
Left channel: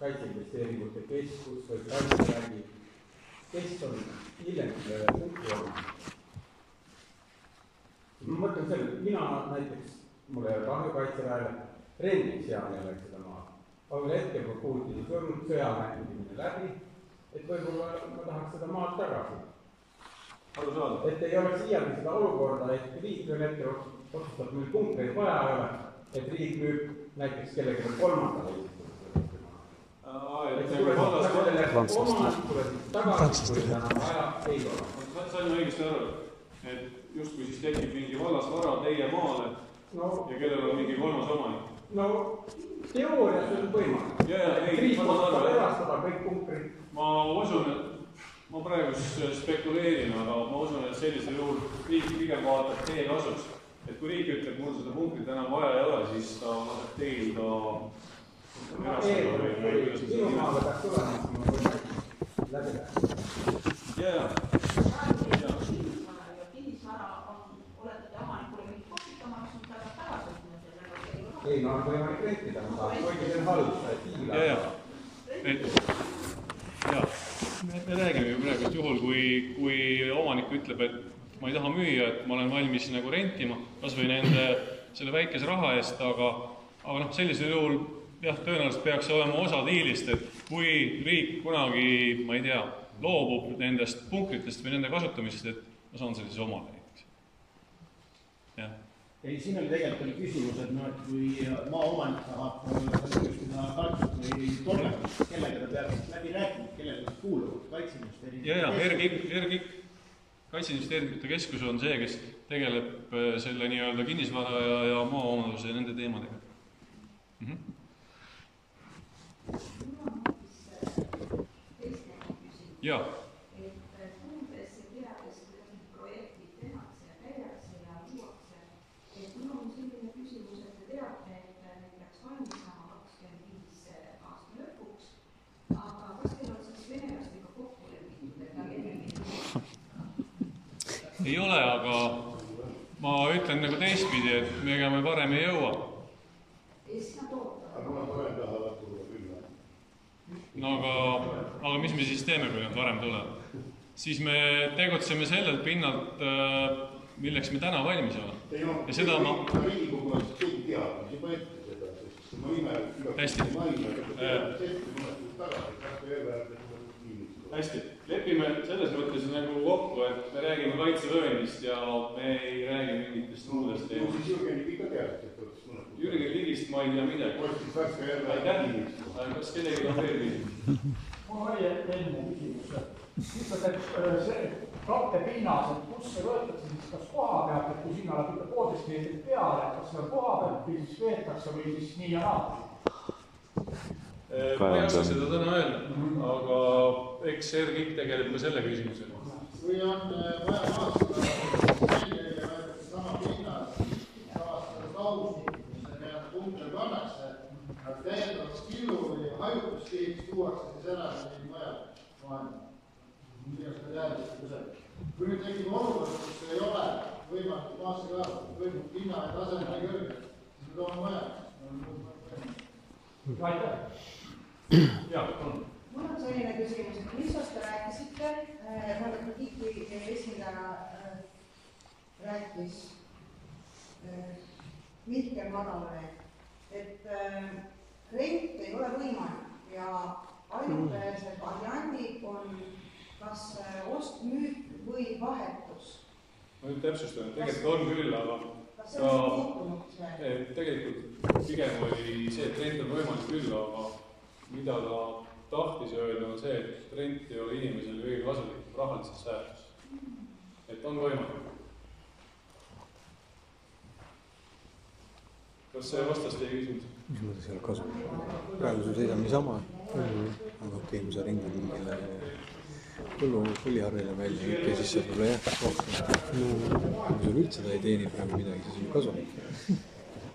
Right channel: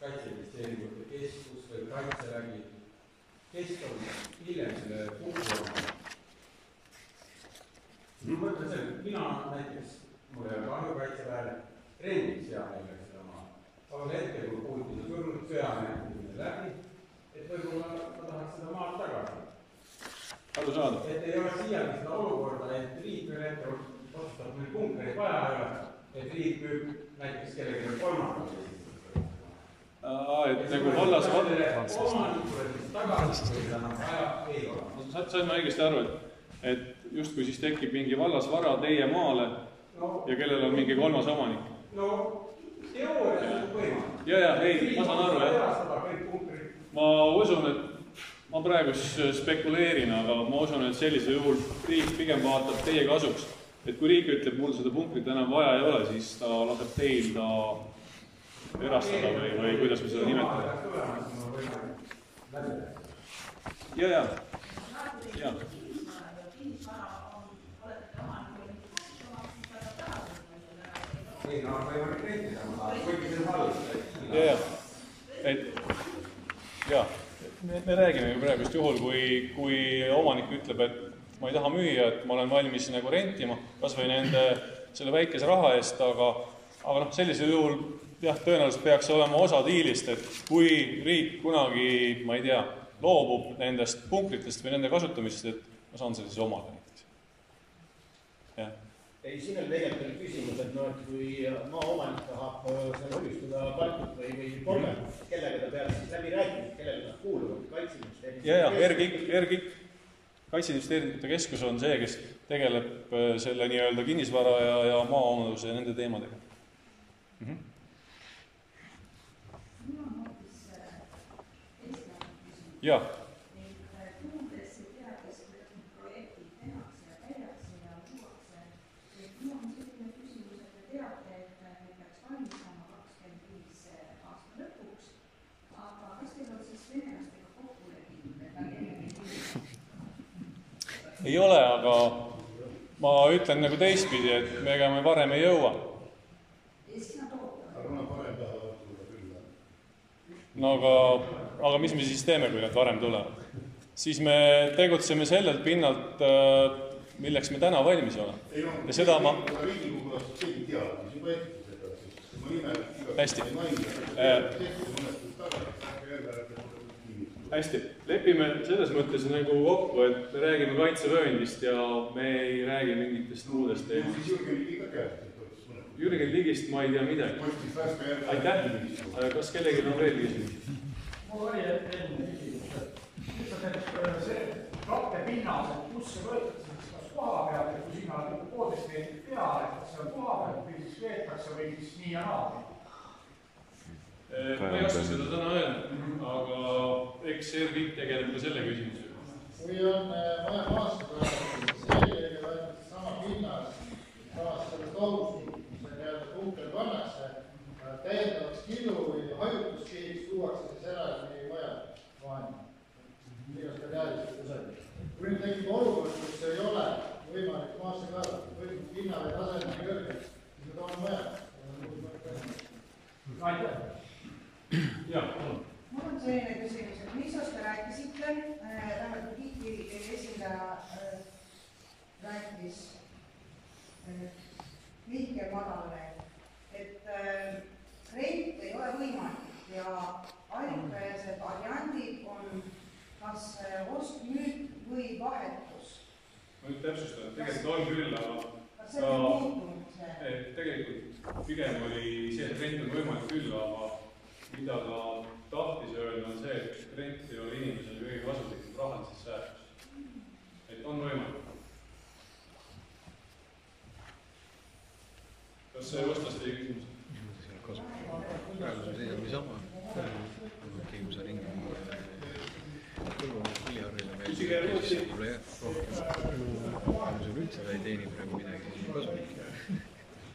kaitseinvesteeringute keskus või kaitsevägi, kes on hiljem selle punkti olema? Ma mõtlen selle, mina näiteks, mul ei ole kahju kaitseväele, rendiks seal jälle seda maa. Aga hetkel, kui Putini surnud sõjamängimine läbi, et võib-olla ma tahaks seda maad tagasi. Et ei oleks siialgi seda olukorda, et riik ühel hetkel otsustab, meil punkreid vaja ei ole, et riik müüb näiteks kellelegi kolmandale esitada. Et nagu vallas omanikule tagasi, kui ta vaja ei ole. Sain ma õigesti aru, et justkui siis tekib mingi vallasvara teie maale ja kellel on mingi kolmas omanik. No teoorias on võimalik. Ei, ma saan aru, erastada kõik punkrid. Ma usun, et ma praegu spekuleerin, aga ma usun, et sellisel juhul riik pigem vaatab teie kasuks. Et kui riik ütleb, mul seda punkrit enam vaja ei ole, siis ta laseb teil ta erastada või kuidas me seda nimetame. Kinnisvara on, olete omanikule mingi kohutama, siis ta peab tagasi sellele. Ei, no on võimalik rentida, kuigi see on halb. Me räägime ju praegu juhul, kui omanik ütleb, et ma ei taha müüa, et ma olen valmis nagu rentima, kas või nende selle väikese raha eest, aga sellisel juhul tõenäoliselt peaks olema osa diilist, et kui riik kunagi, ma ei tea, loobub nendest punktritest või nende kasutamisest, et ma saan selle siis omada näiteks. Ei, siin oli tegelikult küsimus, et kui maaomanik tahab kujustuda kartut või tolmet, kellega ta peab siis läbi rääkima, kellele nad kuuluvad, Kaitseinvesteeringute Kaitseinvesteeringute Keskus on see, kes tegeleb selle nii-öelda kinnisvara ja maaomaduse ja nende teemadega. Jaa. Ei ole, aga ma ütlen nagu teistpidi, et me ega me varem ei jõua. No aga mis me siis teeme, kui nad varem tulevad? Siis me tegutseme sellelt pinnalt, milleks me täna valmis oleme. Ja seda ma... Riigikogu on keegi teada, mis juba ette seda, sest ma nime Hästi, lepime selles mõttes nagu kokku, et me räägime kaitsevööndist ja me ei räägi mingitest muudest teemast. Jürgen Ligi ka teab. Jürgen Ligist ma ei tea midagi. Aitäh. Kas kellelgi on veel küsimusi? Mul oli enne küsimus, et lihtsalt, et see kattepinnas, et kus see võetakse siis kas koha pealt, et kui sinna oled ikka 1,5 meetrit peale, kas seal koha pealt või siis veetakse või siis nii ja naa? Ma ei oska seda täna öelda, aga eks RGIK tegeleb ka selle küsimusega. Kui on vaja maastada, sellega võetakse sama pinnas, samas selles lausnikud, mis need punktel pannakse, täiendavaks killu või hajutuskihiks tuuakse siis ära või vajab vahendada. Igast ka teadlikult kusagil. Kui nüüd tekib olukord, kus ei ole võimalik maasse kaevata, või pinna ja taseme nii kõrge, siis me toome vaja. Aitäh. Jah, palun. Mul on selline küsimus, et mis te rääkisite, tähendab KIK-i esindaja rääkis Mihkel Madalale, et rent ei ole võimalik ja ainukesed variandid on kas ost, müük või vahetus. Ma nüüd täpsustan, et tegelikult on küll, aga tegelikult pigem oli see, et rent on võimalik küll, aga mida ta tahtis öelda on see, et rent ei ole inimesele kõige kasulikum rahalises säästus. Et on võimalik. Kas see vastas teie küsimus? See praegu sul seisab niisama, aga okei, kui sa ringid põliharvile veel, siis see võib-olla jätab rohkem. Kui sul üldse ta ei teeni praegu midagi, siis on kasulik.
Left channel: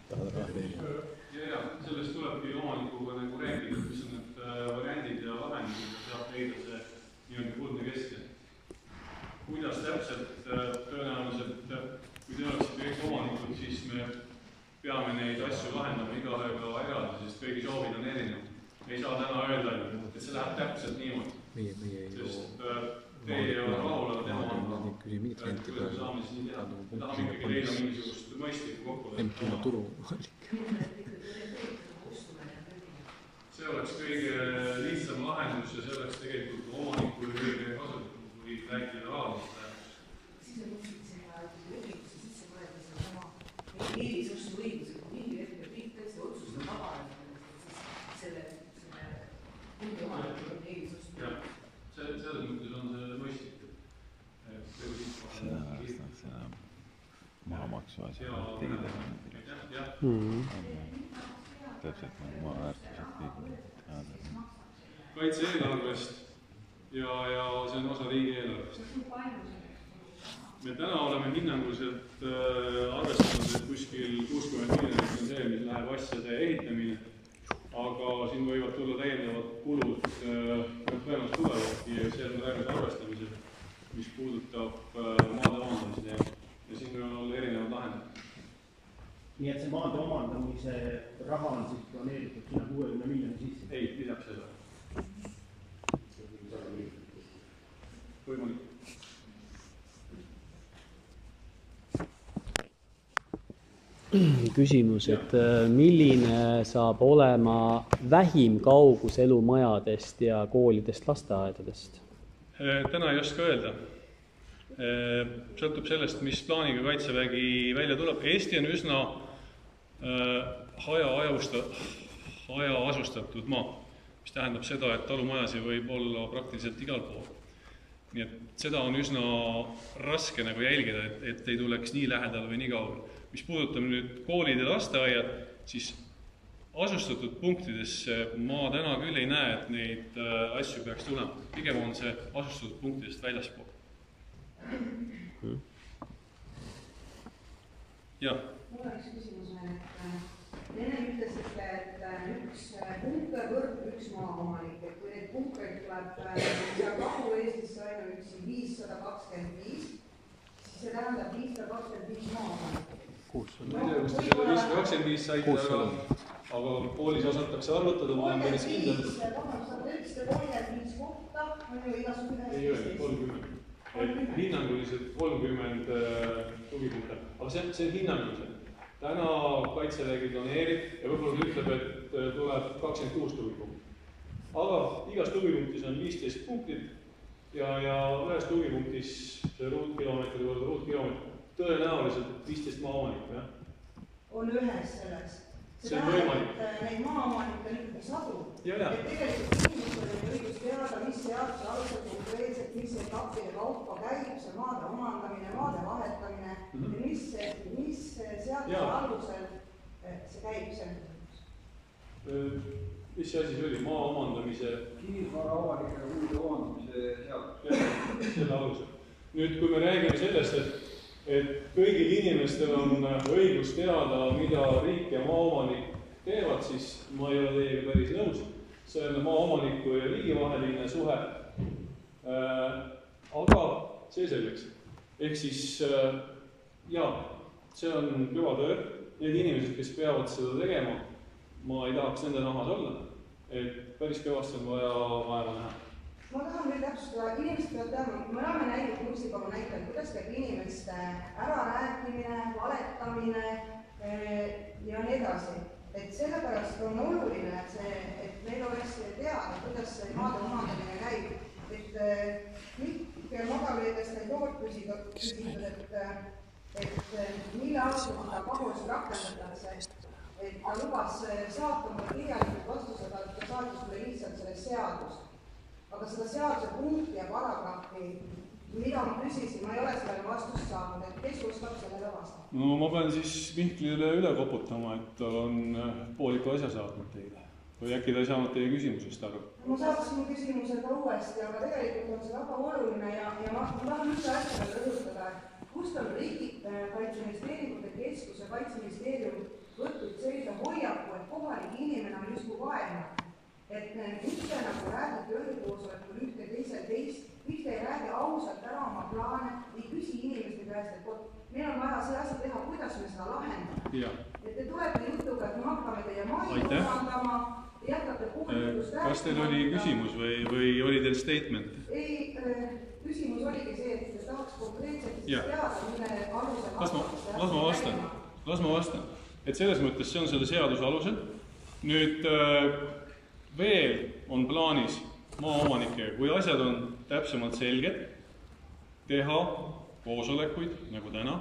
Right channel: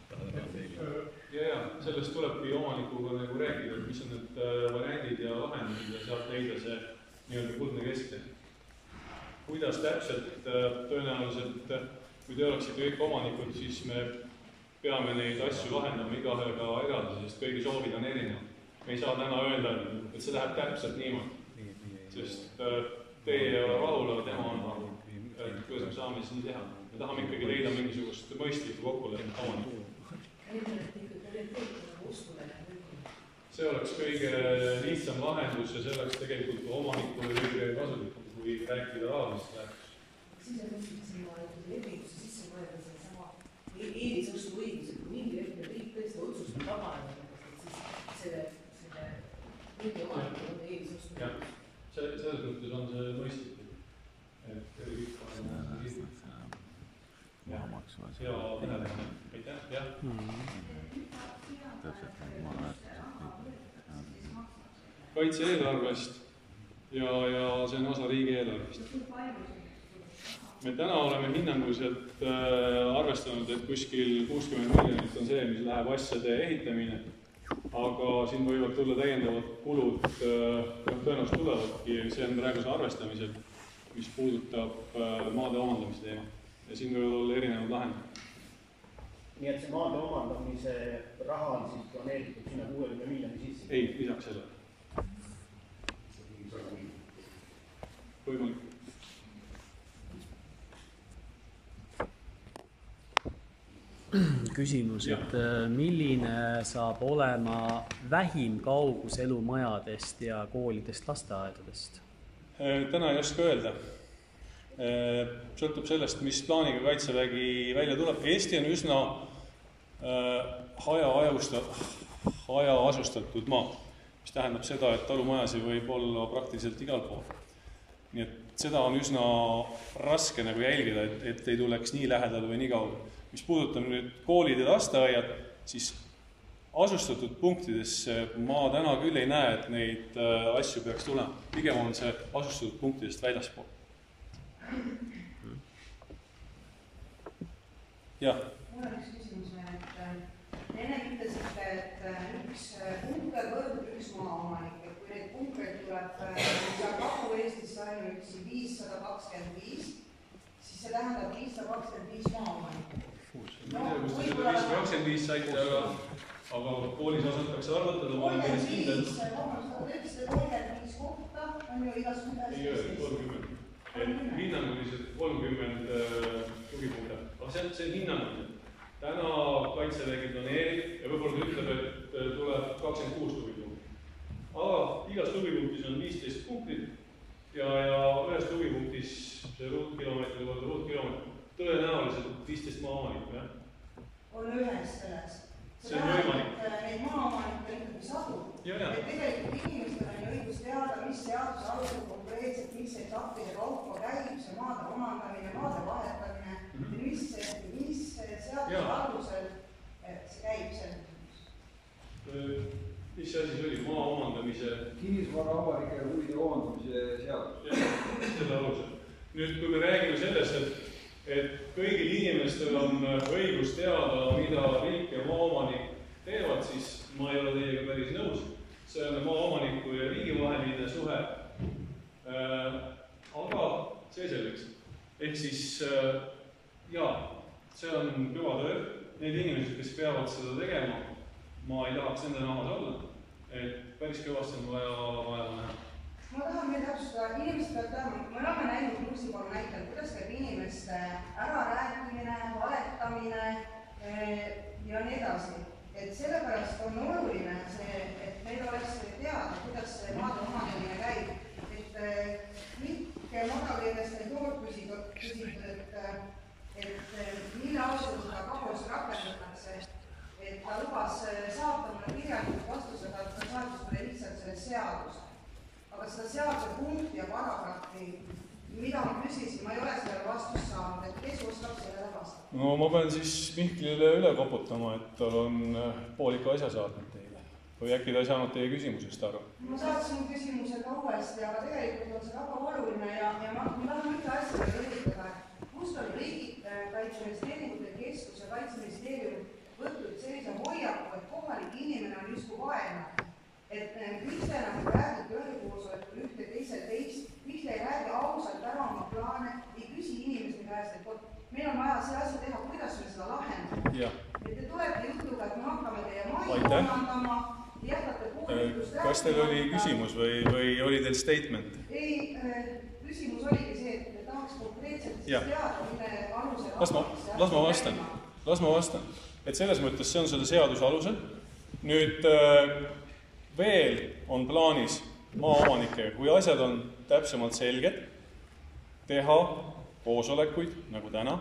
Tahad raha teenida. Ja, sellest tulebki omanikuga nagu rääkida, mis on need variandid ja lahendused ja sealt leida see nii-öelda kuldne keskel. Kuidas täpselt tõenäoliselt, kui te oleksite kõik omanikud, siis me peame neid asju lahendama igahega eraldi, sest kõigi soovid on erinevad. Me ei saa täna öelda, et see läheb täpselt niimoodi. Sest teie ja Rahul on tema andma, kuidas me saame siis nii teha. Me tahame ikkagi leida mingisugust mõistlikku kokkulepet. See oleks kõige lihtsam lahendus ja see oleks tegelikult omanikule kõige kasulikum, kui rääkida rahalisest lähedust. Siis on mõistlik sinna lepingusse sisse mõelda sellesama eelisostu õiguse, kui mingi hetkel riik tõesti otsustab vabaneda, et siis selle mingi omanikul on eelisostu. Jah, selles mõttes on see mõistlik. täpselt nagu maaväärtused. Kaitse-eelarvest ja see on osa riigieelarvest. Me täna oleme hinnanguliselt arvestanud, et kuskil 60 miljonit on see, mis läheb asjade ehitamine, aga siin võivad tulla täiendavad kulud, tõenäoliselt tulevadki ja see on praeguse arvestamisel, mis puudutab maade omandamise teema ja siin võivad olla erinevad lahendid. Nii et see maade omandamise raha on siis planeeritud sinna 60 miljoni sisse? Ei, lisaks sellele. Võimalik. Küsimus, et milline saab olema vähim kaugus elumajadest ja koolidest, lasteaedadest? Täna ei oska öelda. Sõltub sellest, mis plaaniga Kaitsevägi välja tuleb. Eesti on üsna hajaasustatud maa, mis tähendab seda, et talumajasi võib olla praktiliselt igal pool. Nii et seda on üsna raske nagu jälgida, et ei tuleks nii lähedal või nii kaugel. Mis puudutab nüüd koolid ja lasteaiad, siis asustatud punktides ma täna küll ei näe, et neid asju peaks tulema. Pigem on see asustatud punktidest väljaspool. Jah. Mul on üks küsimus veel, et enne ütlesite, et üks punker võrdub üks maaomanik, et kui neid punkereid tuleb Kagu-Eestisse ainuüksi 525, siis see tähendab 525 maaomanikku. Ma ei tea, kus te selle 525 saite, aga koolis osatakse arvutada, ma olen päris kindel. 35, vabandust, aga te ütlesite 35 kohta, on ju igasugune ei öeldi, 30. Hinnanguliselt 30 tugipunkte, aga see on hinnanguliselt. Täna Kaitsevägi planeerib ja võib-olla ütleb, et tuleb 26 tugipunkti. Aga igas tugipunktis on 15 punktit ja ühes tugipunktis see ruutkilomeetri võrra ruutkilomeetri tõenäoliselt 15 maaomanikku, jah? On ühes selles. See on võimalik. Neid maaomanikke on ikkagi sadu. Et tegelikult inimestel on õigus teada, mis seaduse alusel konkreetselt, mis etappide kaupa käib see maade omandamine, maade vahetamine ja mis seaduse alusel see käib selles. Mis see asi see oli? Maa omandamise? Kinnisvara avalike huvide omandamise seadus. Jah, selle alusel. Nüüd, kui me räägime sellest, et kõigil inimestel on õigus teada, mida riik ja maaomanik teevad, siis ma ei ole teiega päris nõus. See on maaomaniku ja riigi vaheline suhe. Aga see selleks. Ehk siis, jaa, see on kõva töö. Need inimesed, kes peavad seda tegema, ma ei tahaks nende nahas olla. Et päris kõvasti on vaja vaeva näha. Ma tahan veel täpsustada, inimesed peavad teadma, me oleme näinud Nursipalu näitel, kuidas käib inimeste ärarääkimine, valetamine ja nii edasi. Et sellepärast on oluline see, et meil oleks teada, kuidas see maade omandamine käib. Et Mikk Madaveedest ei tood küsitud, et mille alusel seda pagulust rakendatakse. Et ta lubas saata mulle kirjalikult vastusega, et ta saatis mulle lihtsalt sellest seadust. Aga seda seaduse punkti ja paragrahvi, mida ma küsisin, ma ei ole sellele vastust saanud, et kes oskab sellele vastata? No ma pean siis Mihklile üle koputama, et tal on pooliku asja saatnud teile. Või äkki ta ei saanud teie küsimusest aru? Ma saatsin küsimuse ka uuesti, aga tegelikult on see väga oluline ja ma tahan üldse asja veel rõhutada, et kust on riigid Kaitseministeeriumite keskus ja Kaitseministeerium võtnud sellise hoiaku, et kohalik inimene on justkui vaenlane. Et miks te nagu räägite ühe koosolekul ühte teisel teist, miks te ei räägi ausalt ära oma plaane, ei küsi inimeste käest, et meil on vaja see asi teha, kuidas me seda lahendame. Et te tulete jutuga, et me hakkame teie maid omandama, jätkate puudutust rääkima. Kas teil oli küsimus või oli teil statement? Ei, küsimus oligi see, et te tahaks konkreetselt teada, mille alusel Las ma vastan. Et selles mõttes see on selle seaduse alusel. Nüüd veel on plaanis maaomanikega, kui asjad on täpsemalt selged, teha koosolekuid, nagu täna,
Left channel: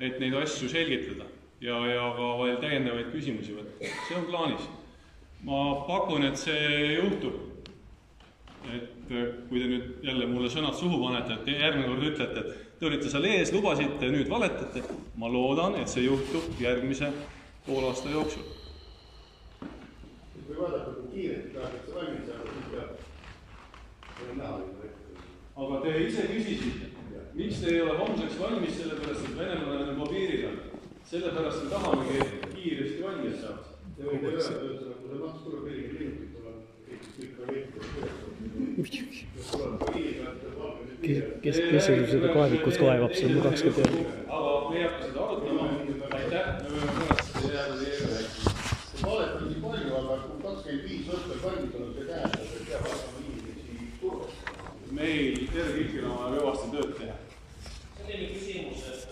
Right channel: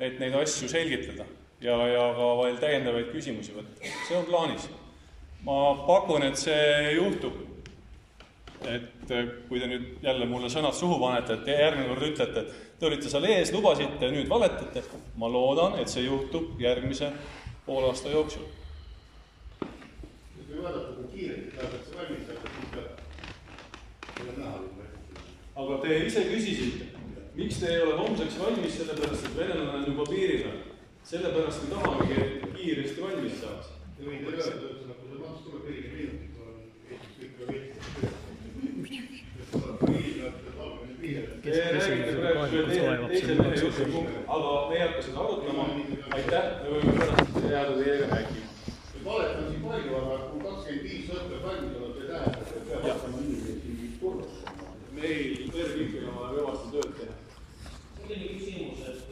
et neid asju selgitada ja ka veel täiendavaid küsimusi võtta. See on plaanis. Ma pakun, et see juhtub. Et kui te nüüd jälle mulle sõnad suhu panete, et järgmine kord ütlete, et te olite seal ees, lubasite, nüüd valetate, ma loodan, et see juhtub järgmise poole aasta jooksul. Kui vaadata, kui kiirelt tahetakse valmis saada, siis ka ei ole näha. Aga te ise küsisite, miks te ei ole homseks valmis, sellepärast, et venelane on juba piiriga. Sellepärast me tahamegi kiiresti valmis saaks. Ja võin teile öelda, et kui see maks tuleb 40 minutit, on Eestis kõik ka veetud. Kes küsimusega kaevikus kaevab, see mul oleks ka teada. Aga me ei hakka seda arutama. Aitäh, me võime pärast jääda teiega rääkima. Valet on siin palju, aga kui 25 õppes valmis olnud, ei tähenda, et peab hakkama inimesi turvastama. Meil tervikina on kõvasti tööd teha. Selline küsimus, et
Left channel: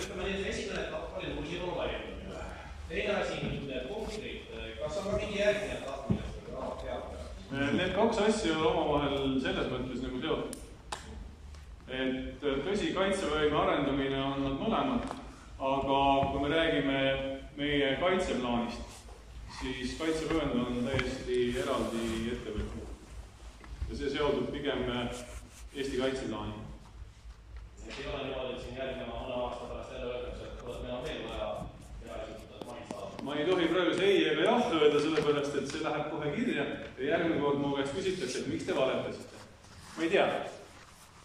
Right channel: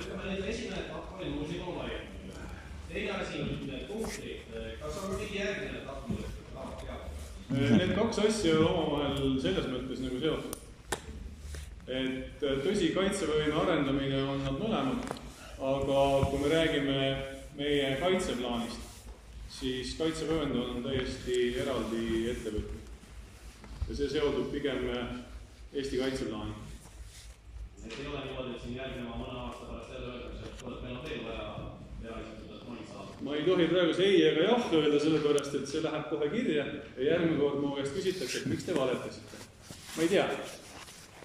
ütleme nii, esimene etapp oli nullivõlu laiendamine üle. Teine asi, need punktid, kas on ka mingi järgmine etapp, millest te tahab teada? Need kaks asja on omavahel selles mõttes nagu seotud. Et tõsi, kaitsevõime arendamine on nad mõlemad, aga kui me räägime meie kaitseplaanist, siis kaitsevöönd on täiesti eraldi ettevõtmine. Ja see seotud pigem Eesti kaitseplaani. Et ei ole niimoodi, et siin järgneva mõne aasta pärast jälle öeldakse, et kuule, meil on veel vaja esitada, et maid saada. Ma ei tohi praegu see ei ega jah öelda, sellepärast, et see läheb kohe kirja ja järgmine kord mu käest küsitakse, et miks te valetasite. Ma ei tea.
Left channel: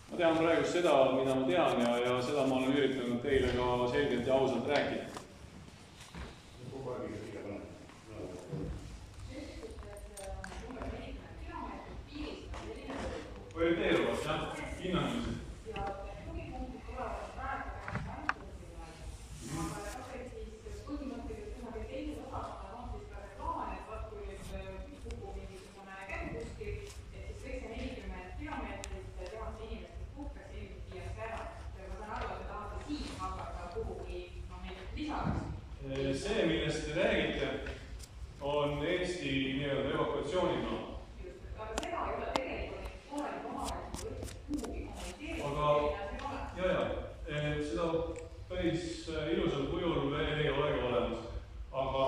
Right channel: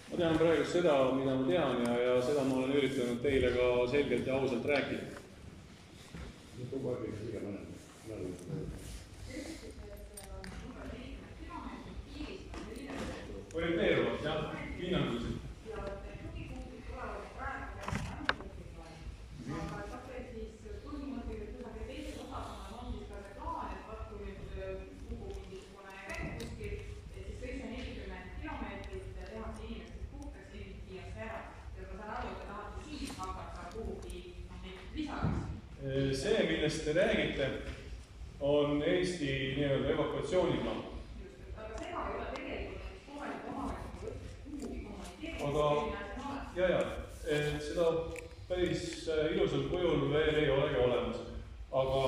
Ma tean praegu seda, mida ma tean ja seda ma olen üritanud teile ka selgelt ja ausalt rääkida. Orienteeruvalt, jah, hinnanguliselt. See, millest te räägite, on Eesti nii-öelda evakuatsiooniplaan. Aga seda ei ole tegelikult kohaliku omavalitsuse kuhugi aga seda päris ilusal kujul veel ei olegi olemas. Aga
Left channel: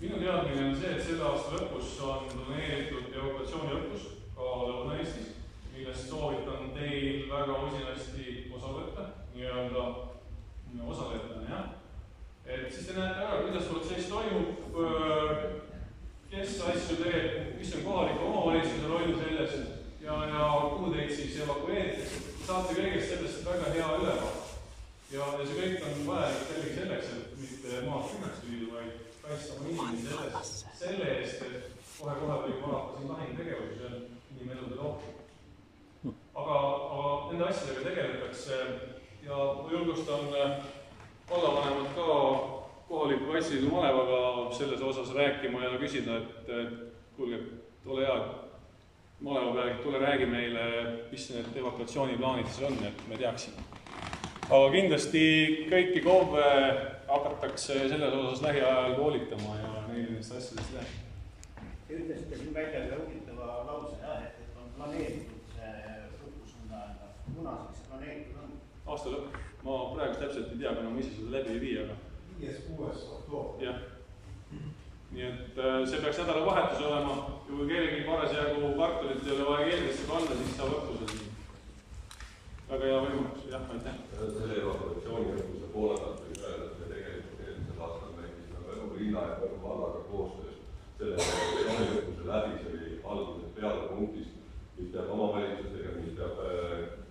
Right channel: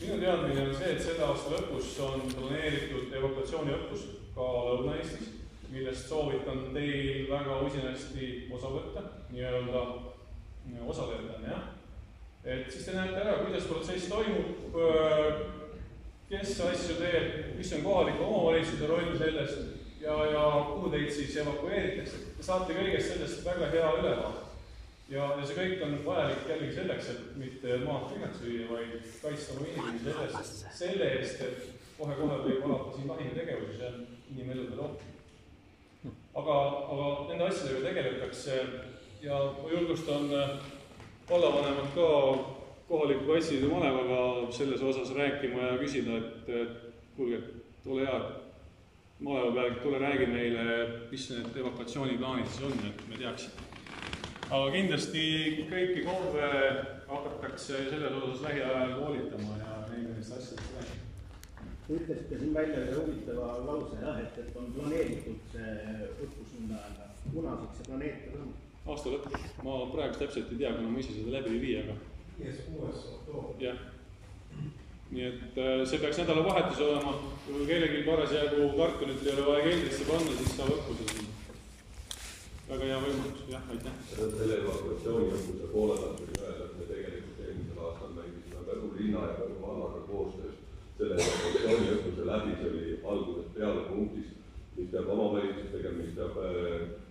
minu teadmine on see, et selle aasta lõpus on planeeritud evakuatsiooniõppus ka Lõuna-Eestis, millest soovitan teil väga usinasti osa võtta, nii-öelda osalejatena, jah. Et siis te näete ära, kuidas protsess toimub, kes asju teeb, mis on kohaliku omavalitsuse roll sellest ja kuhu teid siis evakueeritakse. Te saate kõigest sellest väga hea ülevaade. Ja see kõik on vajalik jällegi selleks, et mitte maad tühjaks lüüa, vaid kaitsta oma inimesi selle eest, et kohe-kohe võib alata siin lahingutegevusi, see on inimeludele ohtlik. Aga nende asjadega tegeletakse ja julgustan vallavanemad ka kohaliku Kaitseliidu malevaga selles osas rääkima ja küsida, et kuulge, ole hea, et maleva peal, tule räägi meile, mis need evakuatsiooniplaanid siis on, et me teaksime. Aga kindlasti kõiki KOV-e hakatakse selles osas lähiajal koolitama ja neil nendest asjadest rääkima. Te ütlesite siin välja ühe huvitava lause, et on planeeritud see õppus, munaseks see planeeritud on? Aasta lõpp. Ma praegu täpselt ei tea, kuna ma ise seda läbi ei vii, aga 5.–6. oktoober. Jah. Nii et see peaks nädalavahetus olema. Kui kellelgi parasjagu kartulit ei ole vaja keeldesse panna, siis saab õppusel. Väga hea võimalus, jah, aitäh. Selle evakuatsiooniõppuse poole pealt võib öelda, et me tegelikult eelmisel aastal näitasime Võru linna ja Võru vallaga koostöös selle evakuatsiooniõppuse läbi, see oli algusest peale punktis, mis peab omavalitsus tegema, mis peab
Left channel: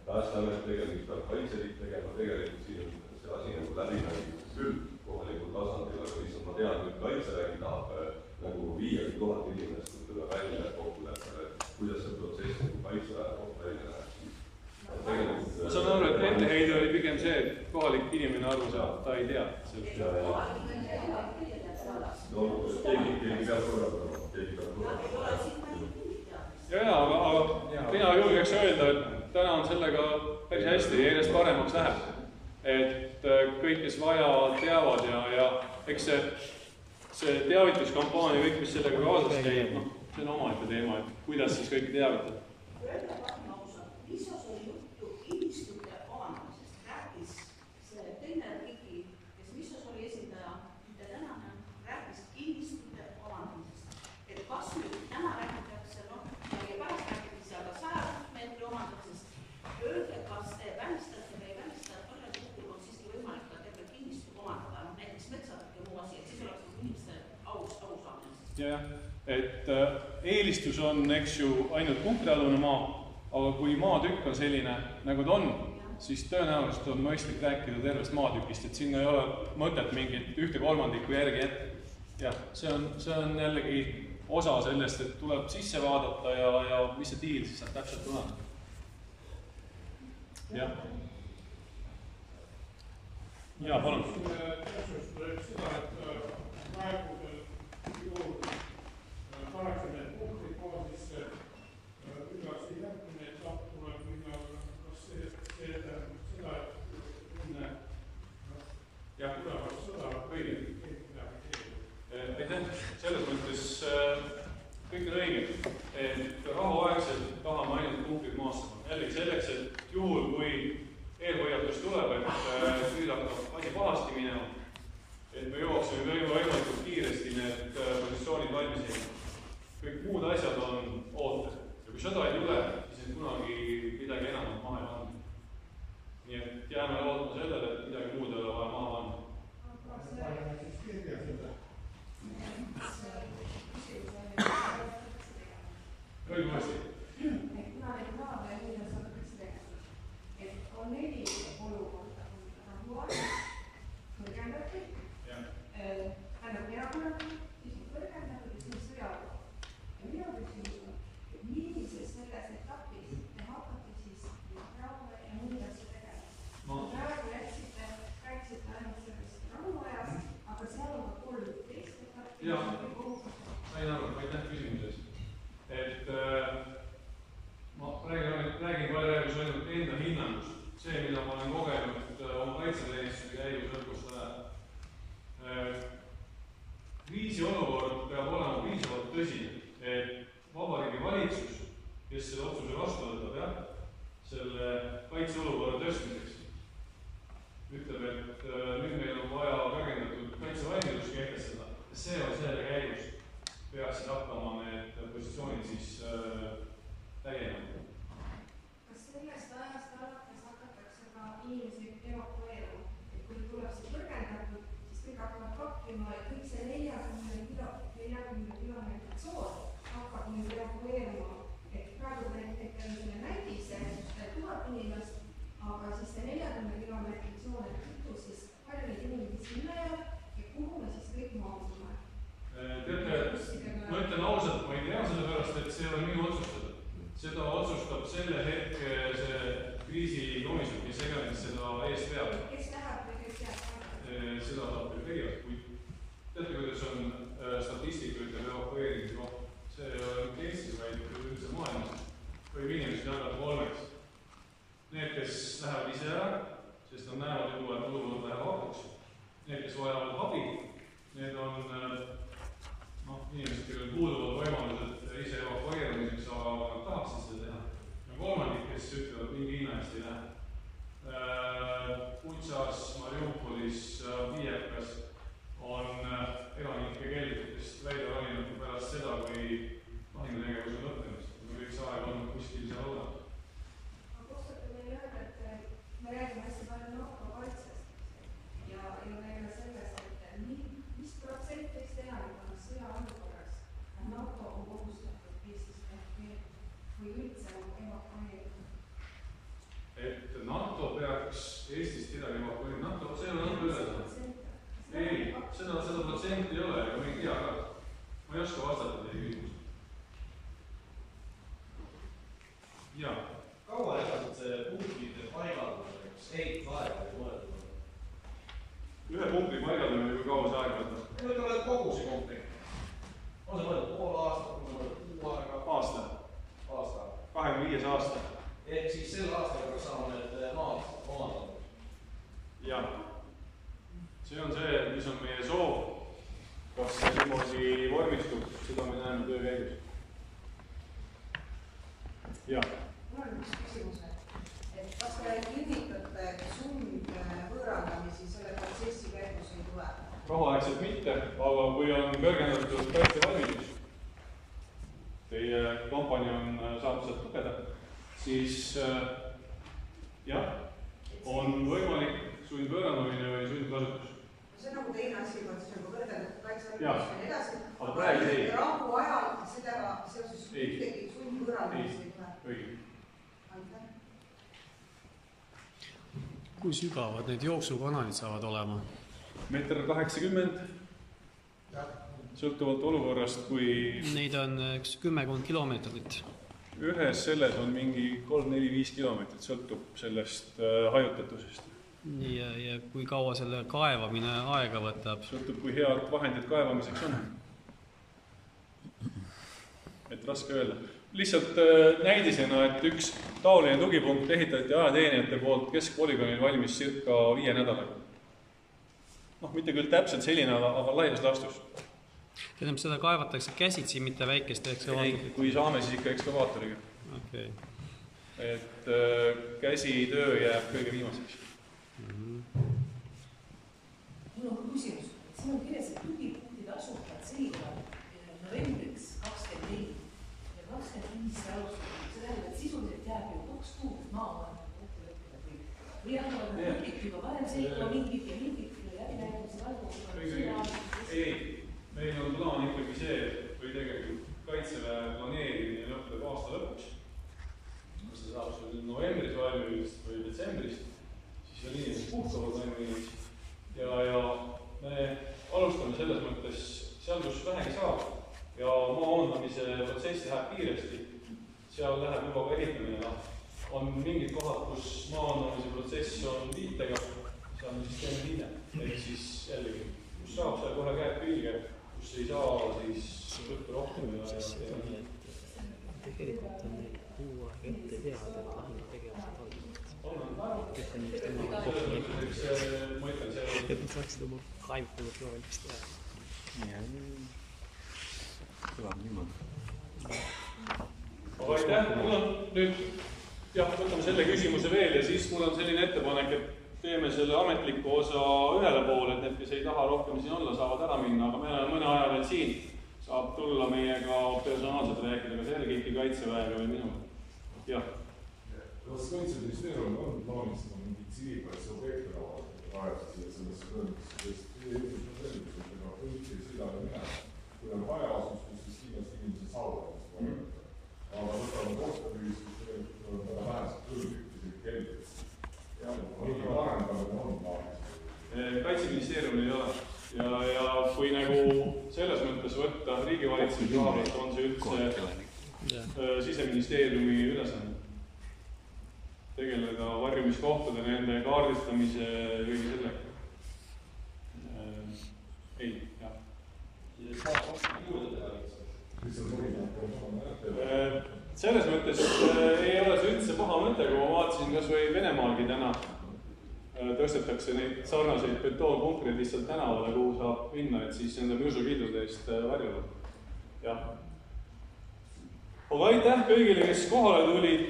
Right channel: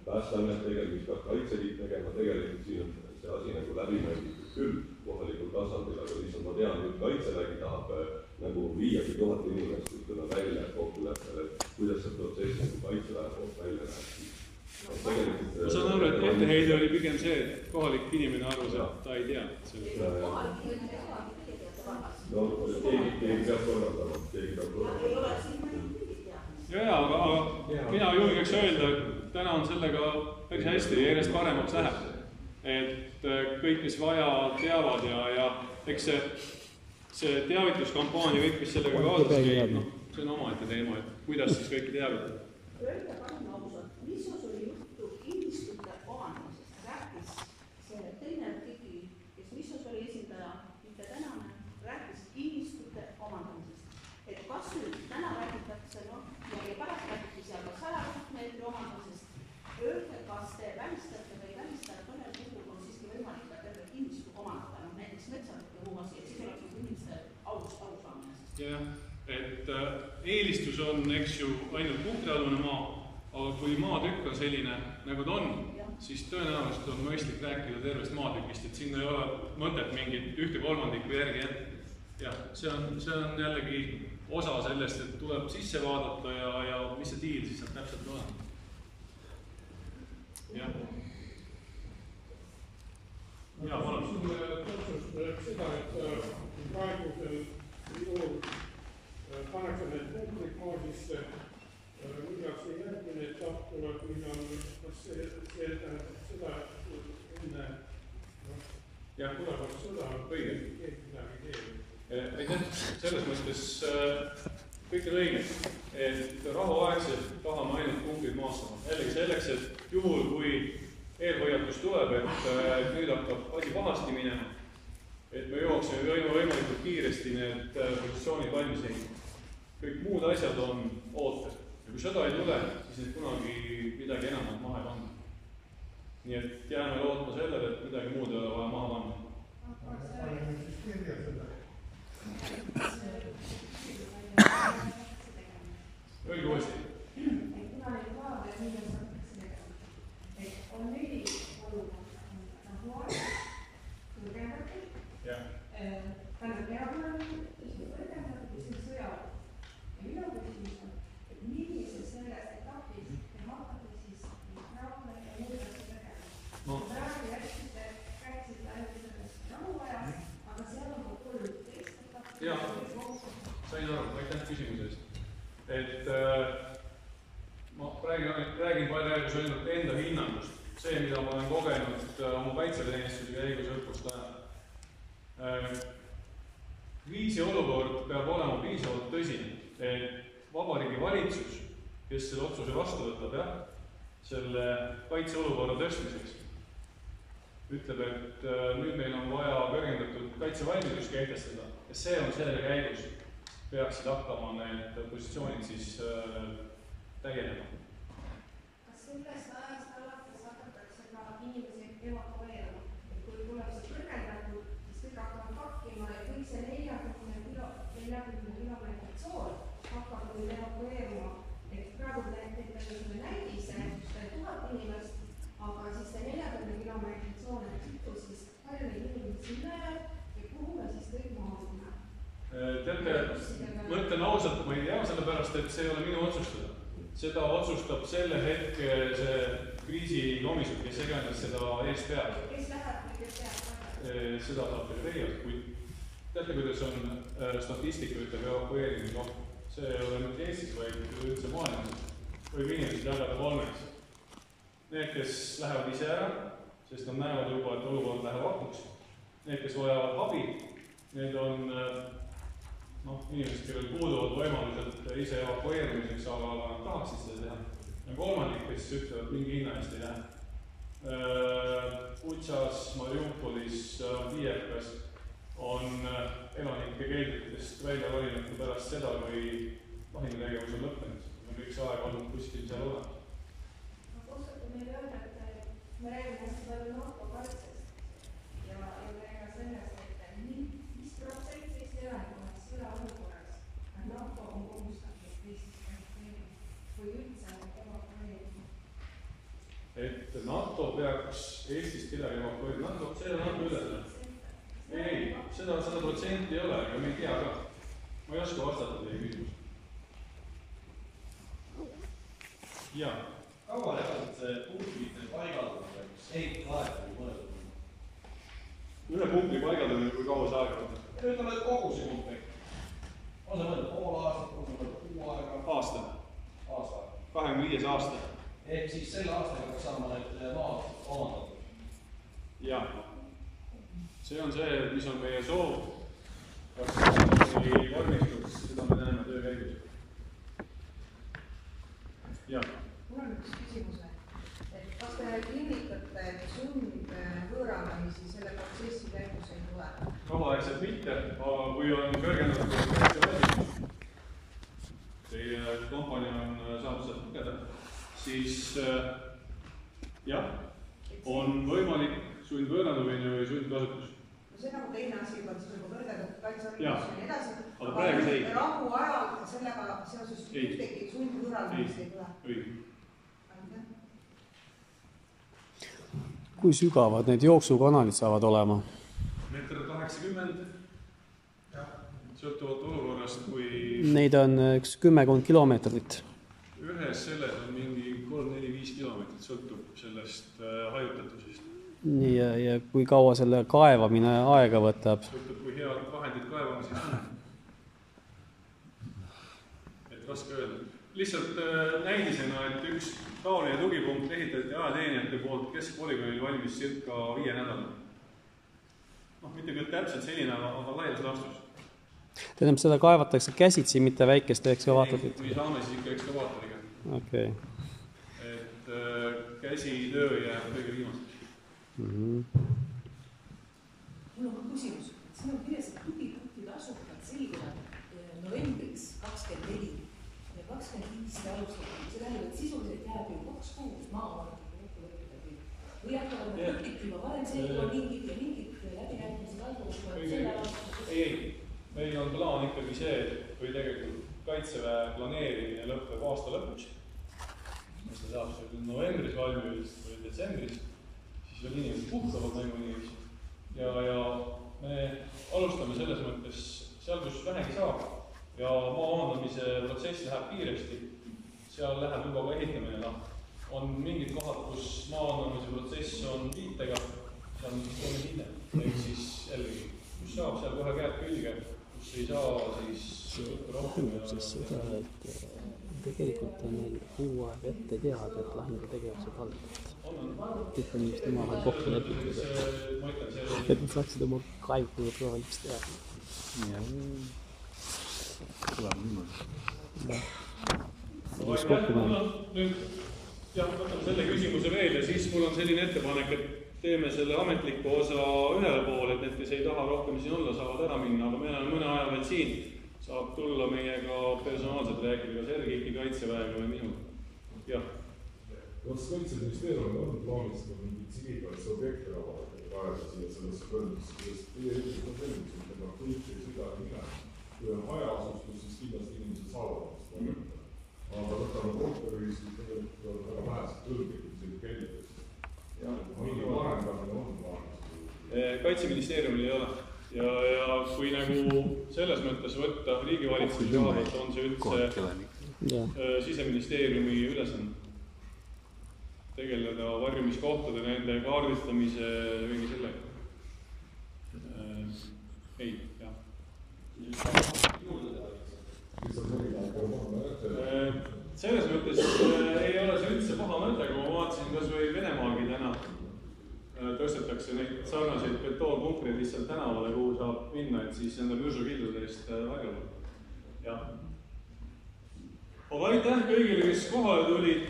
Päästeamet tegema, mis peab Kaitseliit tegema, tegelikult siin on see asi nagu läbi mängitud küll kohalikul tasandil, aga lihtsalt ma tean, et Kaitsevägi tahab nagu 5000 inimest ütleme välja kokkuleppele, kuidas see protsess nagu Kaitseväe poolt välja läheb. Ma saan aru, et etteheide oli pigem see, et kohalik inimene arvas, et ta ei tea. No keegi peab korraldama, keegi peab korraldama. Aga mina julgeks öelda, et täna on sellega päris hästi ja järjest paremaks läheb. Et kõik, kes vaja, teavad ja eks see teavituskampaania, kõik, mis sellega kaasas käib, see on omaette teema, et kuidas siis kõiki teavitada. Öelda palun ausalt, mis oli juttu kinnistute omandamisest, rääkis see teine artikli, kes Missos oli esindaja, mitte tänane, rääkis kinnistute omandamisest. Et kas nüüd täna räägitakse, ja pärast rääkis seal ka 100 meetri omandamisest, öelge, kas te välistate või ei välista, et mõnel puhul on siiski võimalik ka terve kinnistu omandada, näiteks metsad ja muu asi, et siis oleks et eelistus on, eks ju, ainult punktialune maa, aga kui maatükk on selline, nagu ta on, siis tõenäoliselt on mõistlik rääkida tervest maatükist, et sinna ei ole mõtet mingit 1/3 järgi jätta. Jah, see on jällegi osa sellest, et tuleb sisse vaadata ja mis see tiir siis saab täpselt olema. Jah. Jaa, palun. Täpsustuseks seda, et praegusel juhul pannakse need punktid koosisse, millal see järgmine etapp tuleb, millal, kas see tähendab seda, et enne tulevad sõda, õige. Keegi midagi keegi. Selles mõttes kõik on õige, et rahuaegselt tahame ainult punktid maastama. Jällegi selleks, et juhul, kui eelhoiatus tuleb, et nüüd hakkab asi pahasti minema, et me jooksime võimalikult kiiresti need positsioonid valmis ehitama. Kõik muud asjad on ootel. Ja kui sõda ei tule, siis need kunagi midagi enamat maha ei panna. Nii et jääme lootma sellele, et midagi muud ei ole vaja maha panna. Öelge uuesti. Kuna neid laave viimas hakatakse tegema, et on 4 olukorda, on rahuaeg, kõrgendatud, tähendab erakorraline, siis on kõrgendatud ja siis sõjaolukord. Ja minu küsimus on, et millises selles etapis te hakkate siis rahuaeg ja muud asju tegema. Praegu rääkisite ainult sellest rahuajast, aga seal on ka 13 etappi. Jaa, sain aru, aitäh küsimuses. Et ma räägin praegu ainult enda hinnangust. See, mida ma olen kogenud oma kaitseteenistuse käigus õppust ajal. Kriisiolukord peab olema piisavalt tõsine, et Vabariigi Valitsus, kes selle otsuse vastu võtab, selle kaitseolukorra tõstmiseks, ütleb, et nüüd meil on vaja kõrgendatud kaitsevalmidus kehtestada ja see on selle käigus peaksid hakkama need positsioonid siis täienema. Kas sellest ajast alates hakatakse ka inimesi evakueeruma? Et kui tuleb see kõrgendatud, siis kõik hakkavad pakkima ja kõik see 40 kilomeetri tsoon hakkab nüüd evakueeruma. Et praegu me näidise 1000 inimest, aga siis see 40 kilomeetri tsoon, et kütu siis palju neid inimesi sinna jääb ja kuhu me siis kõik maasime? Teate, ma ütlen ausalt, ma ei tea sellepärast, et see ei ole minu otsustada. Seda otsustab selle hetke see kriisikomisjon, kes iganes seda eest peab. Kes läheb või kes jääb? Seda saab veel teie, kuid teate, kuidas on statistika ütleb evakueerimise kohta. See ei ole nüüd Eestis, vaid üldse maailmas. Võib inimesed jagada 3. Need, kes lähevad ise ära, sest nad näevad juba, et olukord läheb hapuks. Need, kes vajavad abi, need on inimesed, kellel puuduvad võimalused ise evakueerimiseks, aga tahaksid seda teha. Ja 3, kes ütlevad mingi hinna eest ei lähe. Butšas, Mariupolis, Viievkas on elanike keeldudest välja rolinud pärast seda, kui lahingutegevus on lõppenud. Me kõik see aeg olnud kuskil seal olemas. Ma oskate meile öelda, et me räägime hästi palju NATO kaitsest ja räägime sellest, et mis protsent Eesti elanikkonnast sõjaolukorras NATO on kohustatud Eestis evakueerima või üldse evakueerima? Et NATO peaks Eestist kedagi evakueerima. NATO, see on NATO ülesanne. Ei, seda protsenti ei ole, aga me ei tea ka. Ma ei oska vastata teie küsimus. Jaa. Kaua edasi see punktide paigaldamine, kas ehitusaeg või mõeldud? Ühe punkti paigaldamine, kui kaua see aeg võtta? Ütleme, et kogu see punkt. On see mõeldud pool aastat, on see mõeldud kuu aega? Aasta. 25 aasta. Ehk siis selle aastaga peaks saama need maad omandatud? Jah. See on see, mis on meie soov. Kas see vormistub, seda me näeme töö käigus. Jah. Mul on üks küsimus, et kas te kinnitate, et sundvõõrandamisi selle protsessi käigus ei tule? Rahuaegselt mitte, aga kui on kõrgendatud kaitsevalmidus, teie kampaania on saanud sealt lugeda, siis jah, on võimalik sundvõõrandamine või sundkasutus. see on nagu teine asi, juba siis nagu kõrgendatud kaitseharidus ja nii edasi. Aga praegu ei. Rahu ajal sellega seoses ühtegi sundvõõrandamist ei tule. Õige. Kui sügavad need jooksukanalid saavad olema? 1,80 m. Sõltuvalt olukorrast, kui... Neid on 10 kilomeetrit. Ühes selles on mingi 3-4-5 kilomeetrit, sõltub sellest hajutatusest. Nii, ja kui kaua selle kaevamine aega võtab? Sõltub, kui head vahendid kaevamiseks on. Et raske öelda. Lihtsalt näidisena, et üks taoline tugipunkt ehitati ajateenijate poolt keskpolügoonil valmis circa 5 nädalaga. Mitte küll täpselt selline, aga laias laastus. Tähendab, seda kaevatakse käsitsi, mitte väikeste ekskavaatoriga? Kui saame, siis ikka ekskavaatoriga. Okay. Et käsitöö jääb kõige viimaseks. Mul on ka küsimus. Siin on kirjas, et tugipunktid asuvad selguvad novembriks 24 ja 25 alustada. See tähendab, et sisuliselt jääb ju 2 kuud maavarad kokku lõppida. Või hakkavad punktid juba varem selguva mingid ja mingid läbinäitmised algavad selle aasta? Ei. Meil on plaan ikkagi see, või tegelikult kaitseväe planeerimine lõppeb aasta lõpuks. See saab sul novembris valmis või detsembris, siis veel inimesed puhkavad valmis. Ja me alustame selles mõttes seal, kus vähegi saab. Ja maa omandamise protsess läheb kiiresti. Seal läheb juba ka ehitamine. On mingid kohad, kus maa omandamise protsess on viitega, seal on siis teeme hinne. Ehk siis jällegi, kus saab, seal kohe käed külge. Kus ei saa, siis võtta rohkem ja... Tegelikult on neil kuu aeg ette teada, et lahingu tegevused algavad. Kõik on just oma kokku leppinud. Et nad saaksid oma kaevukunud ka valmis teha. Tuleb niimoodi. Nüüd, võtame selle küsimuse veel ja siis mul on selline ettepanek, et teeme selle ametliku osa ühele poole, et need, kes ei taha rohkem siin olla, saavad ära minna, aga meil on mõne aja veel siin. Saab tulla meiega personaalselt rääkida, kas Ergiki kaitseväega või minuga. Jah. Kas Kaitseministeerium on plaanis mingi tsiviilkaitse objekte rajada siia sellesse kõrgesse, sest teie inimesed on sellised, et kõik ei sõida minema. Kui on hajaasustus, siis kindlasti inimesed saavad. Aga võtame korterühisid, tegelikult on väga vähesed kõrgikusid keldes. Kaitseministeeriumil ei ole ja kui nagu selles mõttes võtta riigivalitsemise kohapealt on see üldse Siseministeeriumi ülesanne tegeleda varjumiskohtade, nende kaardistamise kõigi sellega. Ei, jah. Selles mõttes ei ole see üldse paha mõte, kui ma vaatasin kas või Venemaalgi täna tõstetakse neid sarnaseid betoonpunkreid lihtsalt tänavale, kuhu saab minna, et siis nende mürsukildude eest varjule. Jah. Aga aitäh kõigile, kes kohale tulid.